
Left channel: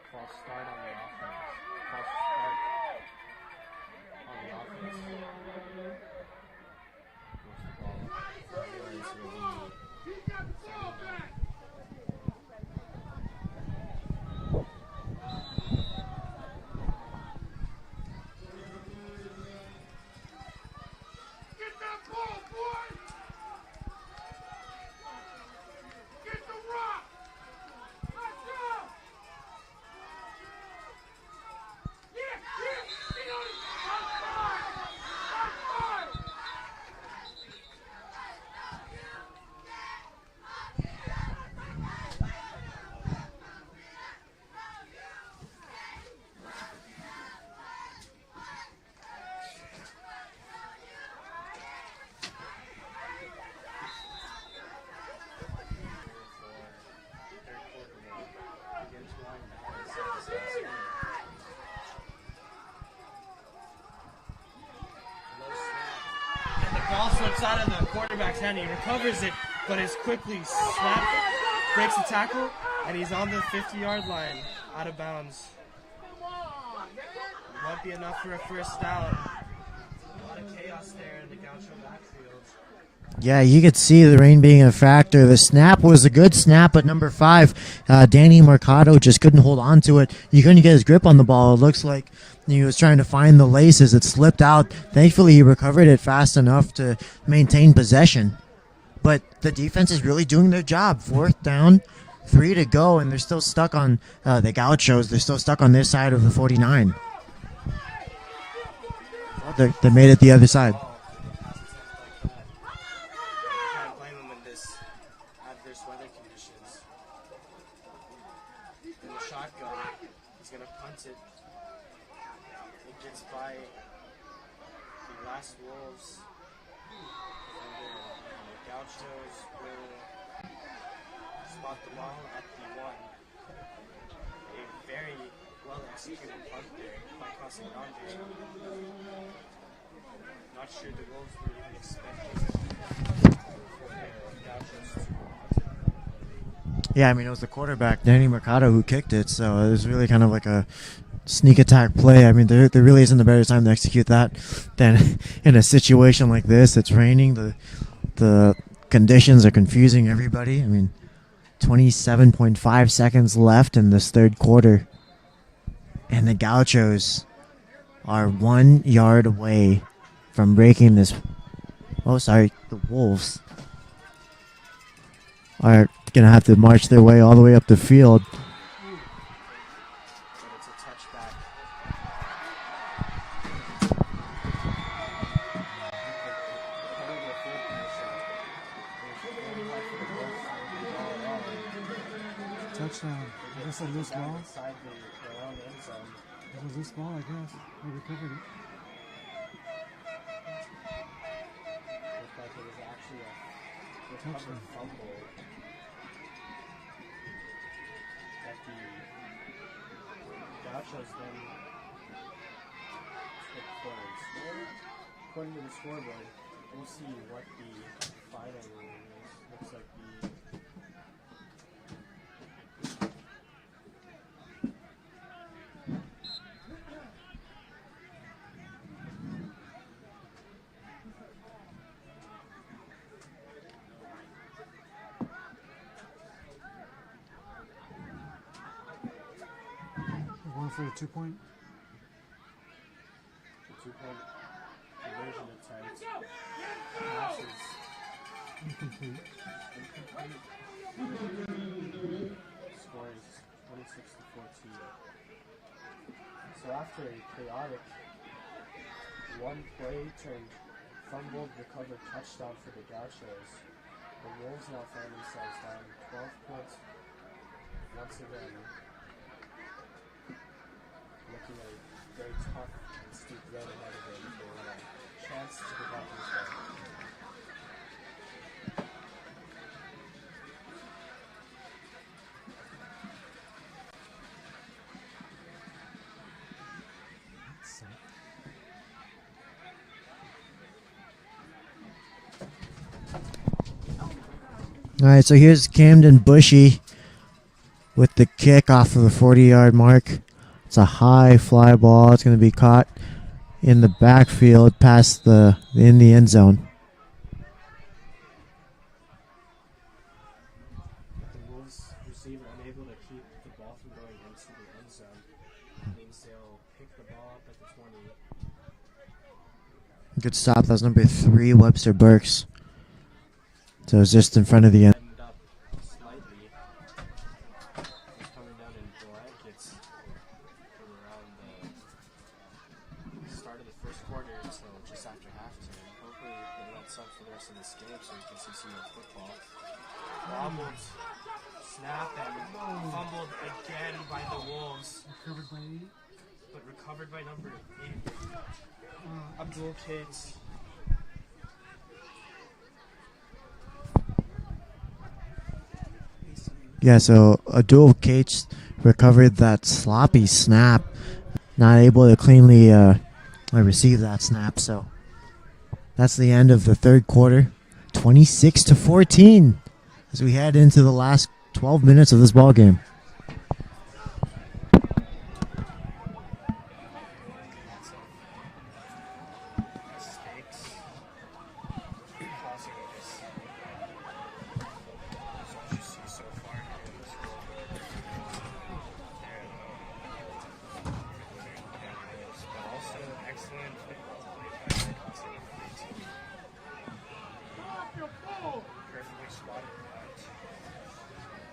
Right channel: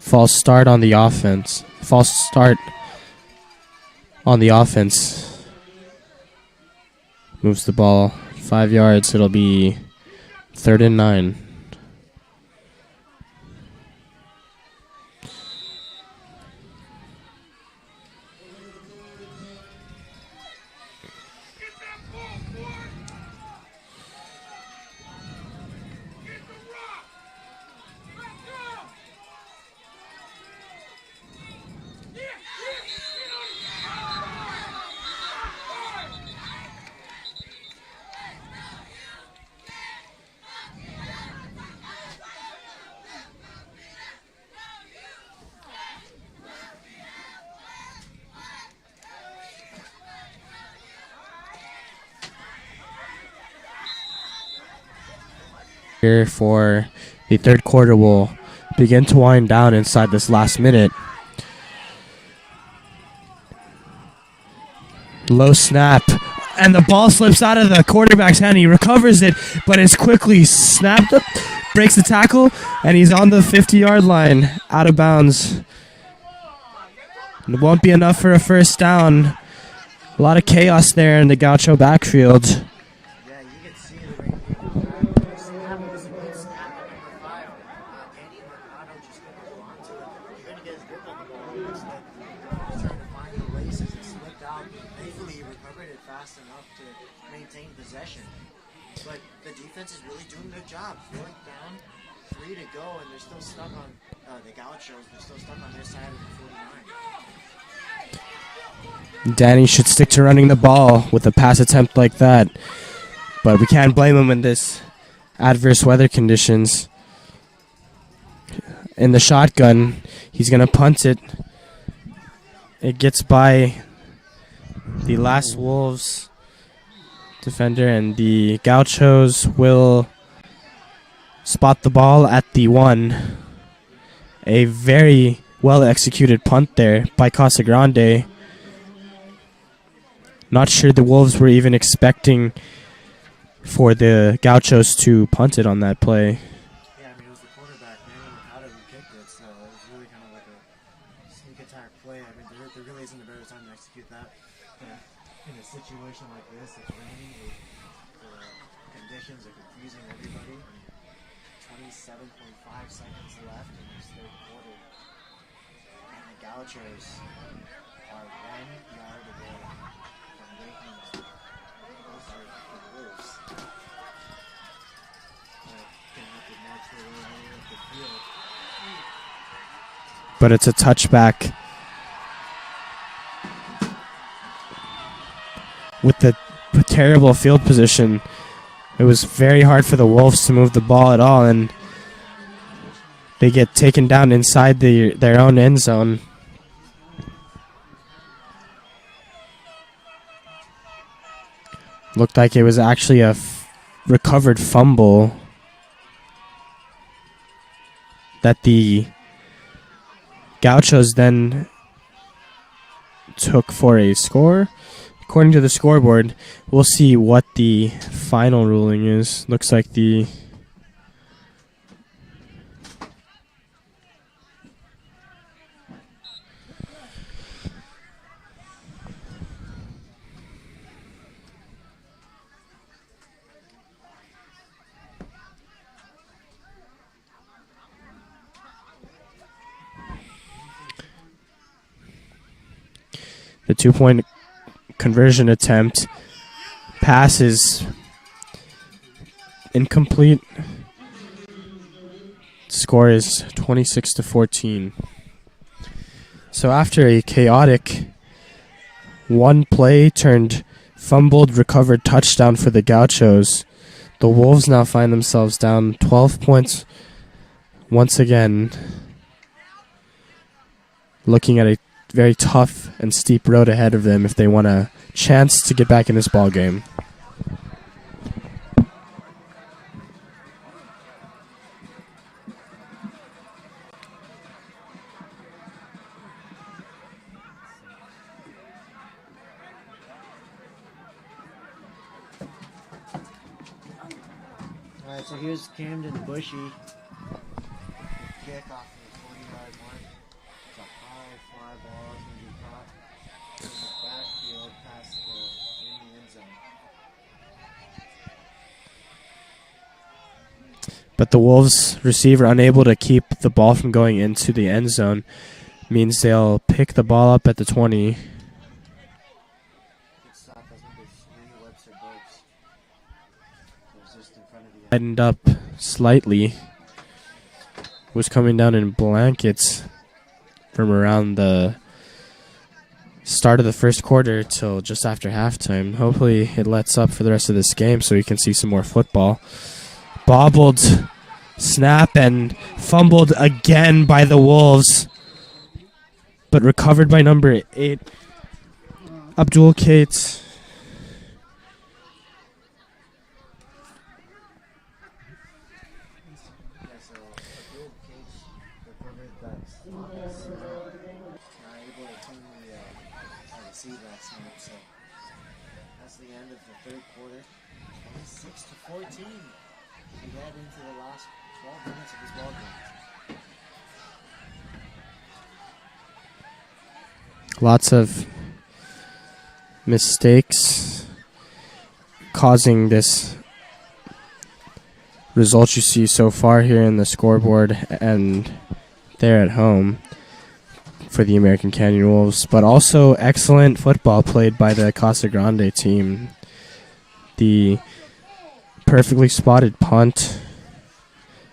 False start on the offense. False start on the offense. Moves the ball 5 yards. It'll be 3rd and 9. Here for the third quarter will begin to wind down inside this last minute. Low snap, and the ball slips out of the quarterback's hand. He recovers it, but it's quickly snapped up, breaks the tackle, and he's on the 50-yard line, out of bounds. It won't be enough for a first down. A lot of chaos there in the Gaucho backfield. Yeah, you could see the rain being a factor. The snap was a good snap, but number 5, Danny Mercado just couldn't hold on to it. He couldn't get his grip on the ball. It looks like he was trying to find the laces. It slipped out. Thankfully, he recovered it fast enough to maintain possession. But the defense is really doing their job. 4th down, 3 to go, and they're still stuck on the Gauchos. They're still stuck on their side of the 49. Danny should stick to running the ball with a pass attempt like that. But we can't blame him in this adverse weather conditions. In the shotgun, he's going to punt it. It gets by the last Wolves defender, and the Gauchos will spot the ball at the 1. A very well-executed punt there by Casa Grande. Not sure the Wolves were even expecting for the Gauchos to punt it on that play. Yeah, I mean, it was the quarterback, Danny Mercado, who kicked it, so it was really kind of like a sneak attack play. I mean, there really isn't a better time to execute that than in a situation like this. It's raining. The conditions are confusing everybody. I mean, 27.5 seconds left in this third quarter, and the Gauchos are 1 yard away from breaking this. Oh, sorry, the Wolves are going to have to march their way all the way up the field. But it's a touchback. With the terrible field position, it was very hard for the Wolves to move the ball at all, and they get taken down inside their own end zone. Looked like it was actually a recovered fumble that the Gauchos then took for a score. According to the scoreboard, we'll see what the final ruling is. Looks like the the 2-point conversion attempt passes incomplete. Score is 26-14. So after a chaotic one play turned fumbled recovered touchdown for the Gauchos, the Wolves now find themselves down 12 points once again, looking at a very tough and steep road ahead of them if they want a chance to get back in this ball game. All right, so here's Camden Bushy with the kick off of the 40-yard mark. It's a high fly ball. It's going to be caught in the backfield past in the end zone. But the Wolves receiver unable to keep the ball from going into the end zone means they'll pick the ball up at the 20. Good stop. That was number 3, Webster Burks. So it's just in front of the end. Tightened up slightly. Was coming down in blankets from around the start of the first quarter till just after halftime. Hopefully it lets up for the rest of this game so we can see some more football. Bobbled snap and fumbled again by the Wolves, but recovered by number 8, Abdul Cates. Yeah, so Abdul Cates recovered that sloppy snap, not able to cleanly receive that snap. So that's the end of the third quarter, 26-14, as we head into the last 12 minutes of this ball game. Lots of mistakes causing this result you see so far here in the scoreboard and there at home for the American Canyon Wolves, but also excellent football played by the Casa Grande team. The perfectly spotted punt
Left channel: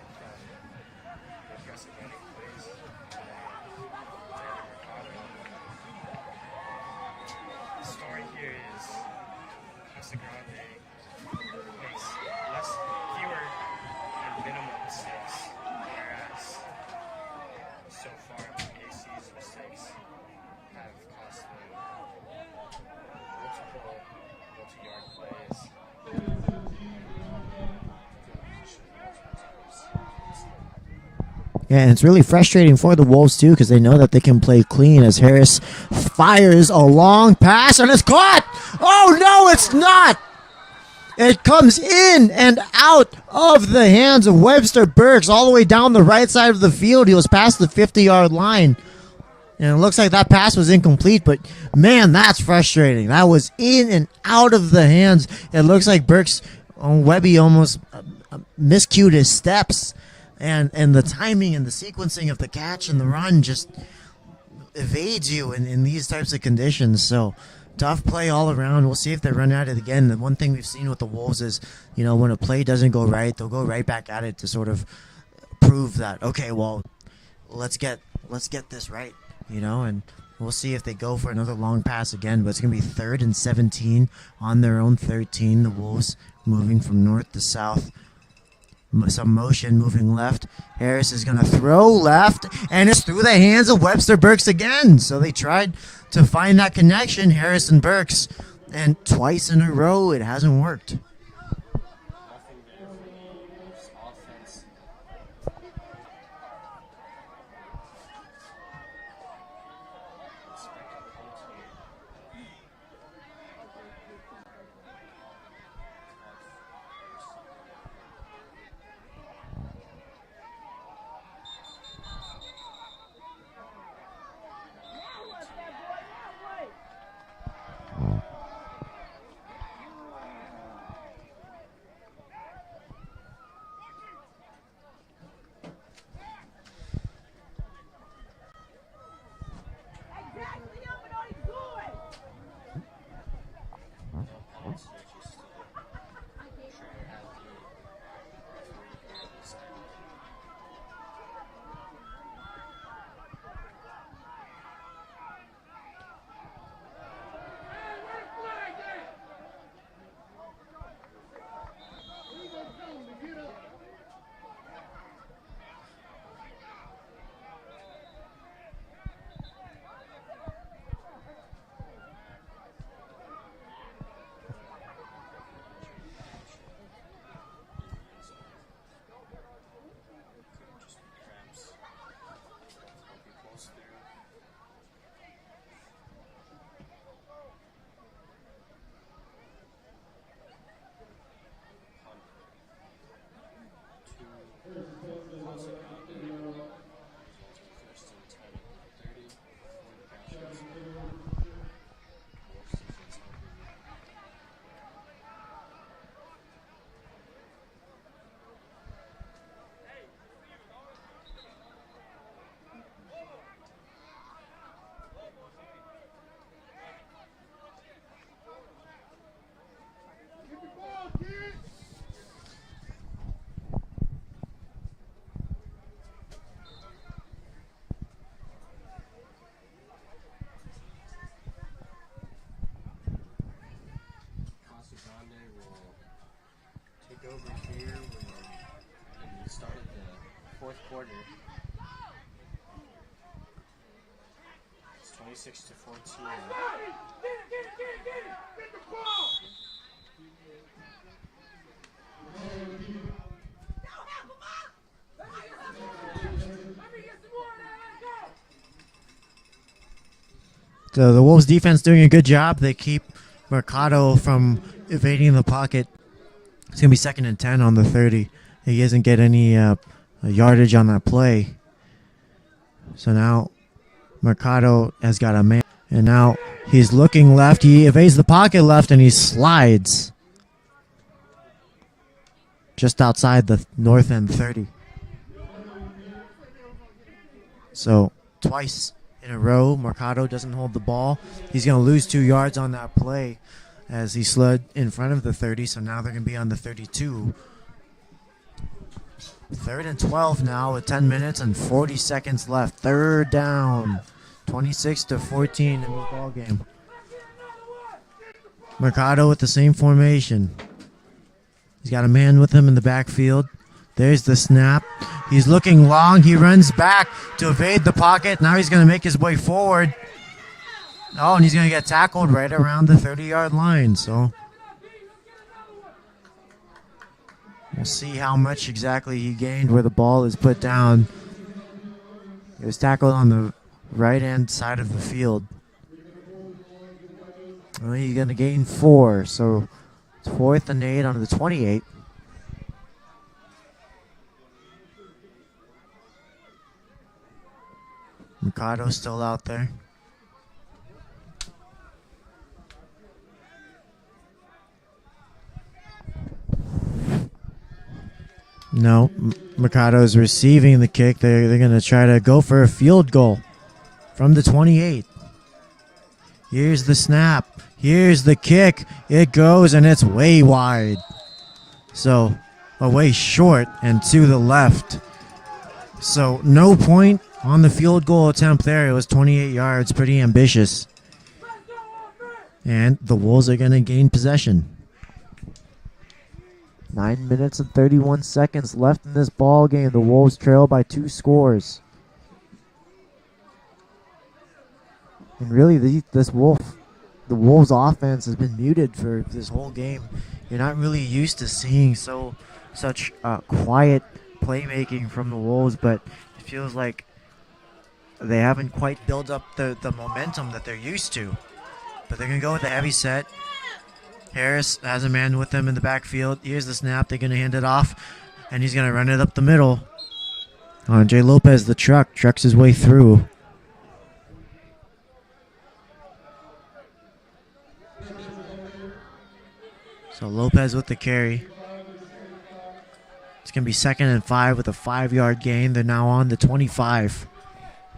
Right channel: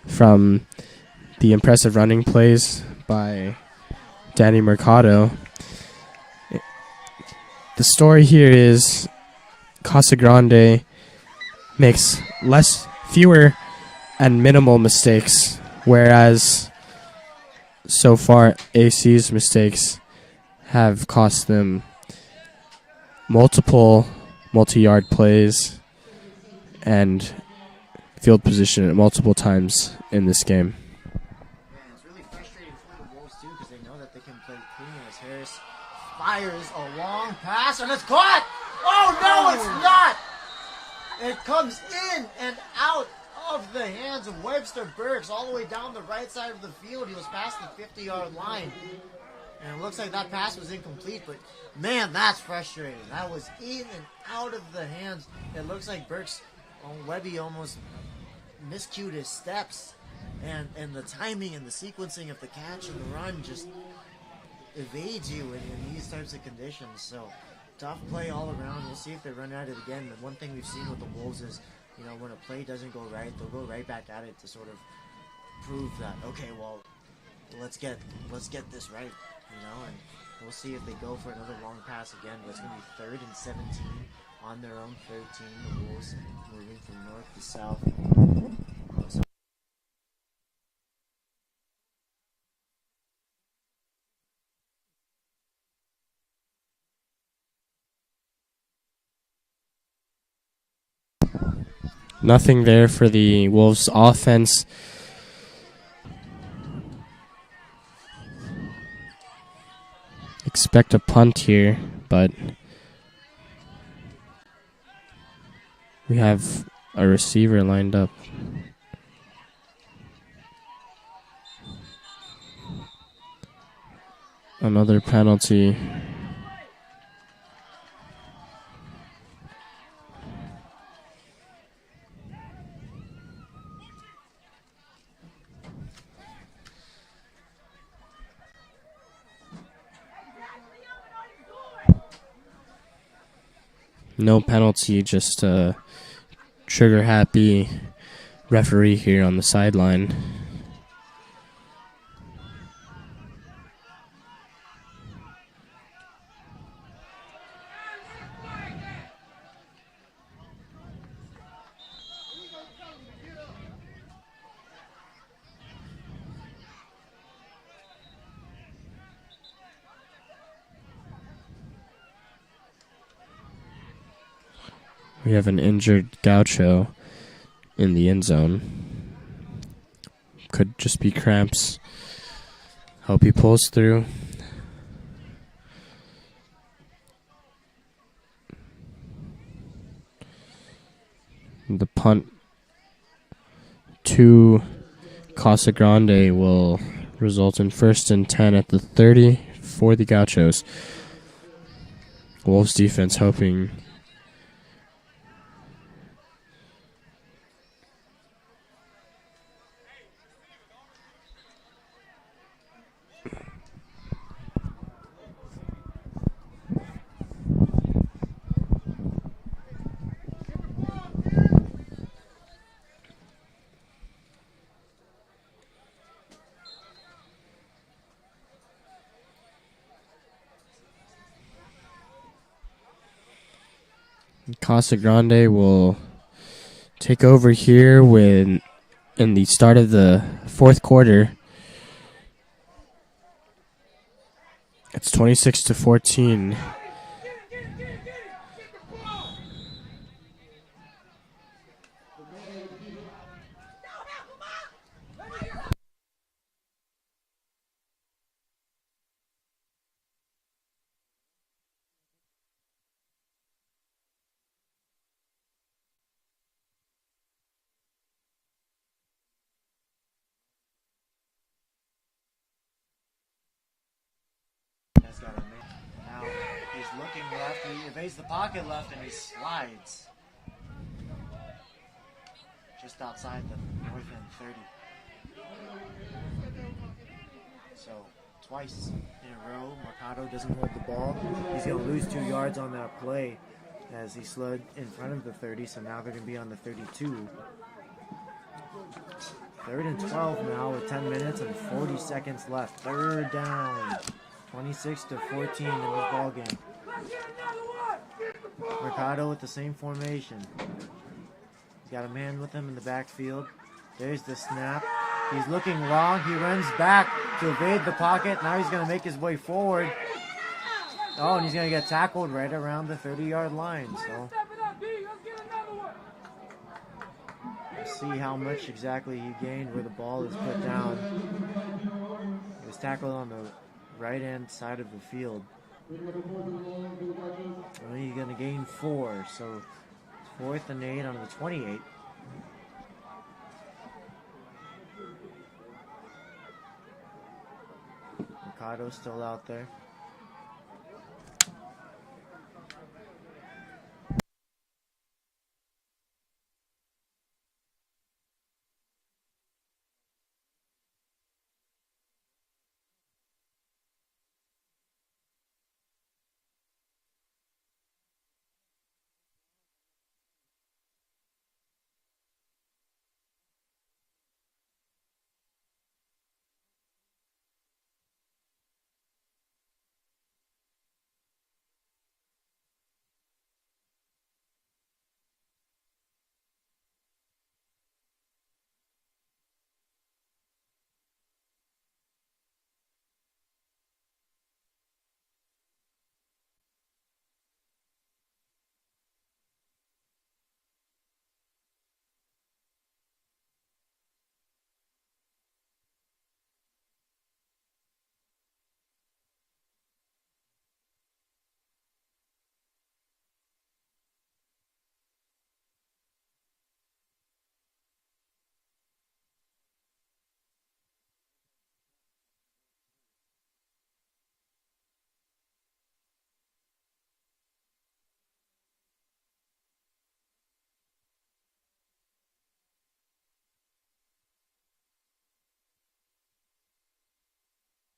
from the impressive running plays by Danny Mercado. The story here is Casa Grande makes fewer and minimal mistakes, whereas so far AC's mistakes have cost them multiple multi-yard plays and field position at multiple times in this game. Yeah, and it's really frustrating for the Wolves, too, because they know that they can play clean as Harris fires a long pass, and it's caught! Oh, no, it's not! It comes in and out of the hands of Webster Burks all the way down the right side of the field. He was past the 50-yard line. And it looks like that pass was incomplete, but, man, that's frustrating. That was in and out of the hands. It looks like Burks, Webby almost miscued his steps. And the timing and the sequencing of the catch and the run just evades you in these types of conditions. So tough play all around. We'll see if they run at it again. The one thing we've seen with the Wolves is, when a play doesn't go right, they'll go right back at it to sort of prove that, okay, well, let's get this right, and we'll see if they go for another long pass again. But it's going to be 3rd and 17 on their own 13. The Wolves moving from north to south. Some motion moving left. Harris is going to throw left, and it's through the hands of Webster Burks again. So they tried to find that connection, Harris and Burks, and twice in a row it hasn't worked. Nothing there for the Wolves offense. Expect a punt here, but we have a receiver lined up. Another penalty. No penalty, just a trigger-happy referee here on the sideline. We have an injured Gaucho in the end zone. Could just be cramps. Hope he pulls through. The punt to Casa Grande will result in 1st and 10 at the 30 for the Gauchos. Wolves defense hoping. Casa Grande will take over here in the start of the fourth quarter. It's 26-14. So the Wolves defense doing a good job. They keep Mercado from evading the pocket. It's going to be 2nd and 10 on the 30. He doesn't get any yardage on that play. So now Mercado has got a man. And now he's looking left. He evades the pocket left and he slides just outside the north end 30. So twice in a row, Mercado doesn't hold the ball. He's going to lose 2 yards on that play as he slid in front of the 30. So now they're going to be on the 32. 3rd and 12 now with 10 minutes and 40 seconds left. 3rd down. 26-14 in the ball game. Mercado with the same formation. He's got a man with him in the backfield. There's the snap. He's looking long. He runs back to evade the pocket. Now he's going to make his way forward. Oh, and he's going to get tackled right around the 30-yard line. So we'll see how much exactly he gained where the ball is put down. He was tackled on the right-hand side of the field. Well, he's going to gain 4. So it's 4th and 8 on the 28. Mercado's still out there. No, Mercado's receiving the kick. They're going to try to go for a field goal from the 28. Here's the snap. Here's the kick. It goes and it's way wide. So away short and to the left. So no point on the field goal attempt there. It was 28 yards, pretty ambitious. And the Wolves are going to gain possession. 9 minutes and 31 seconds left in this ball game. The Wolves trail by 2 scores. And really, the Wolves offense has been muted for this whole game. You're not really used to seeing such quiet playmaking from the Wolves, but it feels like they haven't quite built up the momentum that they're used to. But they're going to go with a heavy set. Harris has a man with them in the backfield. Here's the snap. They're going to hand it off, and he's going to run it up the middle. Andre Lopez, the trucks his way through. So Lopez with the carry. It's going to be 2nd and 5 with a 5-yard gain. They're now on the 25.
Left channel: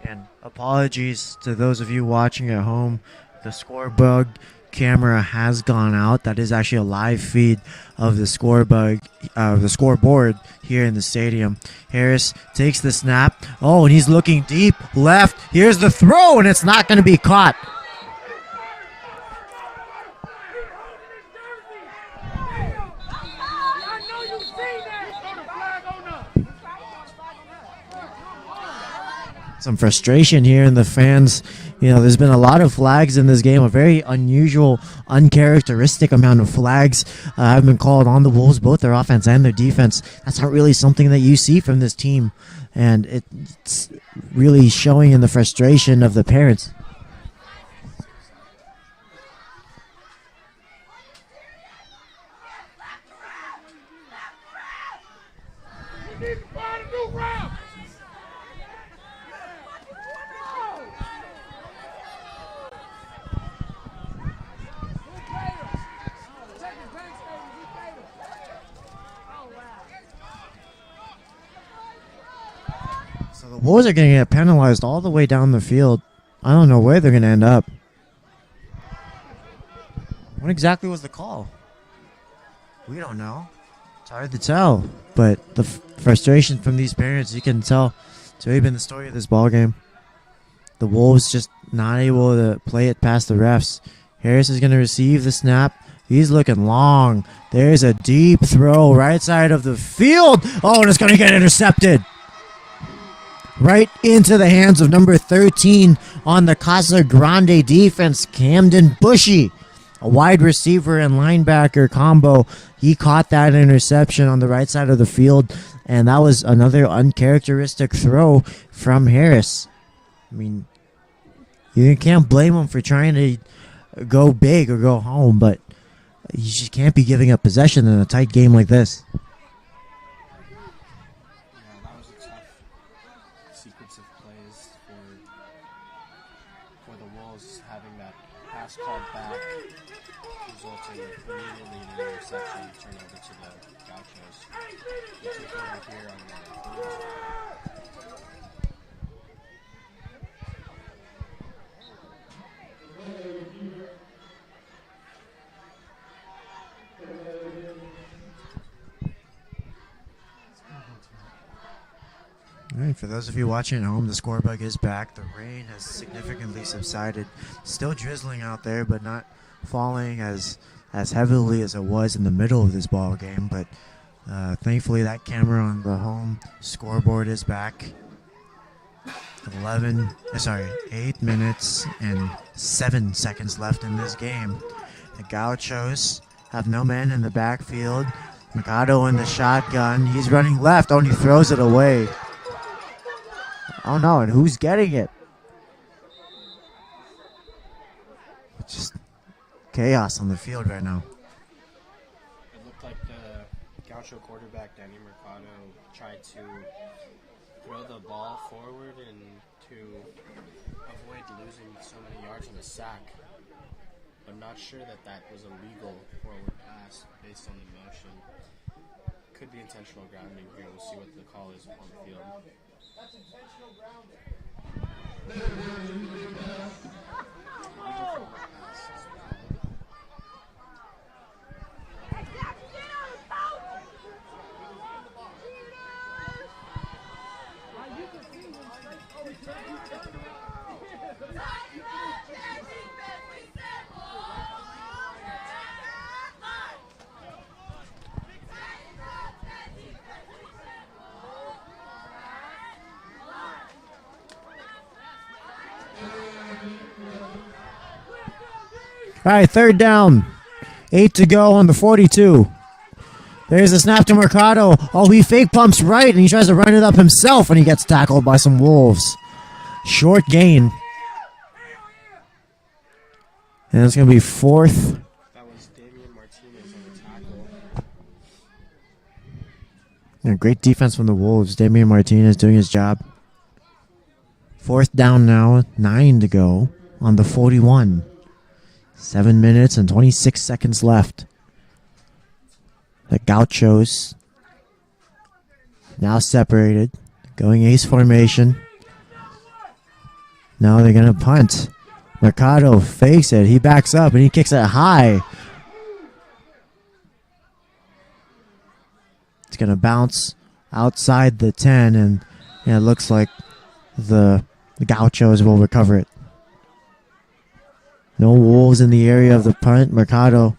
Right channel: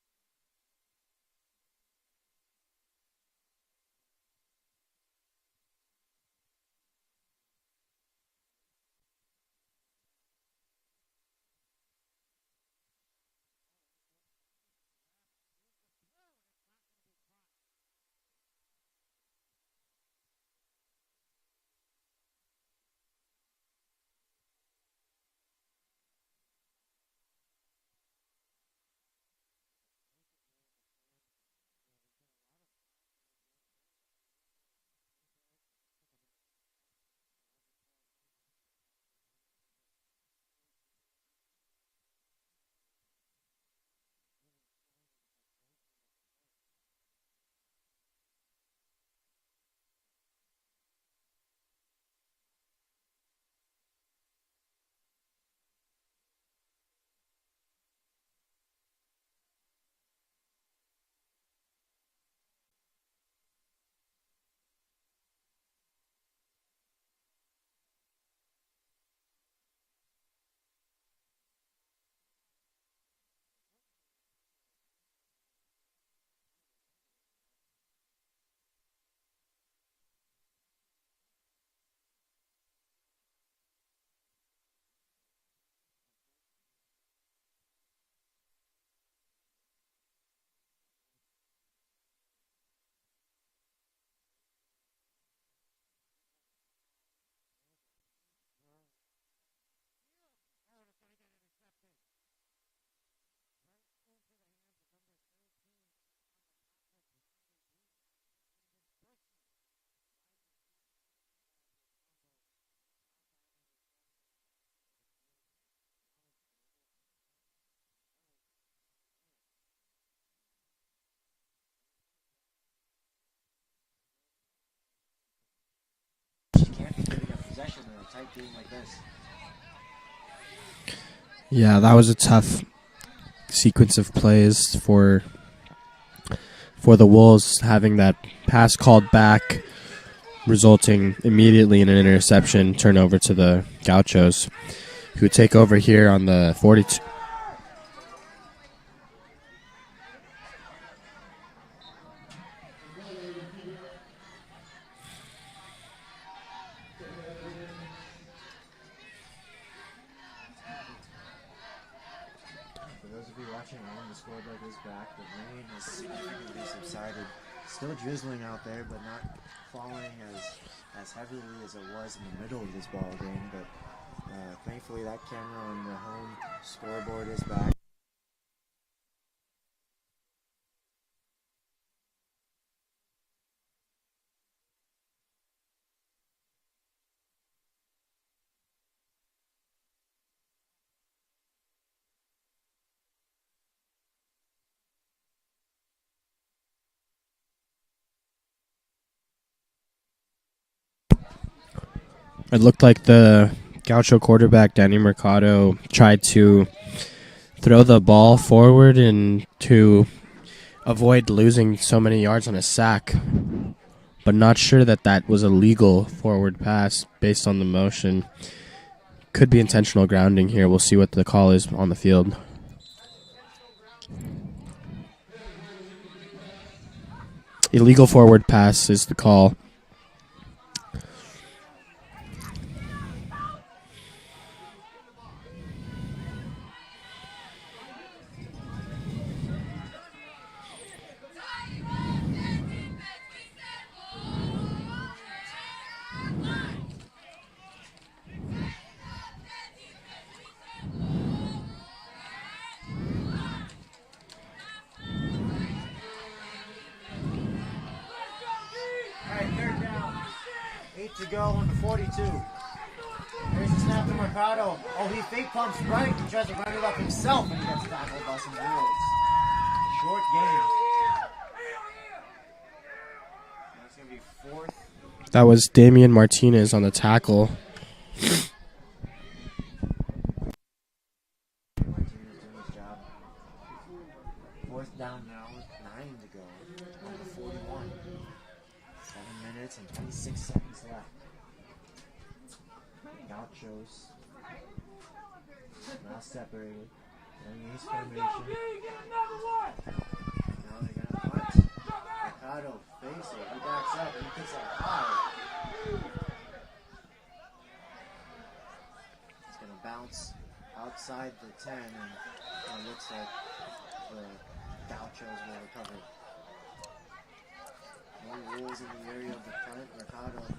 And apologies to those of you watching at home. The scoreboard camera has gone out. That is actually a live feed of the scoreboard here in the stadium. Harris takes the snap. Oh, and he's looking deep left. Here's the throw, and it's not going to be caught. Some frustration here in the fans. You know, there's been a lot of flags in this game, a very unusual, uncharacteristic amount of flags have been called on the Wolves, both their offense and their defense. That's not really something that you see from this team, and it's really showing in the frustration of the parents. The Wolves are going to get penalized all the way down the field. I don't know where they're going to end up. What exactly was the call? We don't know. It's hard to tell. But the frustration from these parents, you can tell. It's really been the story of this ball game. The Wolves just not able to play it past the refs. Harris is going to receive the snap. He's looking long. There's a deep throw right side of the field. Oh, and it's going to get intercepted. Right into the hands of number 13 on the Casa Grande defense, Camden Bushy. A wide receiver and linebacker combo. He caught that interception on the right side of the field, and that was another uncharacteristic throw from Harris. I mean, you can't blame him for trying to go big or go home, but you just can't be giving up possession in a tight game like this. Yeah, that was a tough sequence of plays for the Wolves, having that pass called back, resulting immediately in an interception, turnover to the Gauchos, who take over here on the 42. All right, for those of you watching at home, the scorebook is back. The rain has significantly subsided. Still drizzling out there, but not falling as heavily as it was in the middle of this ball game. But thankfully, that camera on the home scoreboard is back. 8 minutes and 7 seconds left in this game. The Gauchos have no man in the backfield. Mercado in the shotgun. He's running left. Oh, and he throws it away. Oh no, and who's getting it? It's just chaos on the field right now. It looked like the Gaucho quarterback, Danny Mercado, tried to throw the ball forward and to avoid losing so many yards on a sack, but not sure that was a legal forward pass based on the motion. Could be intentional grounding here. We'll see what the call is on the field. Illegal forward pass is the call. All right, third down. 8 to go on the 42. There's a snap to Mercado. Oh, he fake pumps right, and he tries to run it up himself, and he gets tackled by some Wolves. Short gain. And it's going to be fourth. That was Damian Martinez on the tackle. And great defense from the Wolves. Damian Martinez doing his job. Fourth down now. 9 to go on the 41. 7 minutes and 26 seconds left. The Gauchos now separated, going ace formation. Now they're going to punt. Mercado fakes it. He backs up and he kicks it high. It's going to bounce outside the 10, and it looks like the Gauchos will recover it. No Wolves in the area of the punt. Mercado,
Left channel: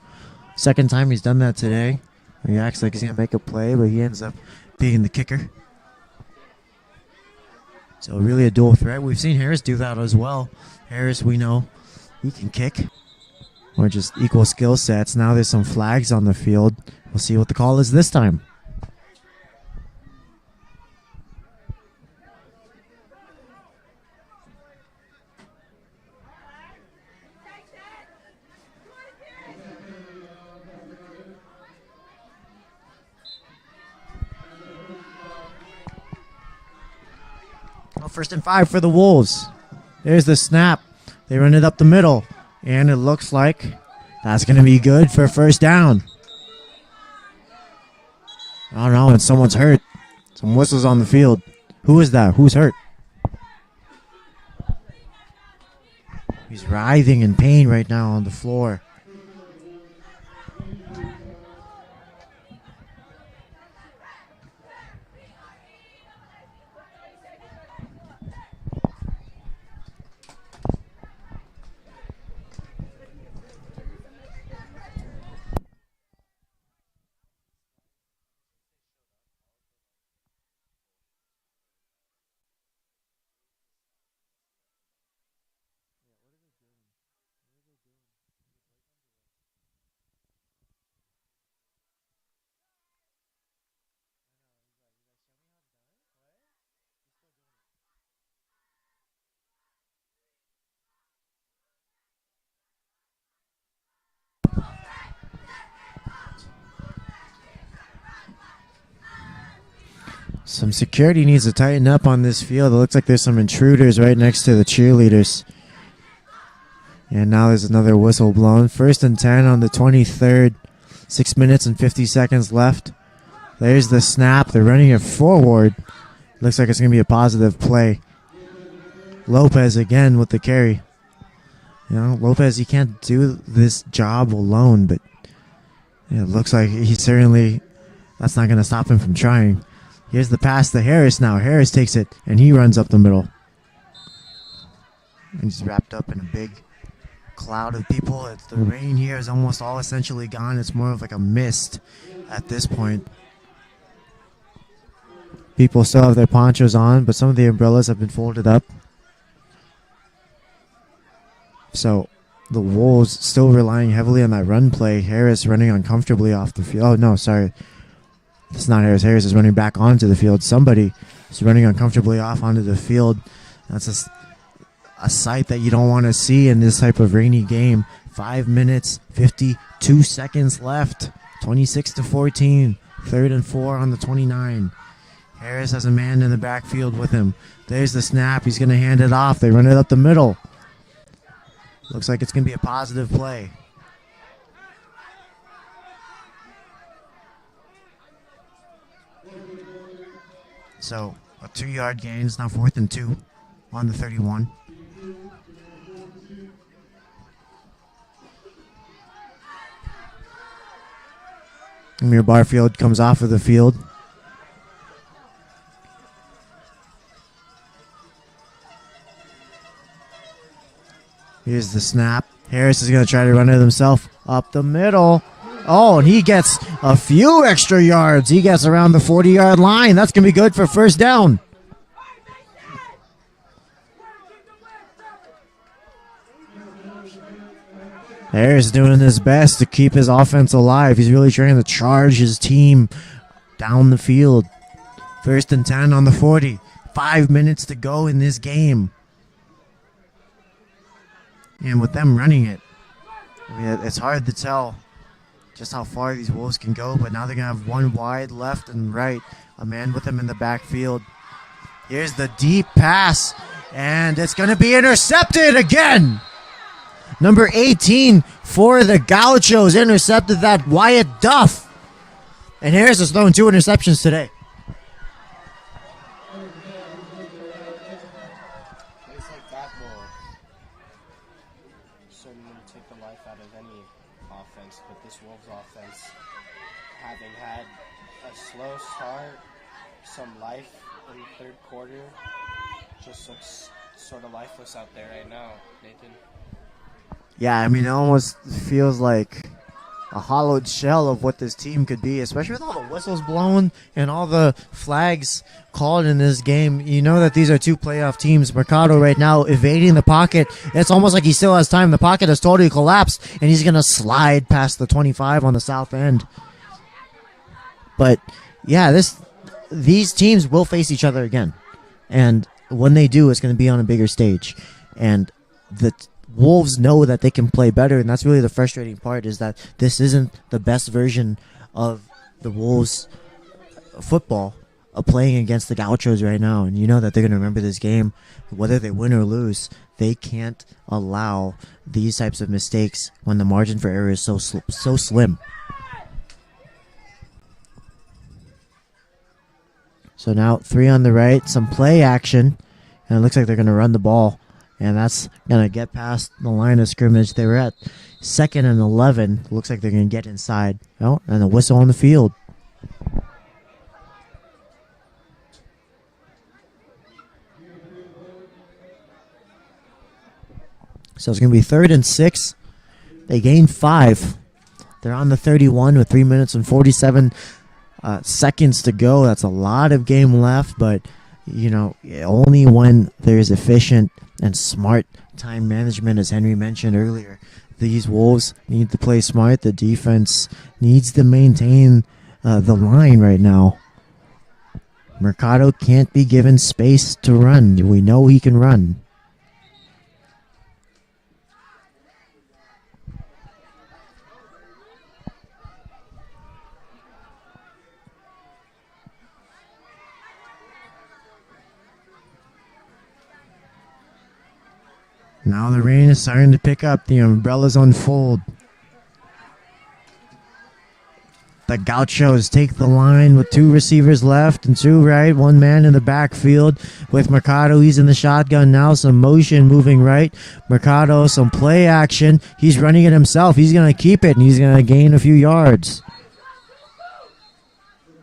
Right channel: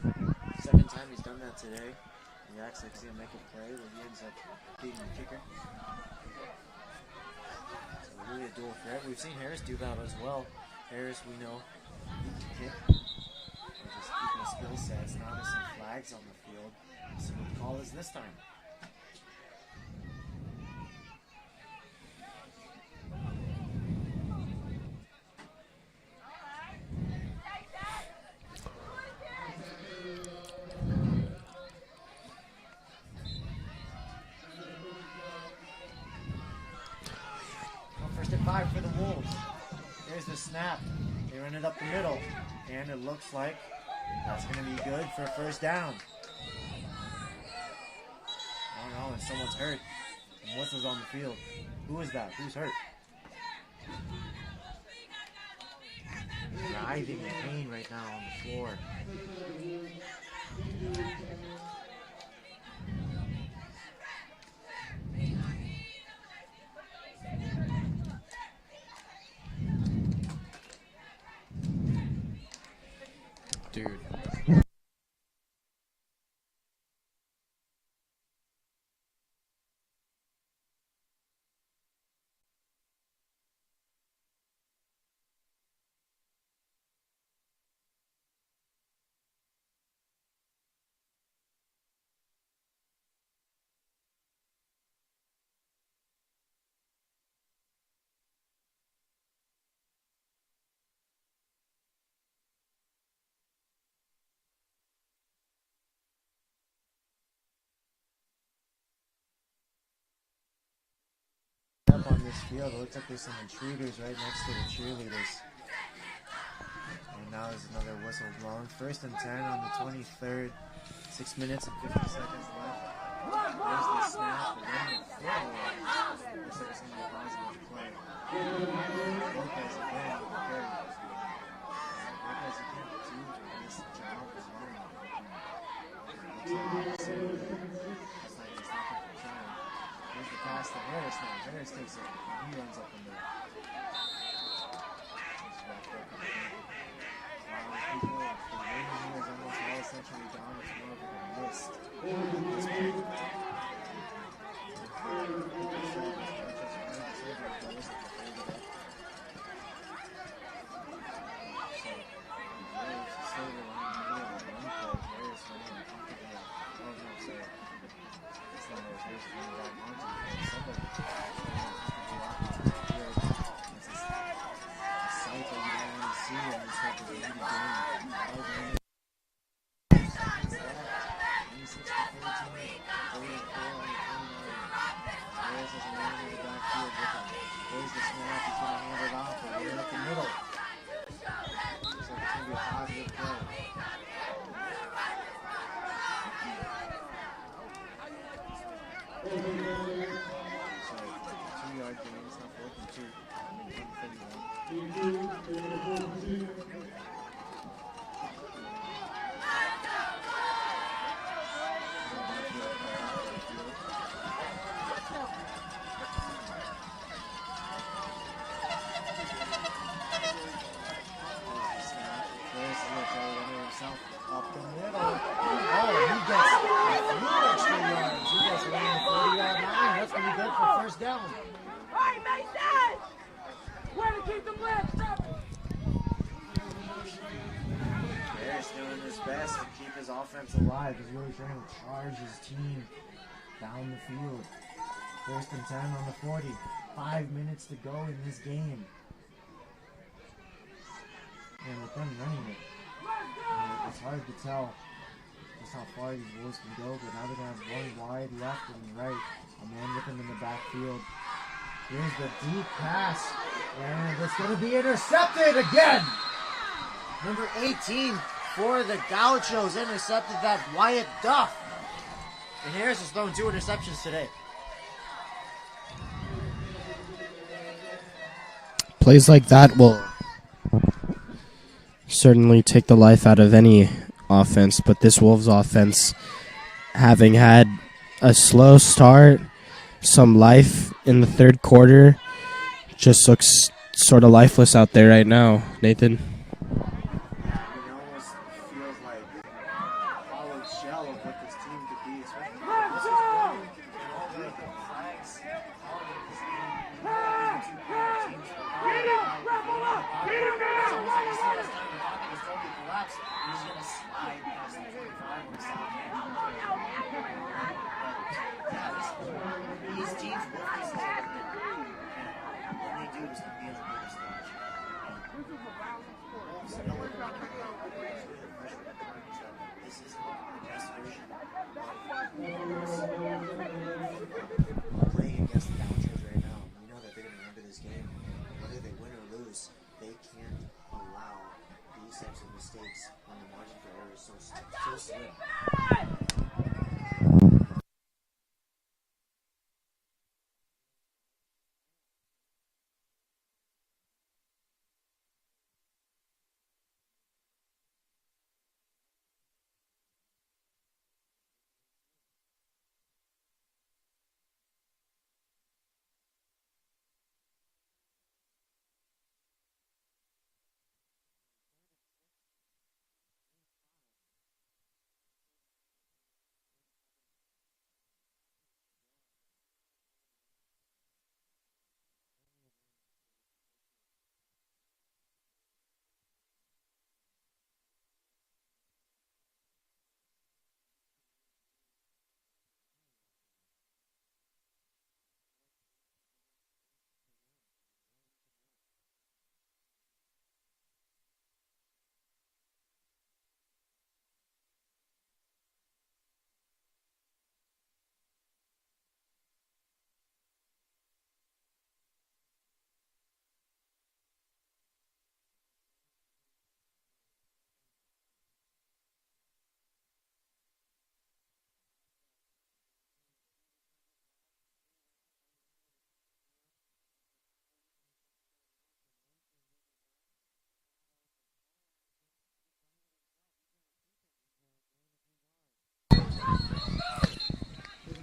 second time he's done that today. He acts like he's going to make a play, but he ends up being the kicker. So really a dual threat. We've seen Harris do that as well. Harris, we know, he can kick. Or just equal skill sets. Now there's some flags on the field. We'll see what the call is this time. First and 5 for the Wolves. There's the snap. They run it up the middle. And it looks like that's going to be good for first down. I don't know, and someone's hurt. Some whistles on the field. Who is that? Who's hurt? He's writhing in pain right now on the floor. Some security needs to tighten up on this field. It looks like there's some intruders right next to the cheerleaders. And now there's another whistle blown. 1st and 10 on the 23rd. 6 minutes and 50 seconds left. There's the snap. They're running it forward. Looks like it's going to be a positive play. Lopez again with the carry. You know, Lopez, he can't do this job alone, but it looks like he certainly, that's not going to stop him from trying. Here's the pass to Harris now. Harris takes it, and he runs up the middle. He's wrapped up in a big cloud of people. The rain here is almost all essentially gone. It's more of like a mist at this point. People still have their ponchos on, but some of the umbrellas have been folded up. So the Wolves still relying heavily on that run play. Harris running uncomfortably off the field. Oh, no, sorry. It's not Harris. Harris is running back onto the field. Somebody is running uncomfortably off onto the field. That's a sight that you don't want to see in this type of rainy game. 5 minutes, 52 seconds left. 26-14. 3rd and 4 on the 29. Harris has a man in the backfield with him. There's the snap. He's going to hand it off. They run it up the middle. Looks like it's going to be a positive play. So a 2-yard gain. It's now 4th and 2 on the 31. Amir Barfield comes off of the field. Here's the snap. Harris is going to try to run it himself up the middle. Oh, and he gets a few extra yards. He gets around the 40-yard line. That's going to be good for 1st down. Harris doing his best to keep his offense alive. He's really trying to charge his team down the field. 1st and 10 on the 40. 5 minutes to go in this game. And with them running it, it's hard to tell just how far these Wolves can go, but now they're going to have one wide left and right. A man with them in the backfield. Here's the deep pass, and it's going to be intercepted again. Number 18 for the Gauchos intercepted that, Wyatt Duff. And Harris has thrown 2 interceptions today. Plays like that will certainly take the life out of any offense, but this Wolves offense, having had a slow start, some life in the 3rd quarter, just looks sort of lifeless out there right now. Nathan? Yeah, I mean, it almost feels like a hollowed shell of what this team could be, especially with all the whistles blown and all the flags called in this game. You know that these are 2 playoff teams. Mercado right now evading the pocket. It's almost like he still has time. The pocket has totally collapsed, and he's going to slide past the 25 on the south end. But, yeah, these teams will face each other again. And when they do, it's going to be on a bigger stage. And the Wolves know that they can play better, and that's really the frustrating part, is that this isn't the best version of the Wolves football of playing against the Gauchos right now. And you know that they're going to remember this game. Whether they win or lose, they can't allow these types of mistakes when the margin for error is so slim. So now 3 on the right, some play action, and it looks like they're going to run the ball. And that's going to get past the line of scrimmage. They were at 2nd and 11. Looks like they're going to get inside. Oh, and a whistle on the field. So it's going to be 3rd and 6. They gained 5. They're on the 31 with 3 minutes and 47 seconds to go. That's a lot of game left, but, only when there's efficient and smart time management, as Henry mentioned earlier. These Wolves need to play smart. The defense needs to maintain the line right now. Mercado can't be given space to run. We know he can run. Now the rain is starting to pick up. The umbrellas unfold. The Gauchos take the line with 2 receivers left and 2 right. 1 man in the backfield with Mercado. He's in the shotgun now. Some motion moving right. Mercado, some play action. He's running it himself. He's going to keep it, and he's going to gain a few yards.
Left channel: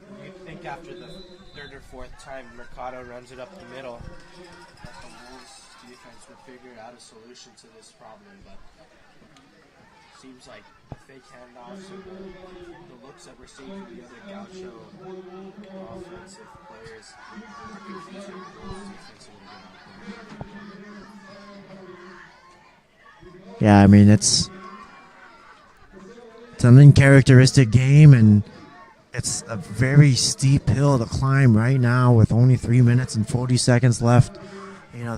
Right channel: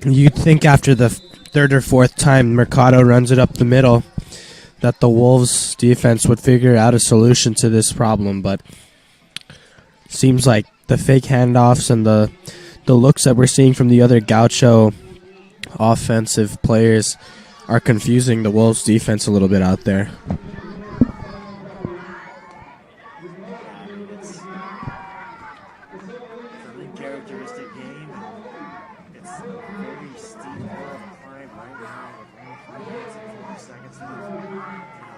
You'd think after the 3rd or 4th time Mercado runs it up the middle that the Wolves defense would figure out a solution to this problem, but seems like the fake handoffs and the looks that we're seeing from the other Gaucho offensive players are confusing the Wolves defense a little bit out there. Yeah, I mean, it's an uncharacteristic game, and it's a very steep hill to climb right now with only 3 minutes and 40 seconds left.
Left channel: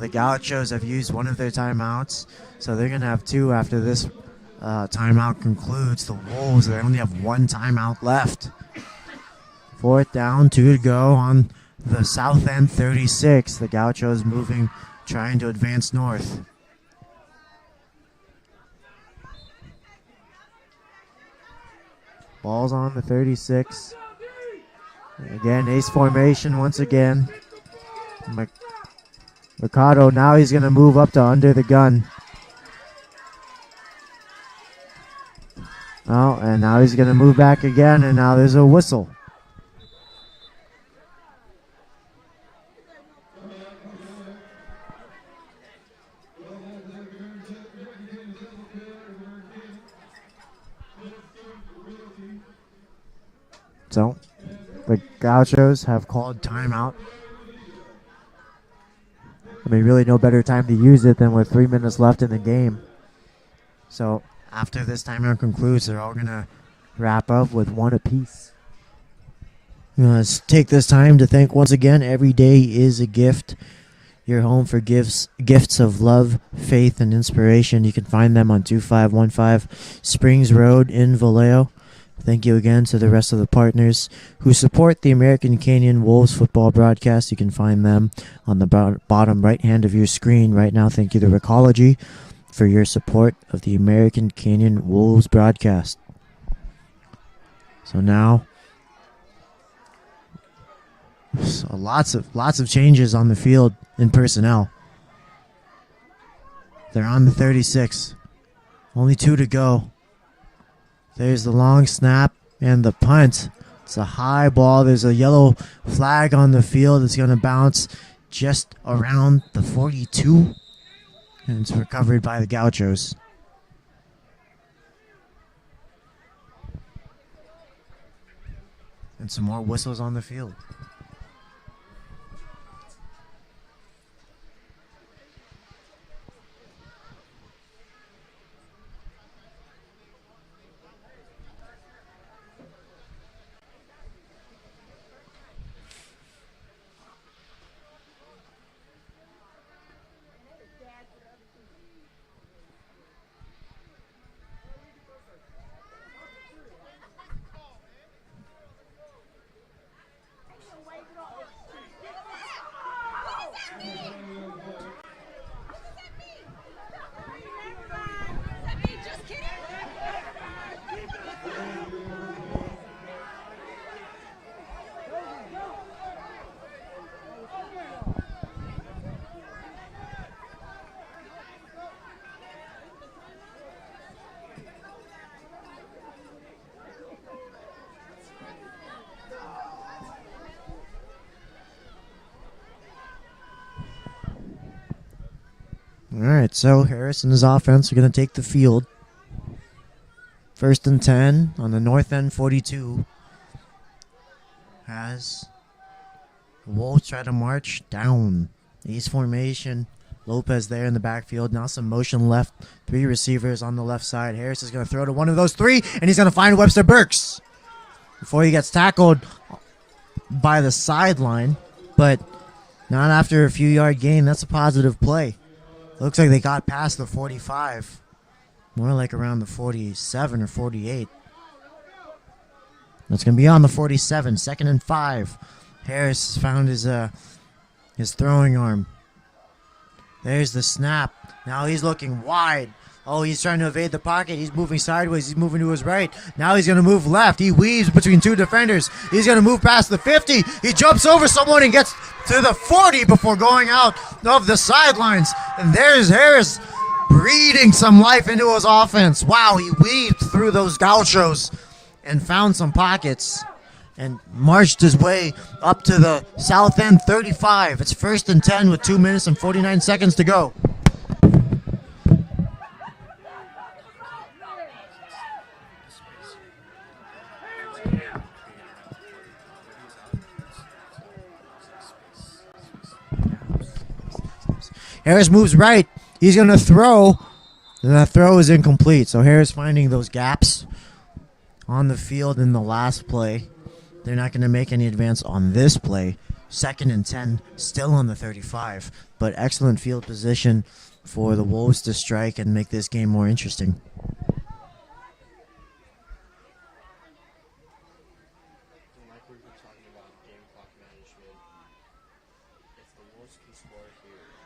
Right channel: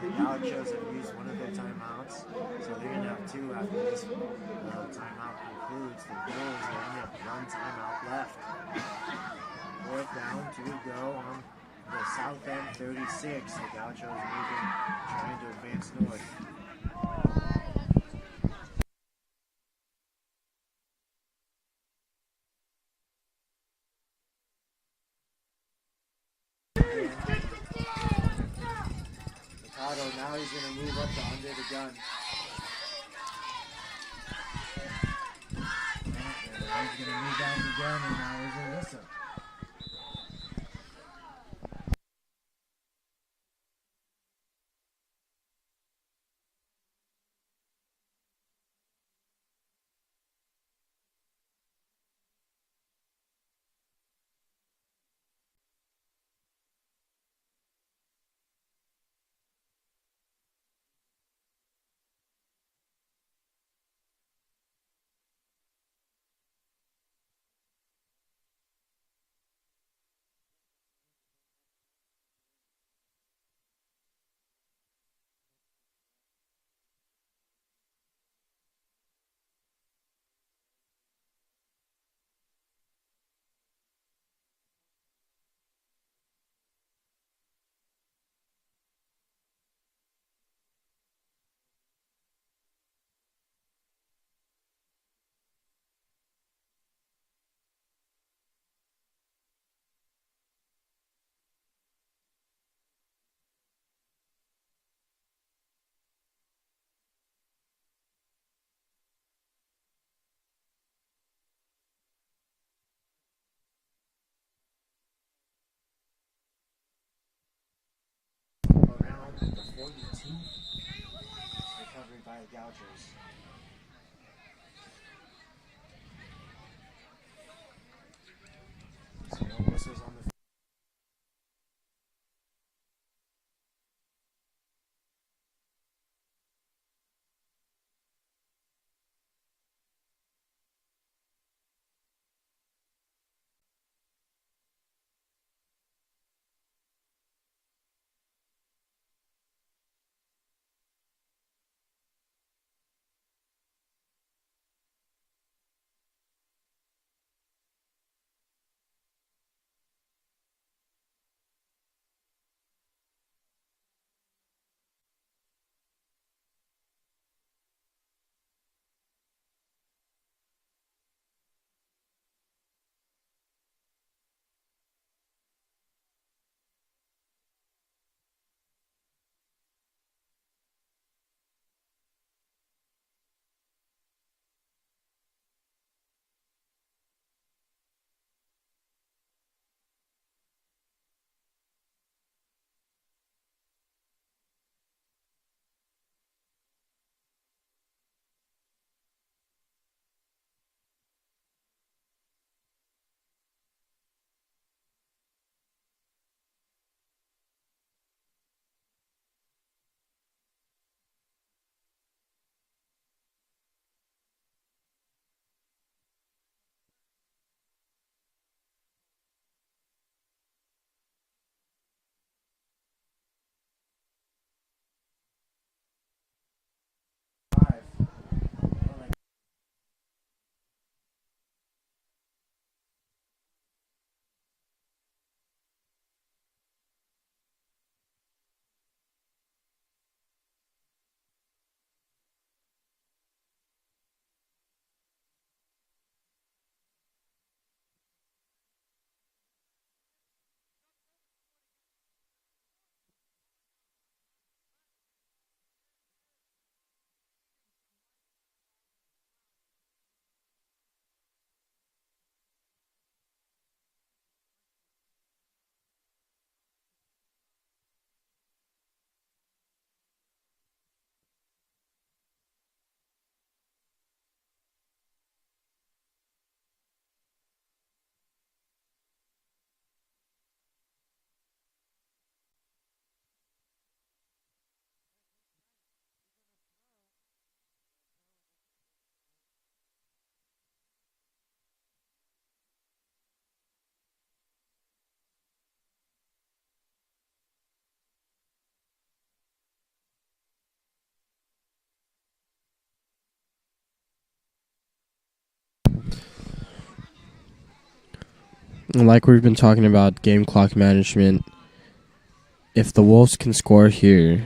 The Gauchos have used one of their timeouts, so they're going to have 2 after this timeout concludes. The Wolves, they only have 1 timeout left. 4th down, 2 to go on the south end 36. The Gauchos moving, trying to advance north. Ball's on the 36. Again, ace formation once again. Mercado, now he's going to move up to under the gun. Oh, and now he's going to move back again, and now there's a whistle. So, the Gauchos have called timeout. I mean, really no better time to use it than with 3 minutes left in the game. So, after this timeout concludes, they're all going to wrap up with 1 apiece. Let's take this time to thank once again, every day is a gift. Your home for gifts of love, faith, and inspiration. You can find them on 2515 Springs Road in Vallejo. Thank you again to the rest of the partners who support the American Canyon Wolves football broadcast. You can find them on the bottom right hand of your screen right now. Thank you to Recology for your support of the American Canyon Wolves broadcast. So now, lots of changes on the field in personnel. They're on the 36. Only 2 to go. There's the long snap and the punt. It's a high ball. There's a yellow flag on the field. It's going to bounce just around the 42. And it's recovered by the Gauchos. And some more whistles on the field. right, so Harris and his offense are going to take the field. 1st and 10 on the north end 42. As the Wolves try to march down. East formation. Lopez there in the backfield. Now some motion left. 3 receivers on the left side. Harris is going to throw to one of those 3, and he's going to find Webster Burks before he gets tackled by the sideline. But not after a few yard gain. That's a positive play. Looks like they got past the 45. More like around the 47 or 48. That's going to be on the 47. 2nd and 5. Harris found his throwing arm. There's the snap. Now he's looking wide. Oh, he's trying to evade the pocket. He's moving sideways. He's moving to his right. Now he's going to move left. He weaves between 2 defenders. He's going to move past the 50. He jumps over someone and gets to the 40 before going out of the sidelines. And there's Harris breathing some life into his offense. Wow, he weaved through those Gauchos and found some pockets and marched his way up to the south end 35. It's 1st and 10 with 2 minutes and 49 seconds to go. Harris moves right. He's going to throw. And that throw is incomplete. So Harris finding those gaps on the field in the last play. They're not going to make any advance on this play. 2nd and 10, still on the 35. But excellent field position for the Wolves to strike and make this game more interesting. Like we've been talking about game clock management, if the Wolves can score here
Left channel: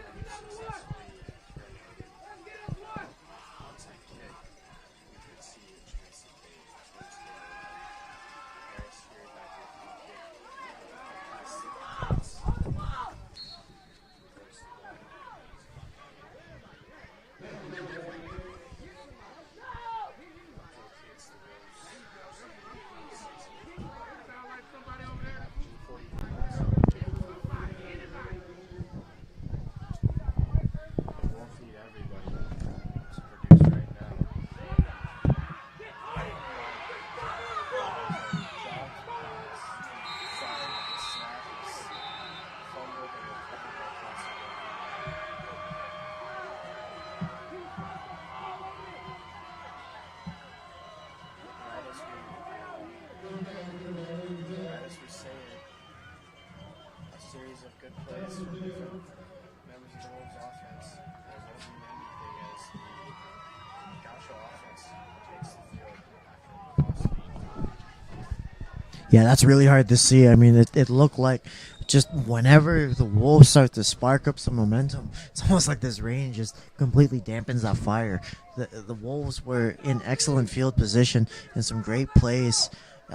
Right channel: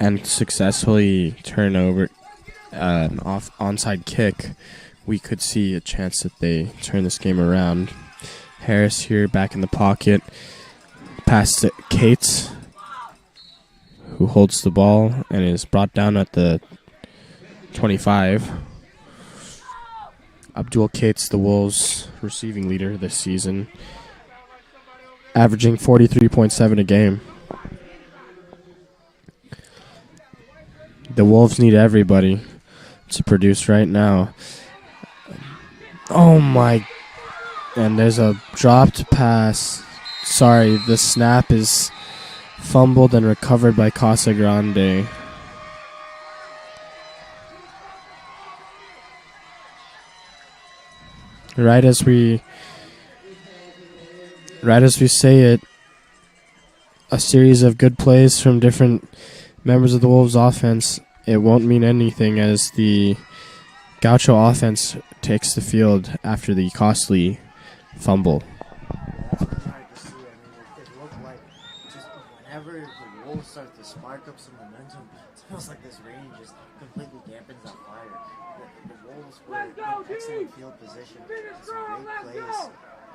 and successfully turn over an onside kick, we could see a chance that they turn this game around. Harris here back in the pocket. Pass to Cates, who holds the ball and is brought down at the 25. Abdul Cates, the Wolves' receiving leader this season, averaging 43.7 a game. The Wolves need everybody to produce right now. Oh my. And there's a dropped pass. Sorry, the snap is fumbled and recovered by Casa Grande. Right as we say it, a series of good plays from different members of the Wolves offense, it won't mean anything as the Gaucho offense takes the field after the costly fumble. Yeah, that's really hard to see. I mean, it looked like just whenever the Wolves start to spark up some momentum, it's almost like this rain just completely dampens that fire. The Wolves were in excellent field position and some great plays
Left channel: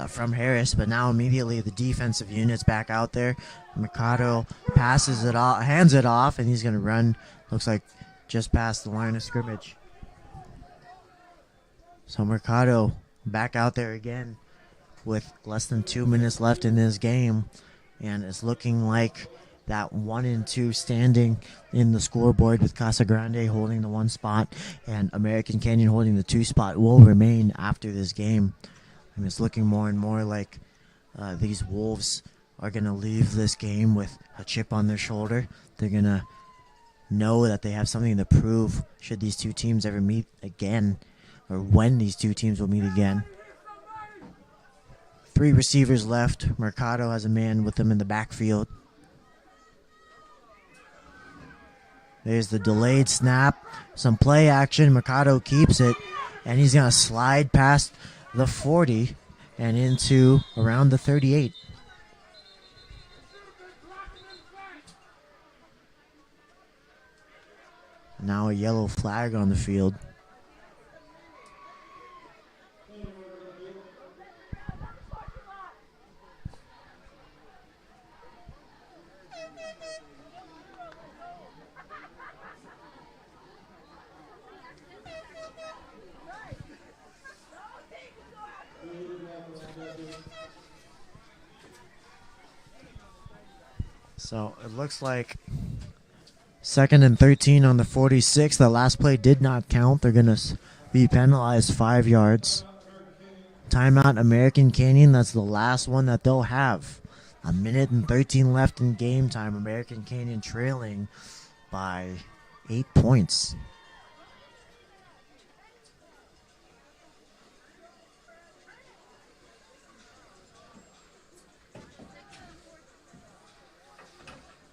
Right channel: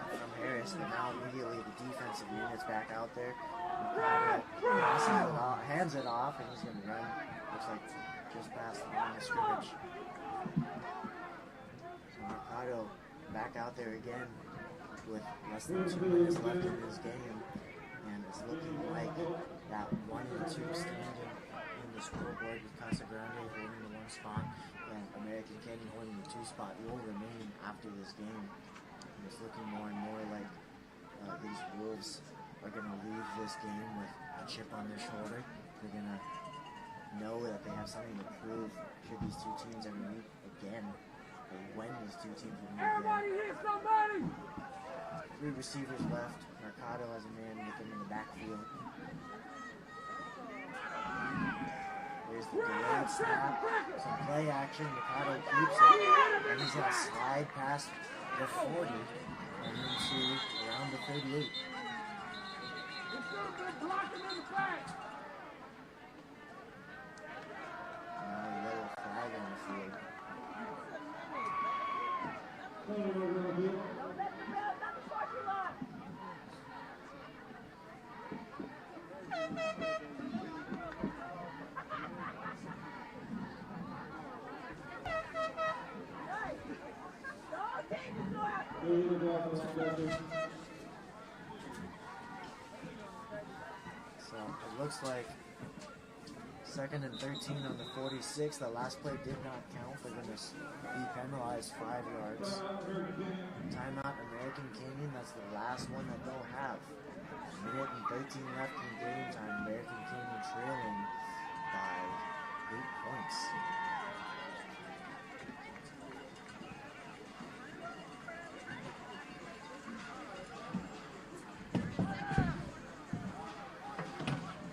from Harris, but now immediately the defensive unit's back out there. Mercado passes it off, hands it off, and he's going to run, looks like just past the line of scrimmage. So Mercado back out there again with less than 2 minutes left in this game, and it's looking like that 1 and 2 standing in the scoreboard with Casa Grande holding the 1 spot and American Canyon holding the 2 spot will remain after this game. And it's looking more and more like these Wolves are going to leave this game with a chip on their shoulder. They're going to know that they have something to prove should these two teams ever meet again, or when these two teams will meet again. 3 receivers left. Mercado has a man with him in the backfield. There's the delayed snap. Some play action. Mercado keeps it, and he's going to slide past the 40 and into around the 38. Now a yellow flag on the field. So it looks like Second and 13 on the 46. The last play did not count. They're going to be penalized 5 yards. Timeout, American Canyon. That's the last one that they'll have. 1:13 left in game time. American Canyon trailing by 8 points.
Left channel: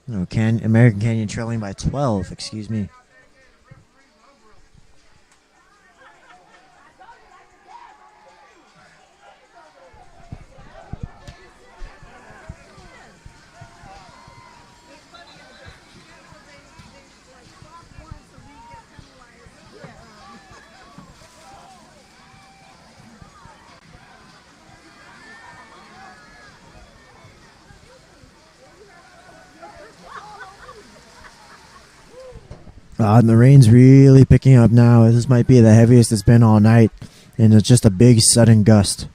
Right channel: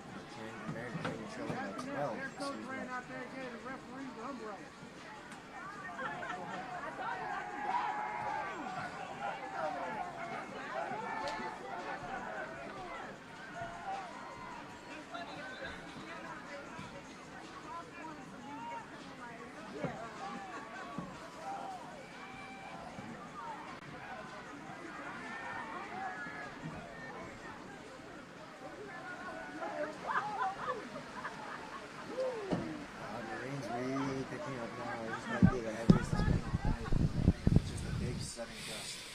No, American Canyon trailing by 12, excuse me. And the rain's really picking up now. This might be the heaviest it's been all night, and it's just a big sudden gust.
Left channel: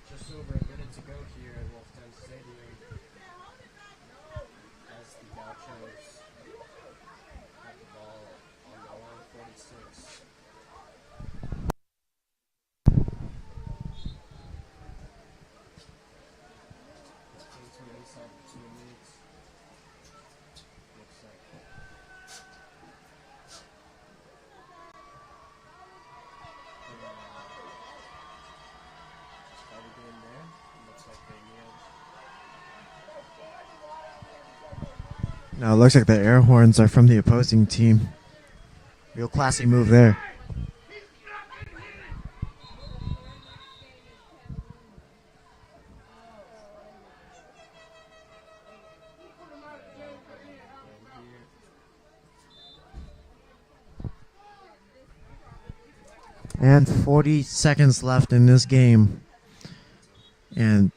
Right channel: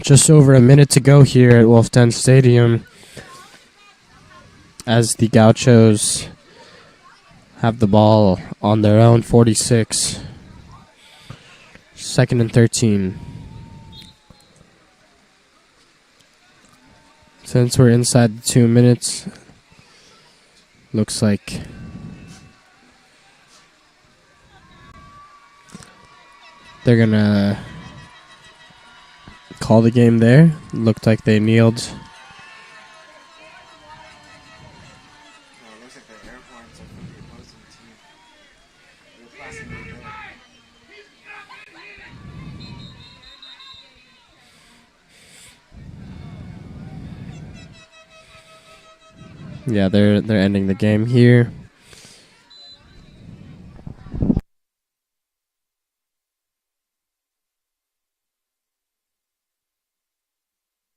Just over a minute to go here at Wolf Den Stadium as the Gauchos have the ball on their own 46. Second and 13. Since we're inside the 2 minutes, looks like they're gonna call the game there. Looked like they kneeled. Now it looks like the air horns are from the opposing team. Real classy move there. Yeah, they're ending the game here. And 40 seconds left in this game. And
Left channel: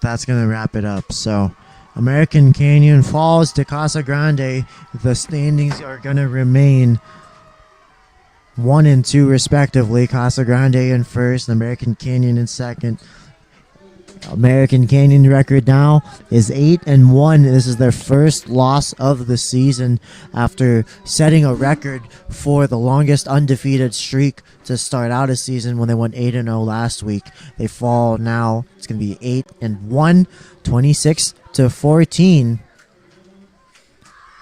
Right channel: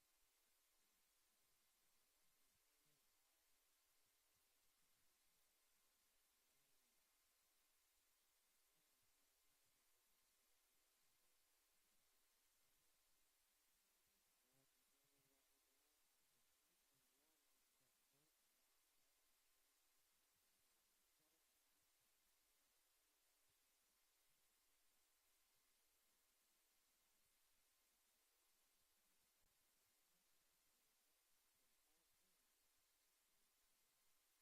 that's going to wrap it up. So American Canyon falls to Casa Grande. The standings are going to remain 1 and 2 respectively. Casa Grande in first, American Canyon in second. American Canyon record now is 8-1. This is their first loss of the season after setting a record for the longest undefeated streak to start out a season when they went 8-0 last week. They fall now. It's going to be 8-1, 26-14.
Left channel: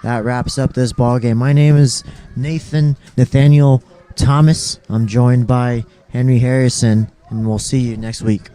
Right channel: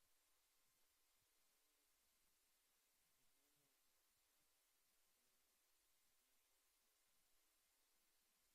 That wraps up this ball game. My name is Nathaniel Thomas. I'm joined by Henry Harrison, and we'll see you next week.